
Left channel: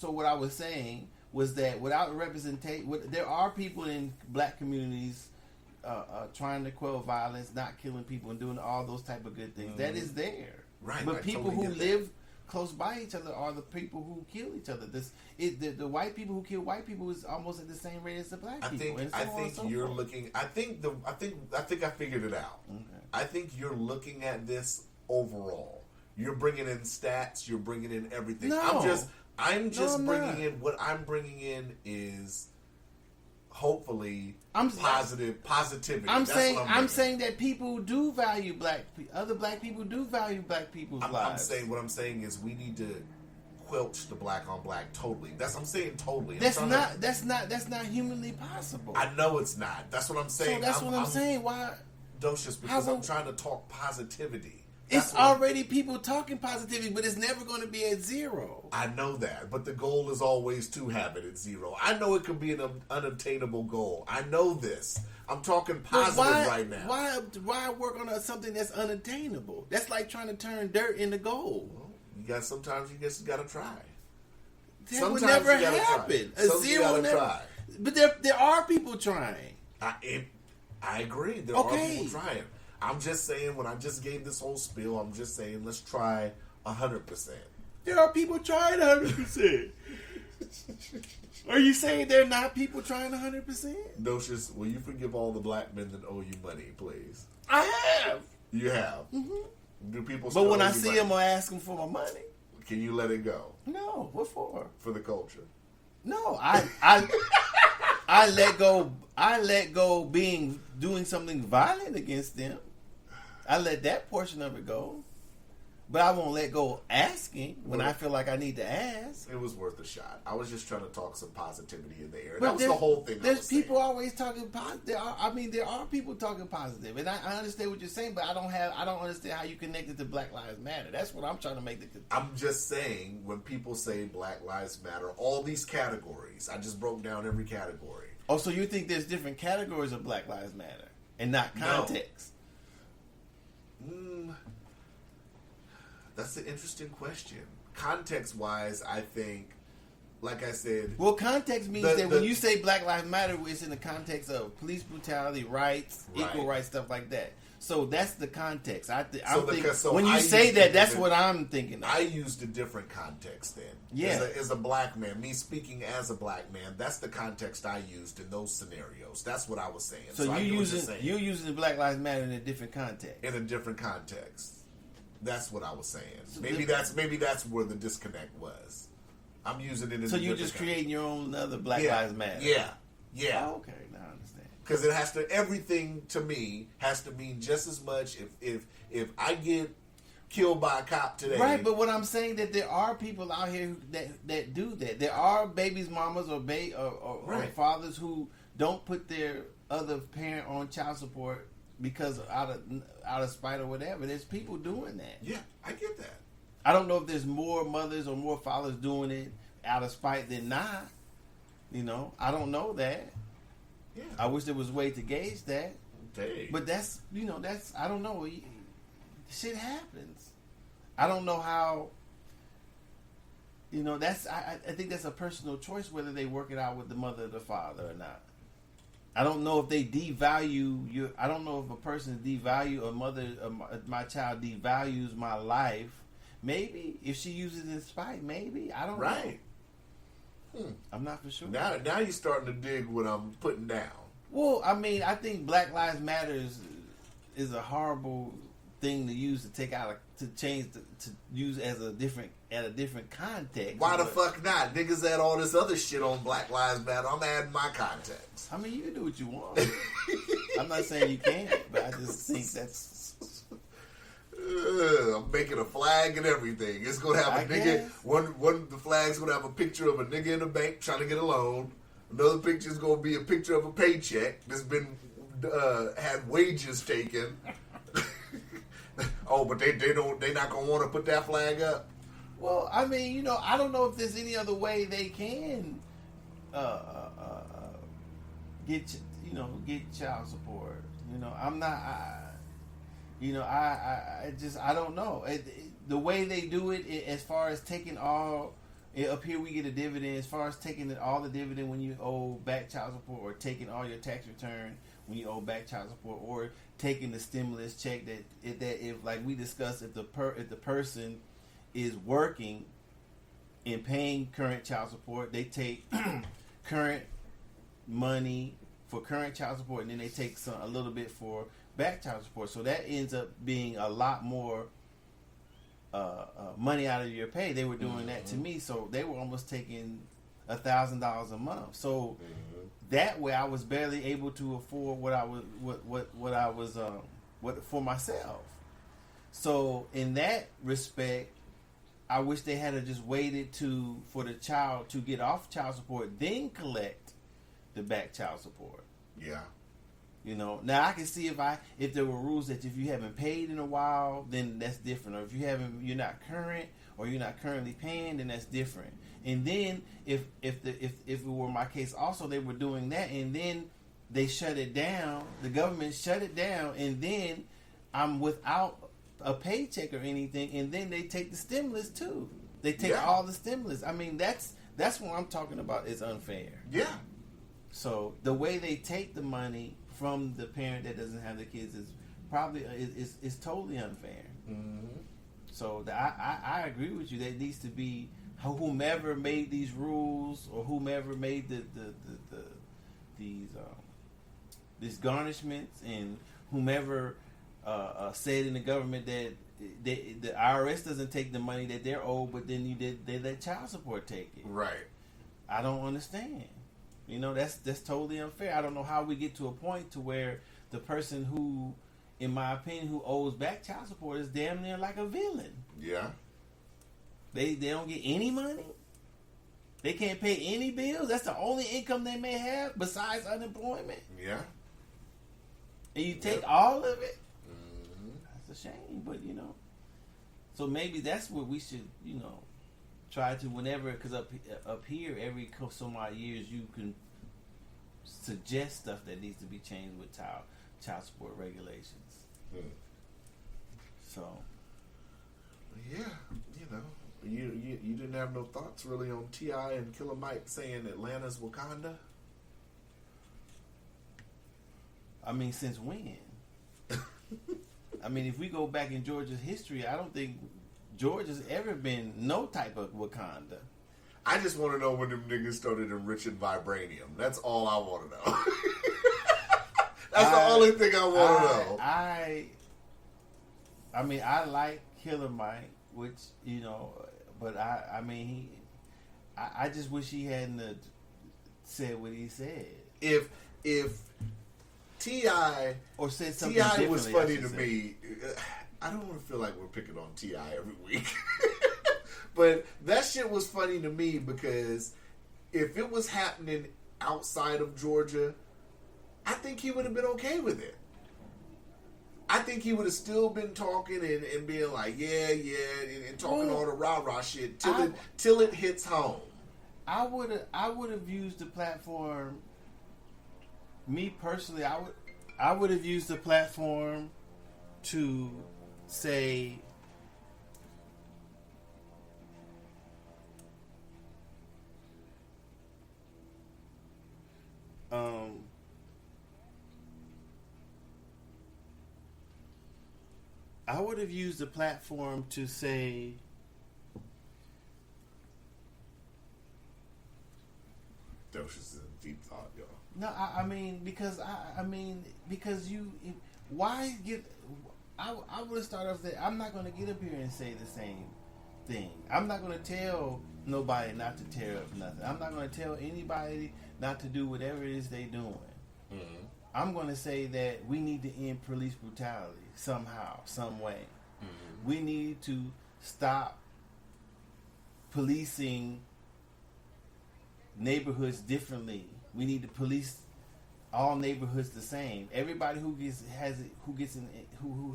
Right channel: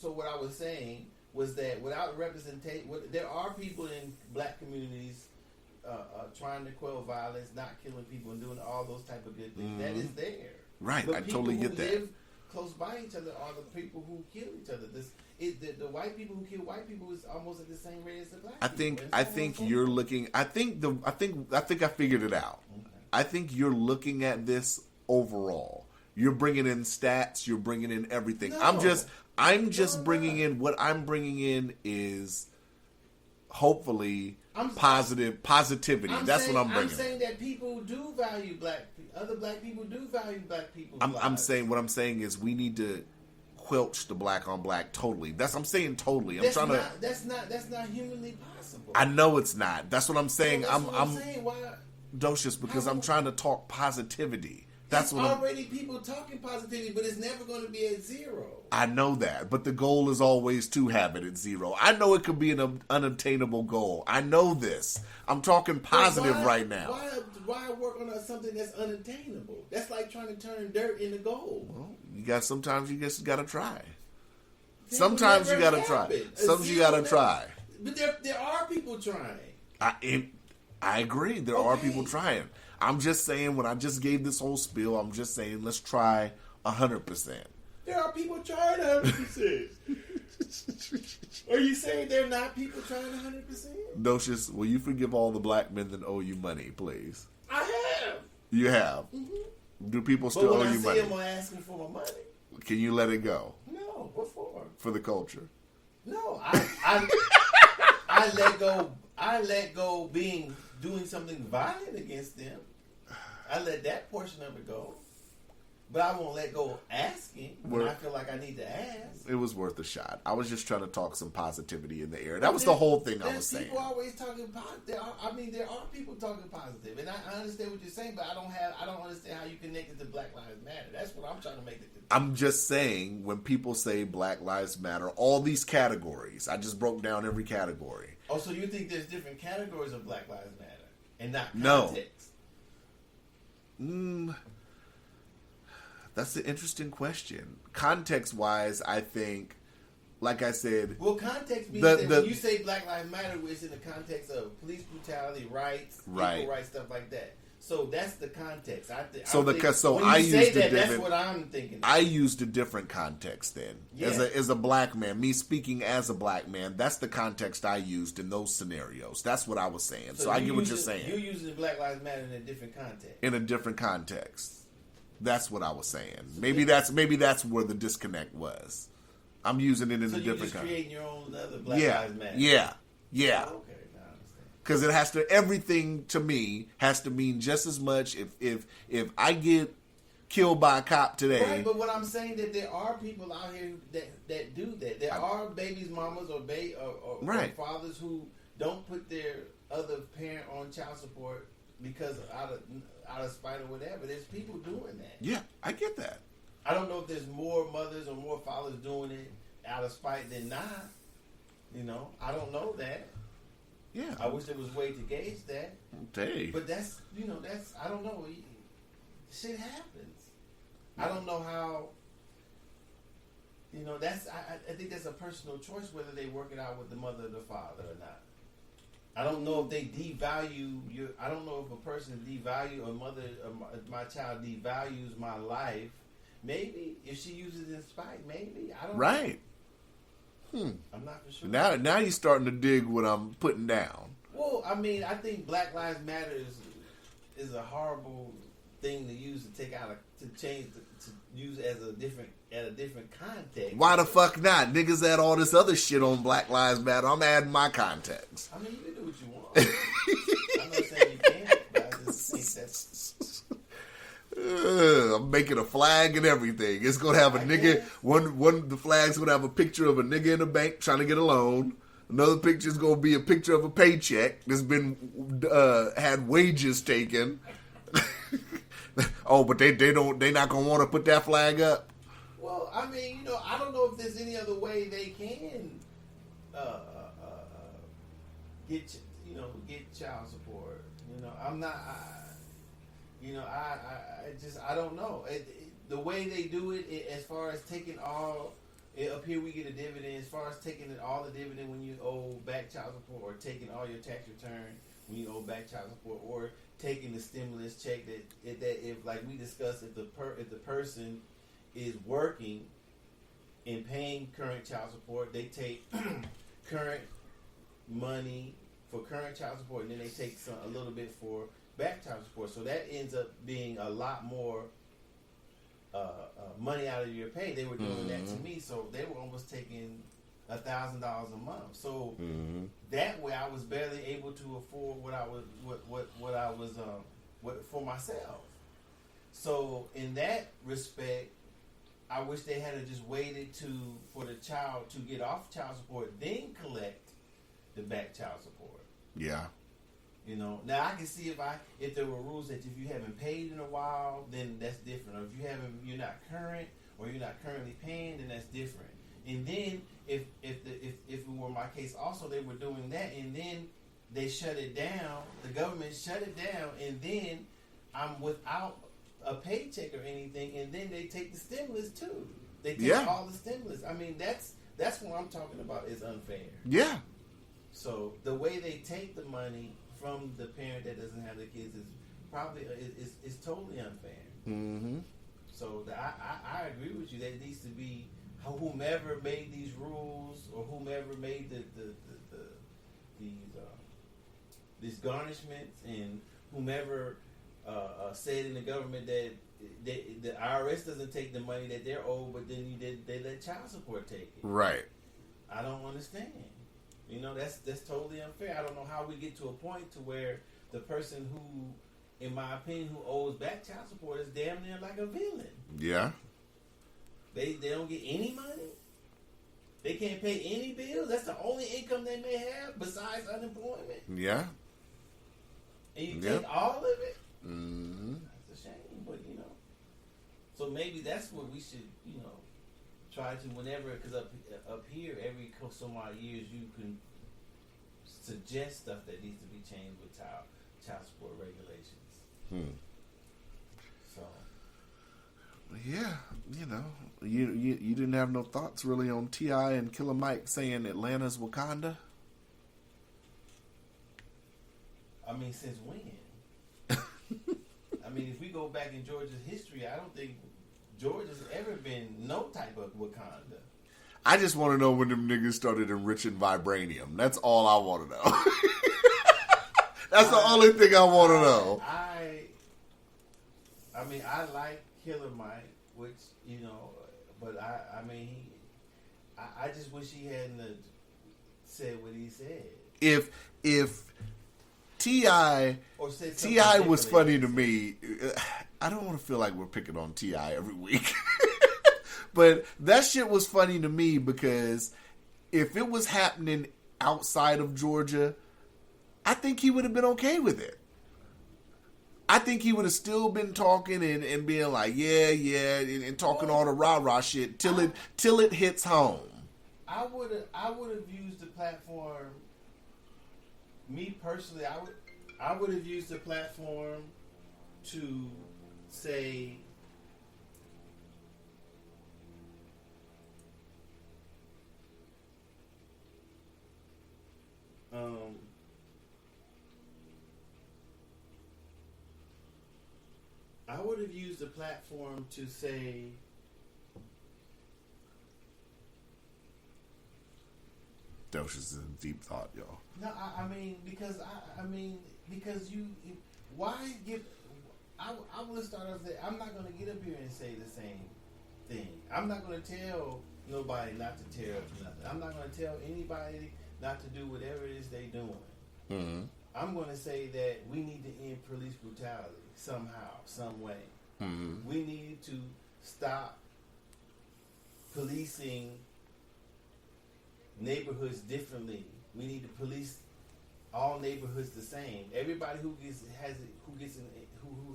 so. What I was saying was that without representation, there are people in black communities trying to quell violence, not killing people, and doing all those type of good things. Mm-hmm. That is there. Right. But I people totally who get that. live close by each other are the people who kill each other. The white people who kill white people is almost at the same rate as the black people. I think you're looking. I think I figured it out. Okay. I think you're looking at this overall. You're bringing in stats. You're bringing in everything. No. I'm just bringing not. in what I'm bringing in is hopefully positivity. I'm saying that people do value other black people do value black people's lives. What I'm saying is we need to quelch the black on black totally. I'm saying totally. That's not humanly possible. I know it's not. That's what I'm saying. So that's what I'm saying. Why? Docious, because I'm trying to talk positivity. It's already people talking positivity, but it's never going to be at zero. I know that, but the goal is always to have it at zero. I know it could be an unobtainable goal. I know this. I'm talking positive right now. Why work on something that's unattainable? That's like trying to turn dirt into gold. Well, sometimes you just got to try. That Sometimes you got to happen. try. Sometimes you got to try. But there are people trying. I agree. There are people trying. I'm just saying, when I just gave this whole spiel, I'm just saying, let's try 100%. There are people trying 100%. Are you saying there are not people trying 100%? Docious, will you forgive all the black men that owe you money, please? I have. You have? Mm-hmm. Do people still owe you money? But when owe I you see money? them, I ask them for my money. Can you let it go? No. What for? For the culture. No, I let go. I let go doing something violent against them. I let that portion of it go. But I won't let go asking when I feel like I need to ask. It was worth a shot. I was just trying to talk some positivity in the air. That was the whole thing I was saying. People always talking positive. There are people talking positive. And I understand what you're saying, but I don't understand how you connect it to Black Lives Matter. That's what I'm trying to make it. I'm just saying, when people say Black Lives Matter, all these categories, I just broke down every category. Oh, so you think there's different categories of Black Lives Matter and not context? No. That's an interesting question. Context-wise, I think, like I said... Well, context means that when you say Black Lives Matter, it's in the context of police brutality, rights, equal rights, stuff like that. So that's the context. When you say that, that's what I'm thinking of. I used a different context then. Yeah. As a black man, me speaking as a black man, that's the context I used in those scenarios. That's what I was saying. So I get what you're saying. You're using the Black Lives Matter in a different context. In a different context. That's what I was saying. Maybe that's where the disconnect was. I'm using it in a different context. So you're just creating your own other Black Lives Matter. Yeah. Oh, okay. Now I understand. Because everything to me has to mean just as much if I get killed by a cop today. Right, but what I'm saying that there are people out here that do that. There are babies, mamas, or fathers who don't put their other parent on child support because out of spite or whatever. There's people doing that. Yeah, I get that. I don't know if there's more mothers or more fathers doing it out of spite than not. I don't know that. Yeah. I wish there was a way to gauge that. Dang. But that's I don't know. shit happens. I don't know how. You know, that's I think that's a personal choice whether they work it out with the mother or the father or not. I don't know if they devalue you. I don't know if a person devalue a mother. My child devalues my life. Maybe if she uses it in spite, maybe I don't. Right. know. I'm not for sure. Now you're starting to dig what I'm putting down. Well, I mean, I think Black Lives Matter is a horrible thing to use to take out to change to use as a different context. Why the fuck not? Niggas add all this other shit on Black Lives Matter. I'm adding my context. I mean, you can do what you want. I'm not saying you can't, but I just think that's. I'm making a flag and everything. It's gonna have a I nigga. guess. One the flag's gonna have a picture of a nigga in a bank trying to get a loan. Another picture is gonna be a picture of a paycheck that's been had wages taken. Oh, but they not gonna want to put that flag up. Well, I mean, you know, I don't know if there's any other way they can get child support. You know, I'm not. I don't know. The way they do it, as far as taking all. Up here we get a dividend. As far as taking all the dividend when you owe back child support, or taking all your tax return when you owe back child support, or taking the stimulus check that if, like we discussed, if the person is working and paying current child support, they take current money for current child support, and then they take a little bit for back child support. So that ends up being a lot more money out of your pay. They were doing that to me, so they were almost taking $1,000 a month. So that way, I was barely able to afford what I was for myself. So in that respect, I wish they had just waited for the child to get off child support, then collect the back child support. Yeah. You know, now I can see if there were rules that if you haven't paid in a while, then that's different. Or if you're not current, or you're not currently paying, then that's different. And then if it were my case, also they were doing that, and then they shut it down. The government shut it down, and then I'm without a paycheck or anything, and then they take the stimulus too. They take all the stimulus. I mean, that's what I'm talking about is unfair. Yeah. So the way they take the money from the parent that doesn't have the kids is probably is totally unfair. Mm-hmm. So I agree with you. There needs to be whomever made these rules, or whomever made these garnishments, and whomever said in the government that the IRS doesn't take the money that they're owed, but then they let child support take it. Right. I don't understand. You know, that's totally unfair. I don't know how we get to a point to where the person who, in my opinion, who owes back child support is damn near like a villain. Yeah. They don't get any money. They can't pay any bills. That's the only income they may have besides unemployment. Yeah. And you take all of it. Mm-hmm. That's a shame, but you know. So maybe that's what we should, you know, try to whenever, because up here every so many years you can suggest stuff that needs to be changed with child support regulations. So yeah, you know, you didn't have no thoughts really on T.I. and Killer Mike saying Atlanta's Wakanda? I mean, since when? I mean, if we go back in Georgia's history, I don't think Georgia's ever been no type of Wakanda. I just want to know when them niggas started enriching vibranium. That's all I want to know. That's the only thing I want to know. I mean, I like Killer Mike, which, you know, but I mean, I just wish he hadn't said what he said. If T.I. or said something T.I. was differently, funny to me. I don't want to feel like we're picking on T.I. every week. But that shit was funny to me because if it was happening outside of Georgia, I think he would have been okay with it. I think he would have still been talking and being like, yeah, and talking all the rah-rah shit till it hits home. I would have used the platform. Me personally, I would have used the platform to say, I would have used the platform to say, Dosh is in deep thought, y'all. no, I mean, because because you, why get, I would start off there. I'm not going to get up here and say the same thing. I'm not going to tell nobody not to tear up nothing. I'm not going to tell anybody not to do whatever it is they doing. Mm-hmm. I'm going to say that we need to end police brutality somehow, some way. Mm-hmm. We need to stop policing neighborhoods differently. We need to police all neighborhoods the same. Everybody who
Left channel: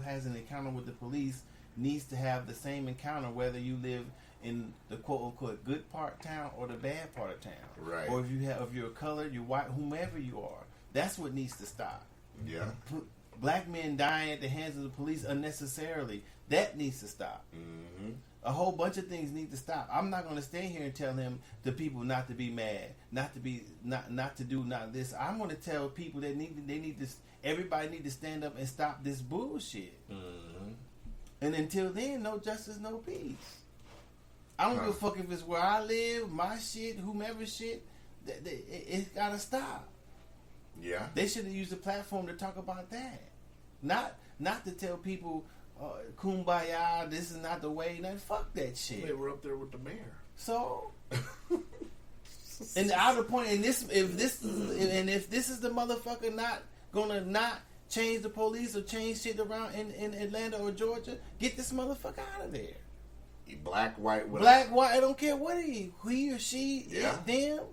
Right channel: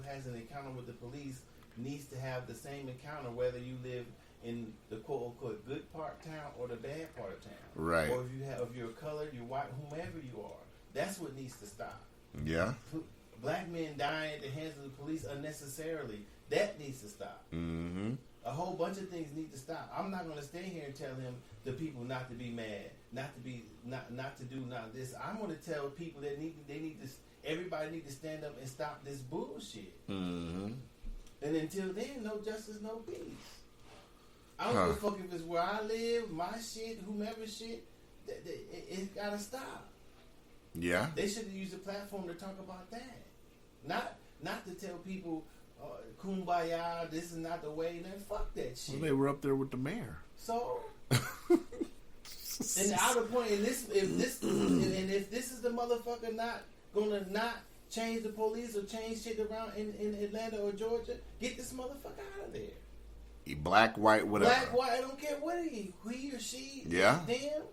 has an encounter with the police needs to have the same encounter, whether you live in the quote unquote good part of town or the bad part of town. Right. Or if you're colored, you're white, whomever you are. That's what needs to stop. Yeah. Black men dying at the hands of the police unnecessarily. That needs to stop. Mm-hmm. A whole bunch of things need to stop. I'm not going to stand here and tell him the people not to be mad, not to do this. I'm going to tell people that everybody need to stand up and stop this bullshit. Mm-hmm. And until then, no justice, no peace. I don't give a fuck if it's where I live, my shit, whomever's shit. It's got to stop. Yeah. They should have used the platform to talk about that, not to tell people, kumbaya, this is not the way. Now, fuck that shit. Well, they were up there with the mayor. So, and the outer point, if this is the motherfucker not change the police or change shit around in Atlanta or Georgia, get this motherfucker out of there. He black, white, whatever. Black, white, I don't care what he or she, yeah, them.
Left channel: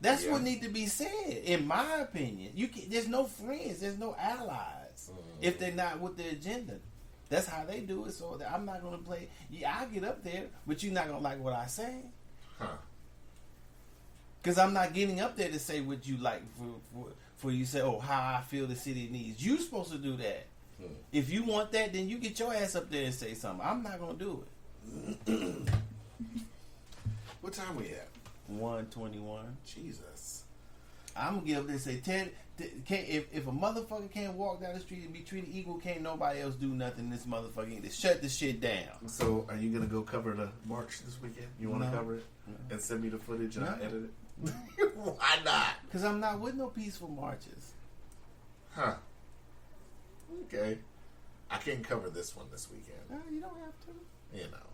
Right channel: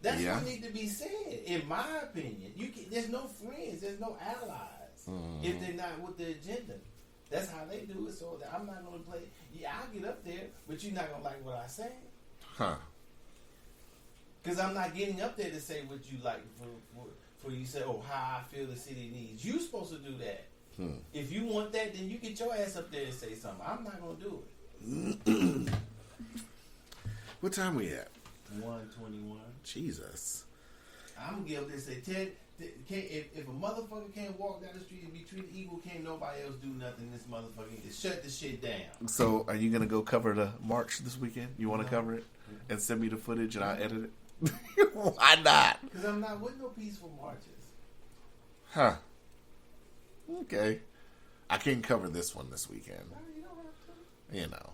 That's what need to be said, in my opinion. There's no friends, there's no allies if they're not with the agenda. That's how they do it. So that I'm not gonna play. Yeah, I get up there, but you're not gonna like what I say. Huh? Because I'm not getting up there to say what you like for you say, oh, how I feel the city needs. You supposed to do that. If you want that, then you get your ass up there and say something. I'm not gonna do it. What time we at? 1:21. Jesus. I'm gonna give this a 10. If a motherfucker can't walk down the street and be treated equal, can't nobody else do nothing. This motherfucker need to shut this shit down. So, are you gonna go cover the march this weekend? You want to cover it and send me the footage and I'll edit it? Why not? Because I'm not with no peaceful marches. Huh? Okay. I can't cover this one this weekend. No, you don't have to. You know.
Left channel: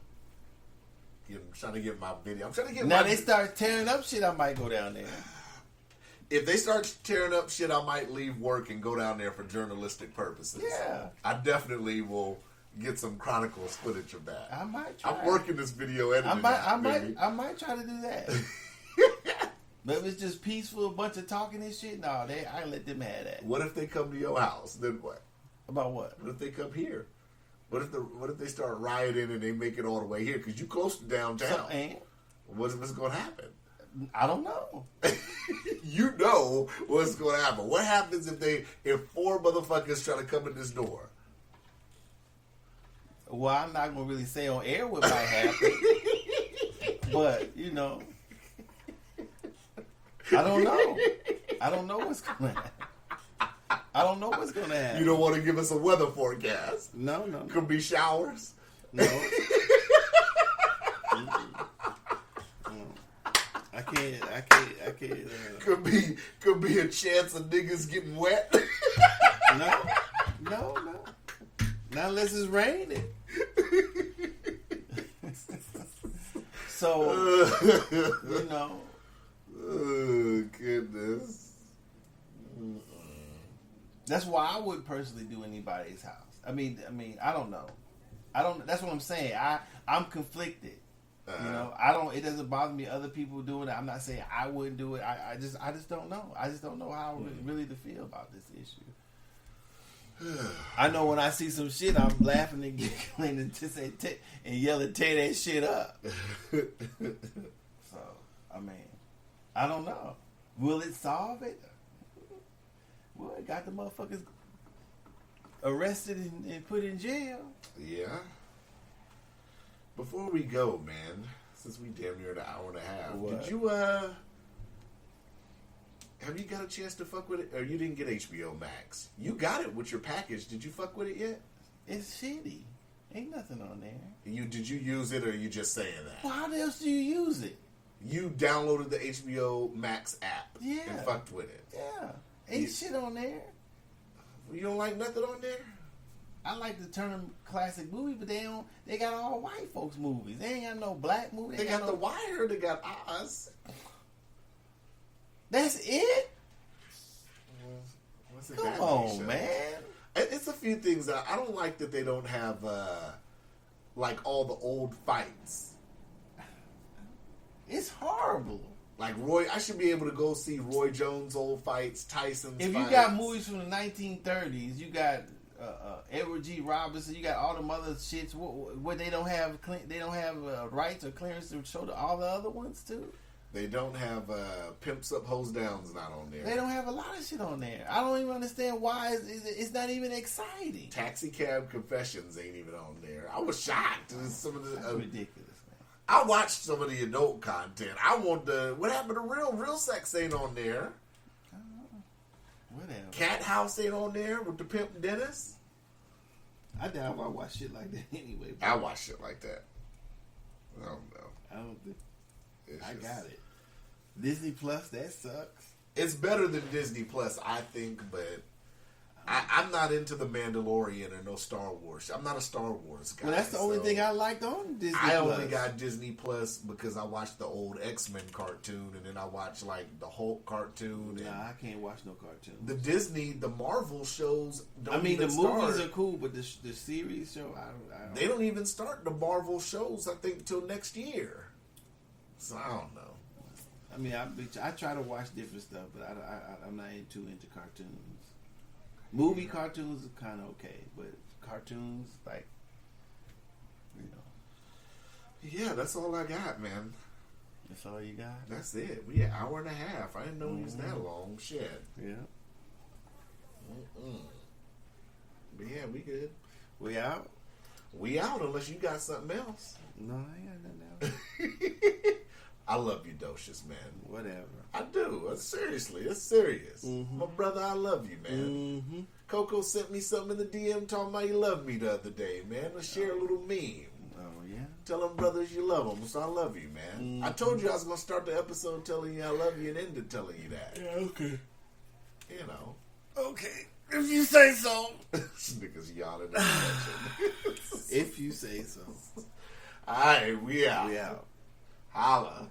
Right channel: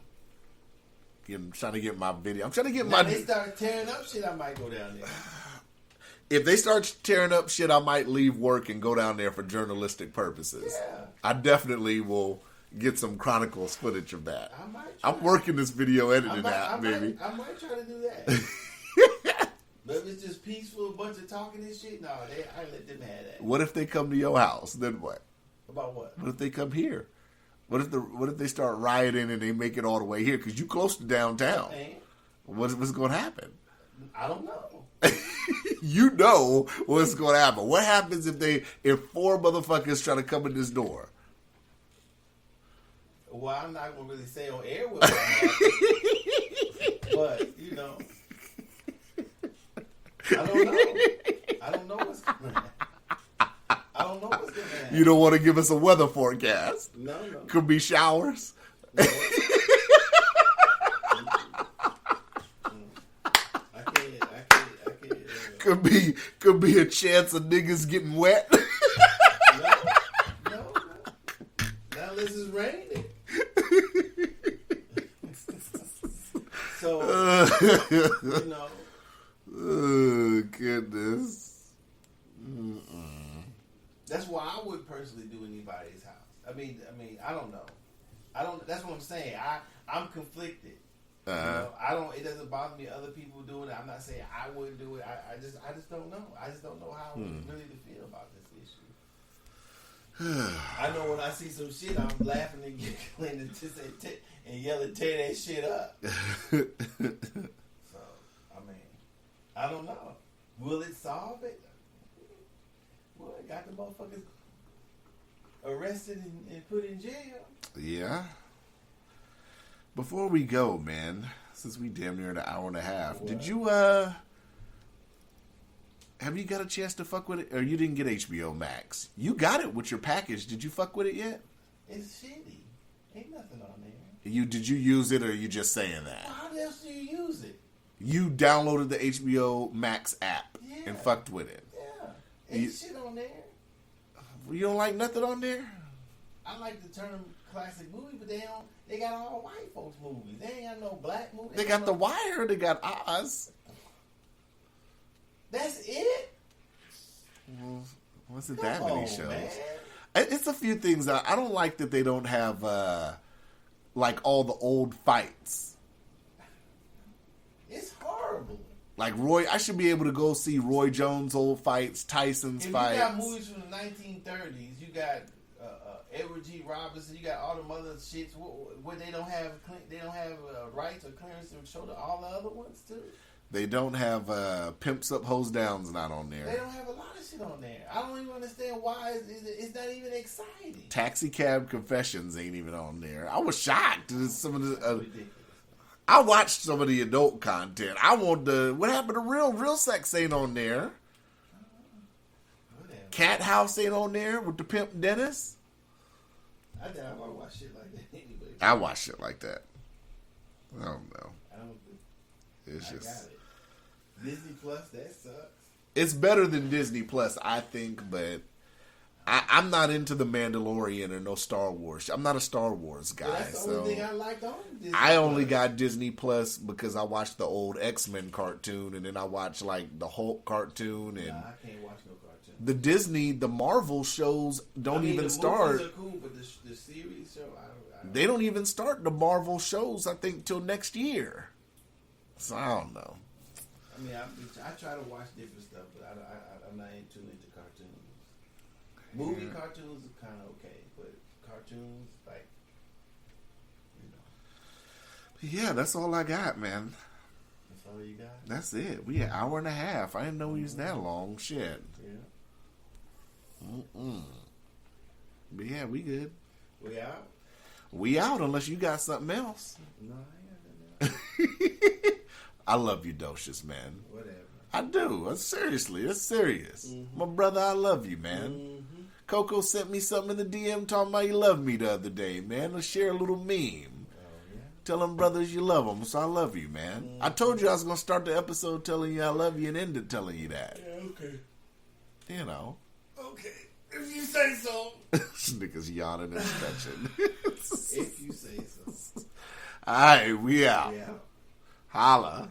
I'm trying to get my video. I'm trying to get now my. They start tearing up shit, I might go down there. If they start tearing up shit, I might leave work and go down there for journalistic purposes. Yeah. I definitely will get some Chronicles footage of that. I might try. I'm working this video editing out, baby. I might try to do that. But if it's just peaceful, a bunch of talking and shit, no, I let them have that. What if they come to your house? Then what? About what? What if they come here? What if they start rioting and they make it all the way here? Because you close to downtown. And What's going to happen? I don't know. You know what's going to happen. What happens if four motherfuckers try to come in this door? Well, I'm not gonna really say on air what might happen, but you know, I don't know. I don't know what's gonna happen. I don't know what's gonna happen. You don't want to give us a weather forecast? No. Could be showers. No. I can't. Could be a chance of niggas getting wet. No. Not unless it's raining. So, you know. Oh, goodness. That's why I wouldn't personally do anybody's house. I mean, I don't know. That's what I'm saying. I'm conflicted. You know, it doesn't bother me other people doing it. I'm not saying I wouldn't do it. I just don't know. I just don't know how really to feel about this issue. I know when I see some shit, I'm laughing and giggling and just and yelling, tear that shit up. So, I mean, I don't know. Will it solve it? Well, it got the motherfuckers arrested and put in jail. Yeah. Before we go, man, since we damn near an hour and a half, What? did you have you got a chance to fuck with it, or you didn't get HBO Max? You got it with your package. Did you fuck with it yet? It's shitty. Ain't nothing on there. Did you use it, or are you just saying that? Well, how else do you use it? You downloaded the HBO Max app and Yeah. fucked with it. Yeah. Ain't You- shit on there. You don't like nothing on there? I like to turn them classic movies, but they got all white folks movies. They ain't got no black movies. They got The Wire. They got Oz. That's it? What's it Come that many on, shows? man. It's a few things that I don't like that they don't have, like all the old fights. It's horrible. Like I should be able to go see Roy Jones' old fights, Tyson's If fights. you got movies from the 1930s, you got Edward G. Robinson, you got all them other shits where they don't have rights or clearance to show all the other ones too. They don't have Pimps Up, Hose Down's not on They there. don't have a lot of shit on there. I don't even understand why it's not even exciting. Taxi Cab Confessions ain't even on there. I was shocked. Some of the Ridiculous. I watched some of the adult content. I want what happened to Real Sex ain't on there. Whatever. Cat House ain't on there with the pimp Dennis. I doubt I watch shit like that anyway. I watch shit like that. I don't know. I don't think It's I just got it. Disney Plus, that sucks. it's better than Disney Plus, I think, but I'm not into the Mandalorian or no Star Wars. I'm not a Star Wars guy. Well, that's the only so thing I liked on Disney I only Plus. got Disney Plus because I watched the old X-Men cartoon, and then I watched like the Hulk cartoon, and Nah, I can't watch no cartoon. the Marvel shows don't I mean, even the start. movies are cool, but the series show, I don't They don't even start the Marvel shows, I think, till next year. So I don't know. I mean, I try to watch different stuff, but I'm not too into cartoons. Movie cartoons are kind of okay, but cartoons, like, Yeah, that's all I got, man. that's all you got? That's it. We an hour and a half. I didn't know we was that long. Shit. Yeah. But yeah, we good. We out? We out unless you got something else. No, I ain't got nothing else. I love you, Docious, man. Whatever. I do. Seriously, it's serious. My brother, I love you, man. Mm-hmm. Coco sent me something in the DM talking about he loved me the other day, man. Let's share a little meme. Oh, yeah? Tell them brothers you love them, so I love you, man. I told you I was going to start the episode telling you I love you and end it telling you that. Yeah, okay. You know. Okay. If you say so. This nigga's yawning in the kitchen. If you say so. All right, we out. We out. Holla.